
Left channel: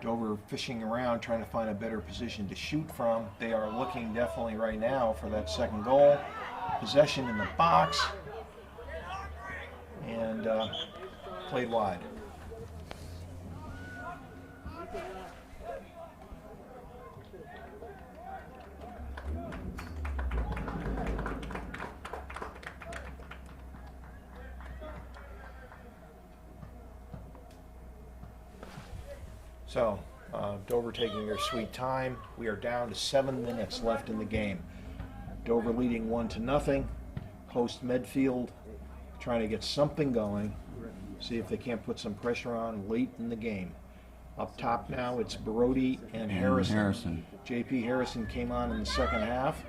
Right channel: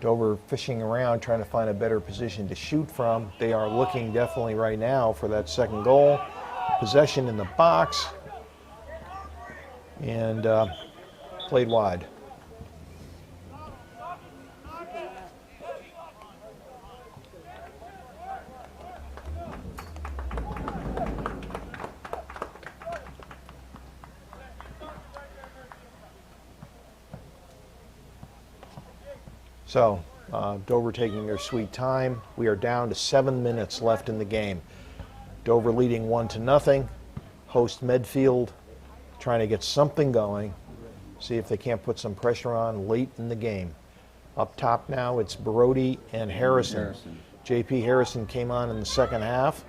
Dover fishing around, trying to find a better position to shoot from. They are looking definitely right now for that second goal. Possession in the box. And played wide. So, Dover taking their sweet time. We are down to 7 minutes left in the game. Dover leading 1-0. Host Medfield trying to get something going. See if they can't put some pressure on late in the game. Up top now, it's Brody and Harrison. J.P. Harrison came on in the second half.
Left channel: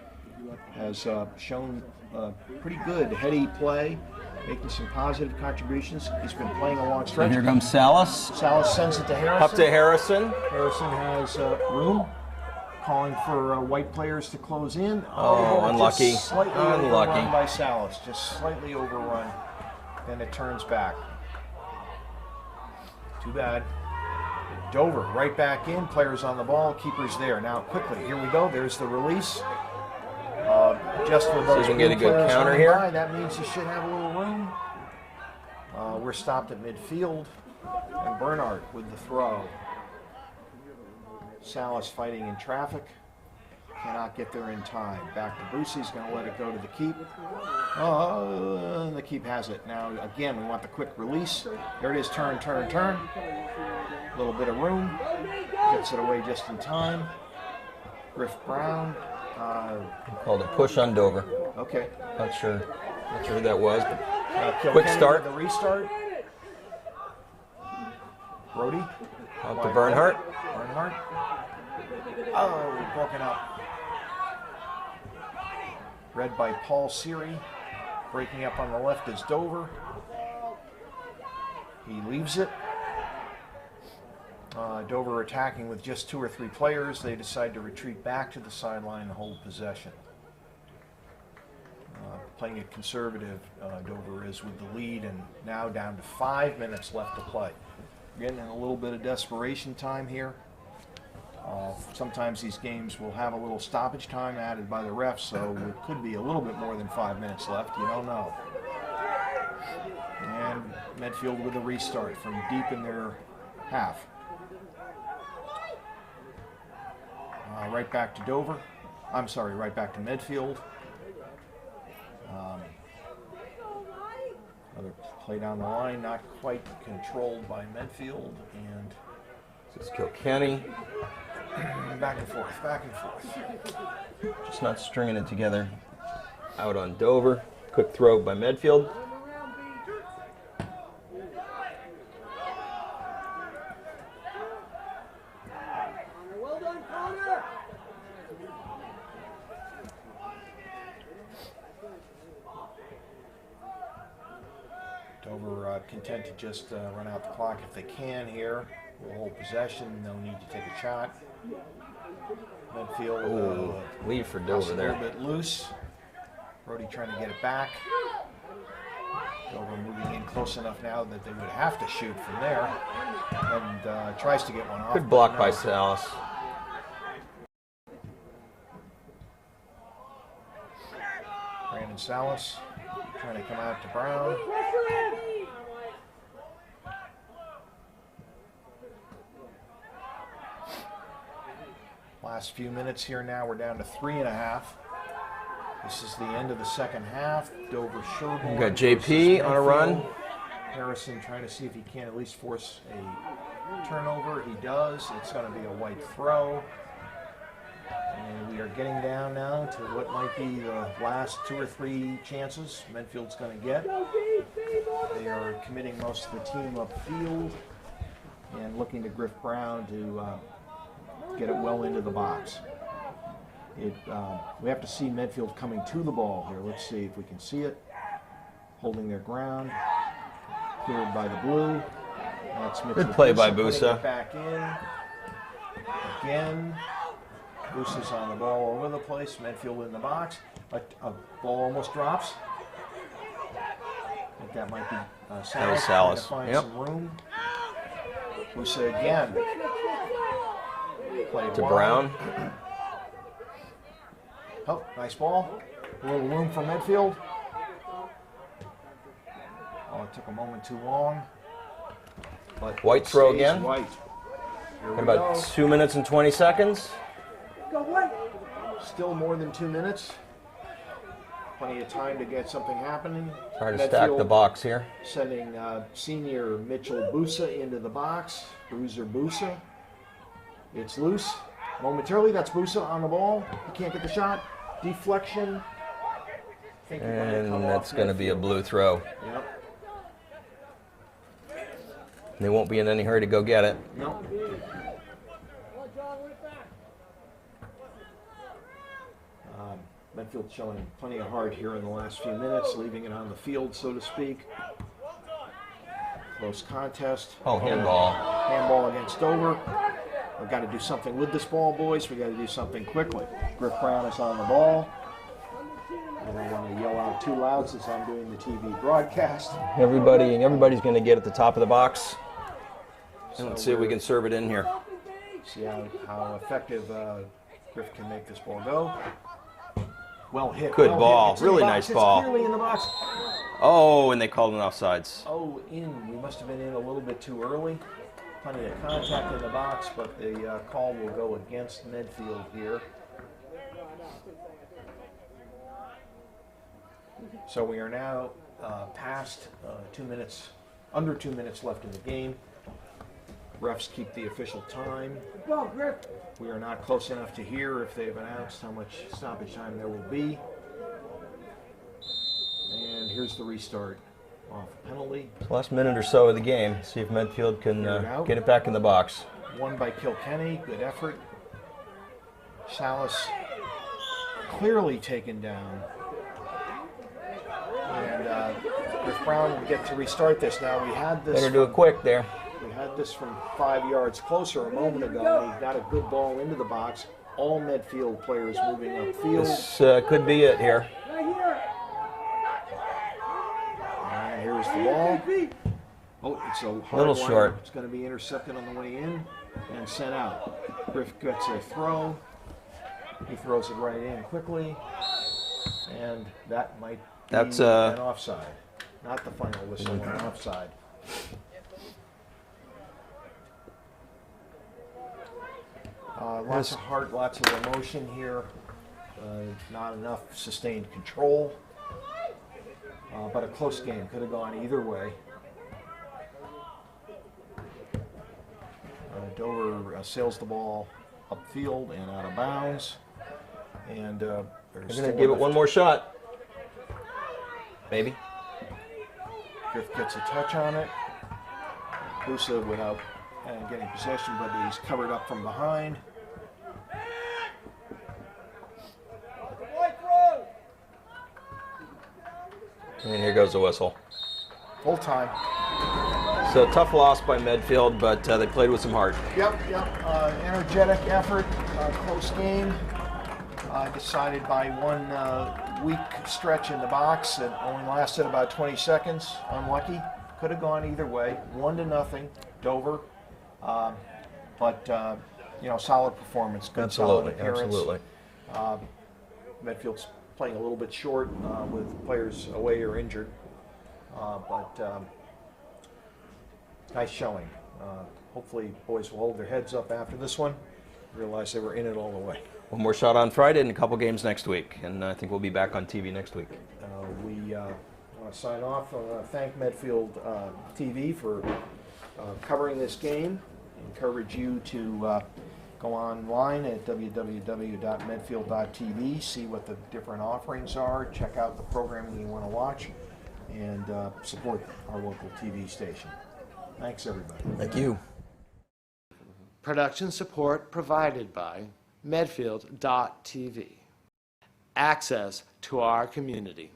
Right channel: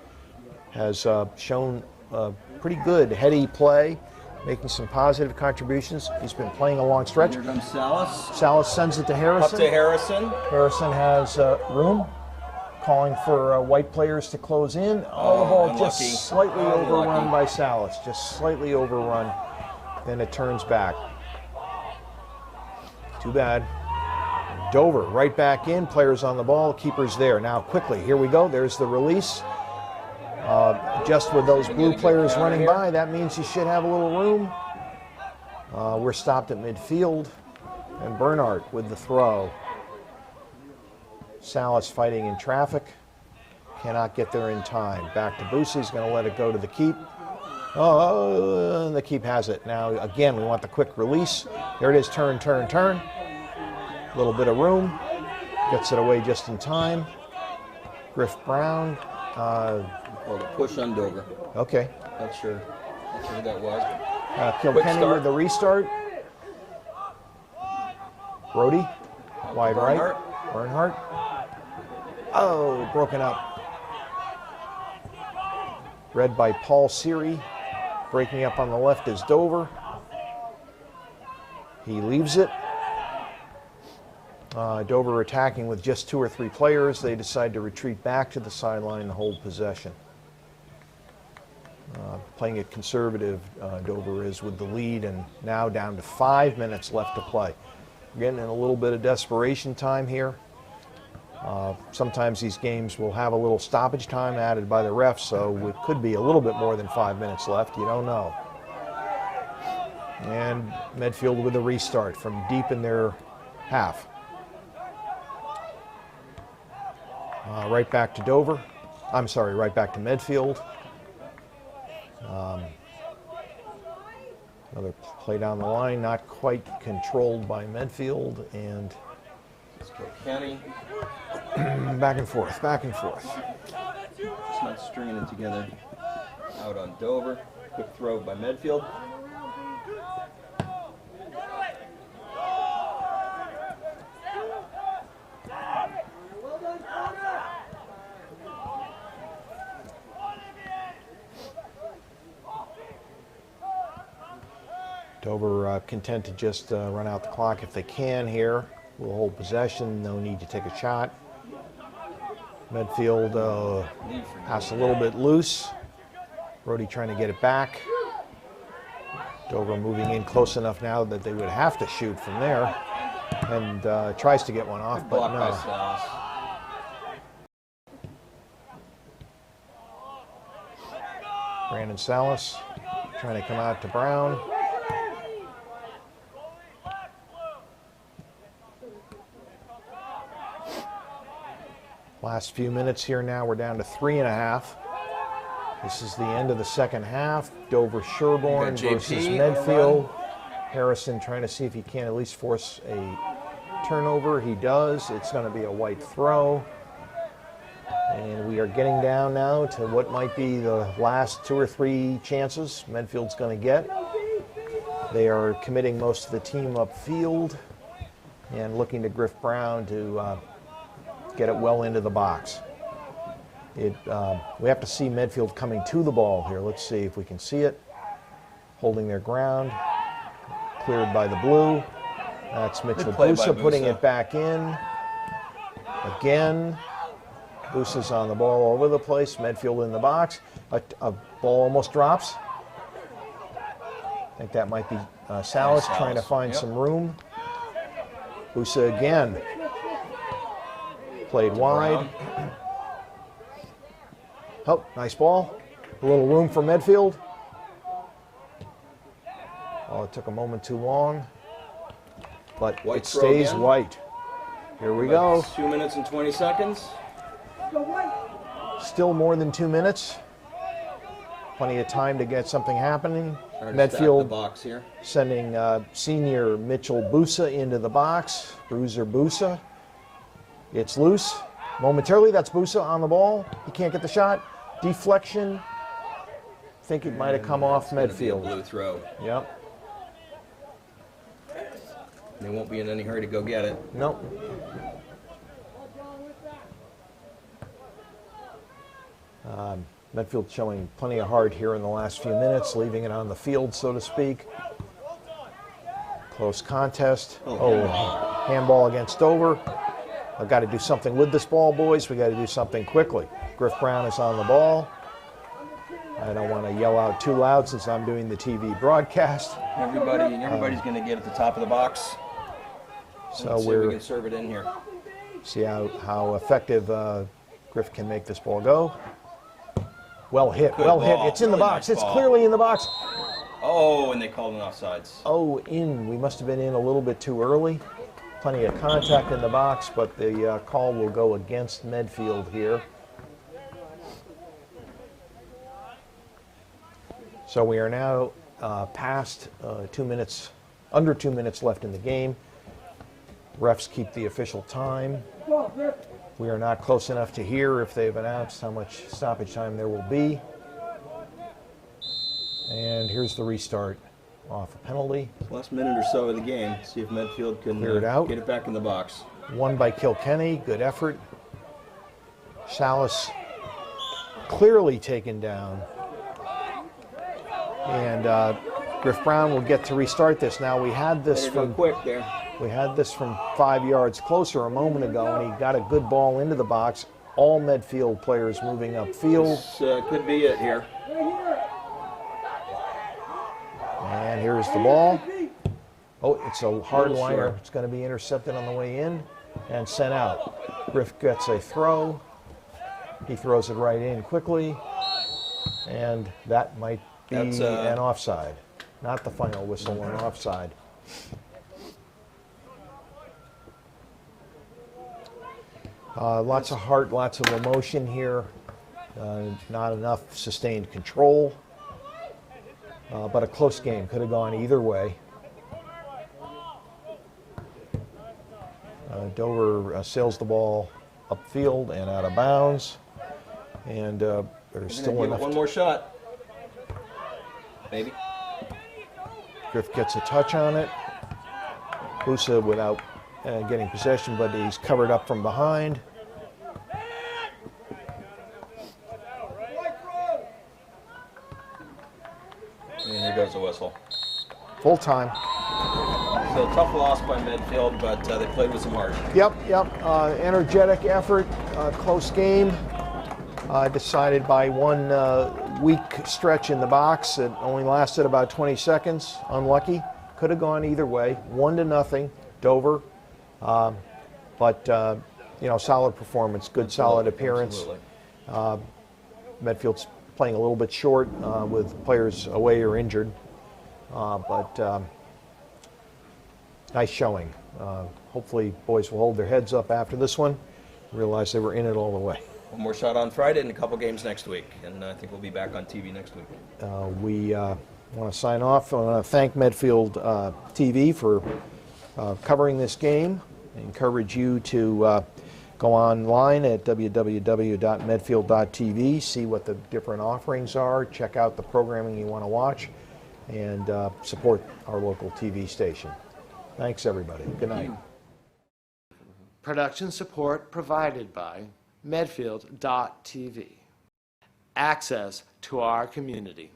Has shown pretty good heady play, making some positive contributions. He's been playing a long stretch. Here comes Salas. Salas sends it to Harrison. Up to Harrison. Harrison has room, calling for white players to close in. Oh, unlucky. Just slightly overrun by Salas. Just slightly overrun. Then it turns back. Too bad. Dover right back in. Players on the ball. Keeper's there. Now quickly, here we go. There's the release. Just with those blue players running by, that means you should have a little room. We're stopped at midfield. And Bernhardt with the throw. Salas fighting in traffic. Cannot get there in time. Back to Busa. He's going to let it go to the keep. Oh, and the keep has it. Now, again, we want the quick release. There it is. Turn, turn, turn. A little bit of room. Gets it away just in time. Griff Brown. Called a push on Dover. Okay. Not sure who that was. But Quick start with the restart. Brody. Wide Bernhardt. Right. Bernhardt. Oh, broken up. Read by Paul Seary. Breaking up on the left is Dover. He leaves it. Dover attacking with just 2 or 3 players. They decide to retreat back to the sideline and hold possession. Playing it conservative, Dover is with the lead, and now down to 5 minutes left to play. Getting in a little bit of desperation time here. Sometimes these games will have a little stoppage time added by the refs, so it could be a little bit more than 5 minutes left. You don't know. And Medfield with a restart from deep in their half. Right back to Dover. I'm sorry, right back to Medfield. Another play down the line, not quite controlled by Medfield, and It's Kilkenny. back and forth, back and forth. Just not stringing it together. Out on Dover. Quick throw by Medfield. Dover content to just run out the clock if they can here. We'll hold possession, no need to take a shot. Medfield Leave for pass a Dover little there. bit loose. Brody trying to get it back. Dover moving in close enough now that they would have to shoot from there, and tries to get one off. Good block but by no. Salas. Brandon Salas trying to come out to Brown. Last few minutes here now, we're down to 3.5. This is the end of the second half. Dover Sherborne Got JP versus on a run. Medfield. Harrison trying to see if he can at least force a turnover. He does. It's going to be a white throw. And we are getting down now to what might be the last 2 or 3 chances Medfield's going to get. They are committing most of the team upfield and looking to Griff Brown to get it well into the box. We have to see Medfield coming to the ball here. Let's see if we can see it. Holding their ground. Cleared by the blue. That's Mitchell Busa putting it back in. Again. Busa's on the ball all over the place. Medfield in the box. A ball almost drops. I think that might be Salas trying to find some room. Busa again. Played wide. Oh, nice ball. A little room for Medfield. Oh, it took a moment too long. But White throw stays again. White. Here we About go. 2 minutes and 20 seconds. Still more than 2 minutes. Plenty of time to get something happening. Trying to stack the box here. Sending senior Mitchell Busa into the box. Bruiser Busa. It's loose. Momentarily, that's Busa on the ball. He can't get the shot. Deflection. I think it might have come off Medfield. It's going to be a blue throw. Yep. They won't be in any hurry to go get it. Nope. Medfield showing plenty of heart here in the last few minutes, leaving it on the field, so to speak. Close contest. Oh, handball. Handball against Dover. I've got to do something with this ball, boys. We got to do something quickly. Griff Brown is on the ball. I don't want to yell out too loud since I'm doing the TV broadcast. Everybody's going to get at the top of the box. So let's see if we can serve it in here. See how effective Griff can make this ball go. Well hit. Good well ball. hit. It's in Really the box. nice ball. It's clearly in the box. Oh, and they called an offsides. Oh, in. We must have been in a little bit too early. Plenty of contact in the box, but the call will go against Medfield here. So we are now past 2 minutes, under 2 minutes left in the game. Refs keep the official time. We are not close enough to hear if they've announced how much stoppage time there will be. And here's the restart off a penalty. Last minute or so of the game. See if Medfield can get it back in the box. Won by Kilkenny. Good effort. Salas clearly taken down. And Griff Brown will get to restart this. Now we had this. Better do it quick there. We had this from 5 yards closer a moment ago, and he got a good ball into the box. All Medfield players moving upfield. This could be it here. And here's the ball. Oh, it's a hard Little liner. short. It's going to be intercepted on the way in and sent out. Griff gets a throw. He throws it right in quickly, and that might be an offside. Not the final whistle, an offside. Lots of heart, lots of emotion here. Not enough sustained control. But a close game. Could have gone either way. Dover sails the ball upfield and out of bounds. And there's still give it one more shot. Maybe. Griff gets a touch on it. Busa without getting possession, but he's covered up from behind. And here goes the whistle. Full time. So tough loss by Medfield, but they played with some heart. Yep. Energetic effort, close game. Decided by one weak stretch in the box. It only lasted about 20 seconds. Unlucky. Could have gone either way. 1-0, Dover. But solid performance, good solid appearance. Absolutely. Medfield's playing a little bit short with players away or injured. But nice showing. Hopefully boys will hold their heads up after this one. Realize they were in it all the way. One more shot on Friday and a couple games next week. And I think we'll be back on TV next week. We want to sign off. I want to thank Medfield TV for covering this game. I encourage you to go online at www.medfield.tv, see what the different offerings are, check out the programming you want to watch, and support our local TV station. Thanks, everybody. Good Thank night. you. Production support provided by Medfield.tv. Access to our community.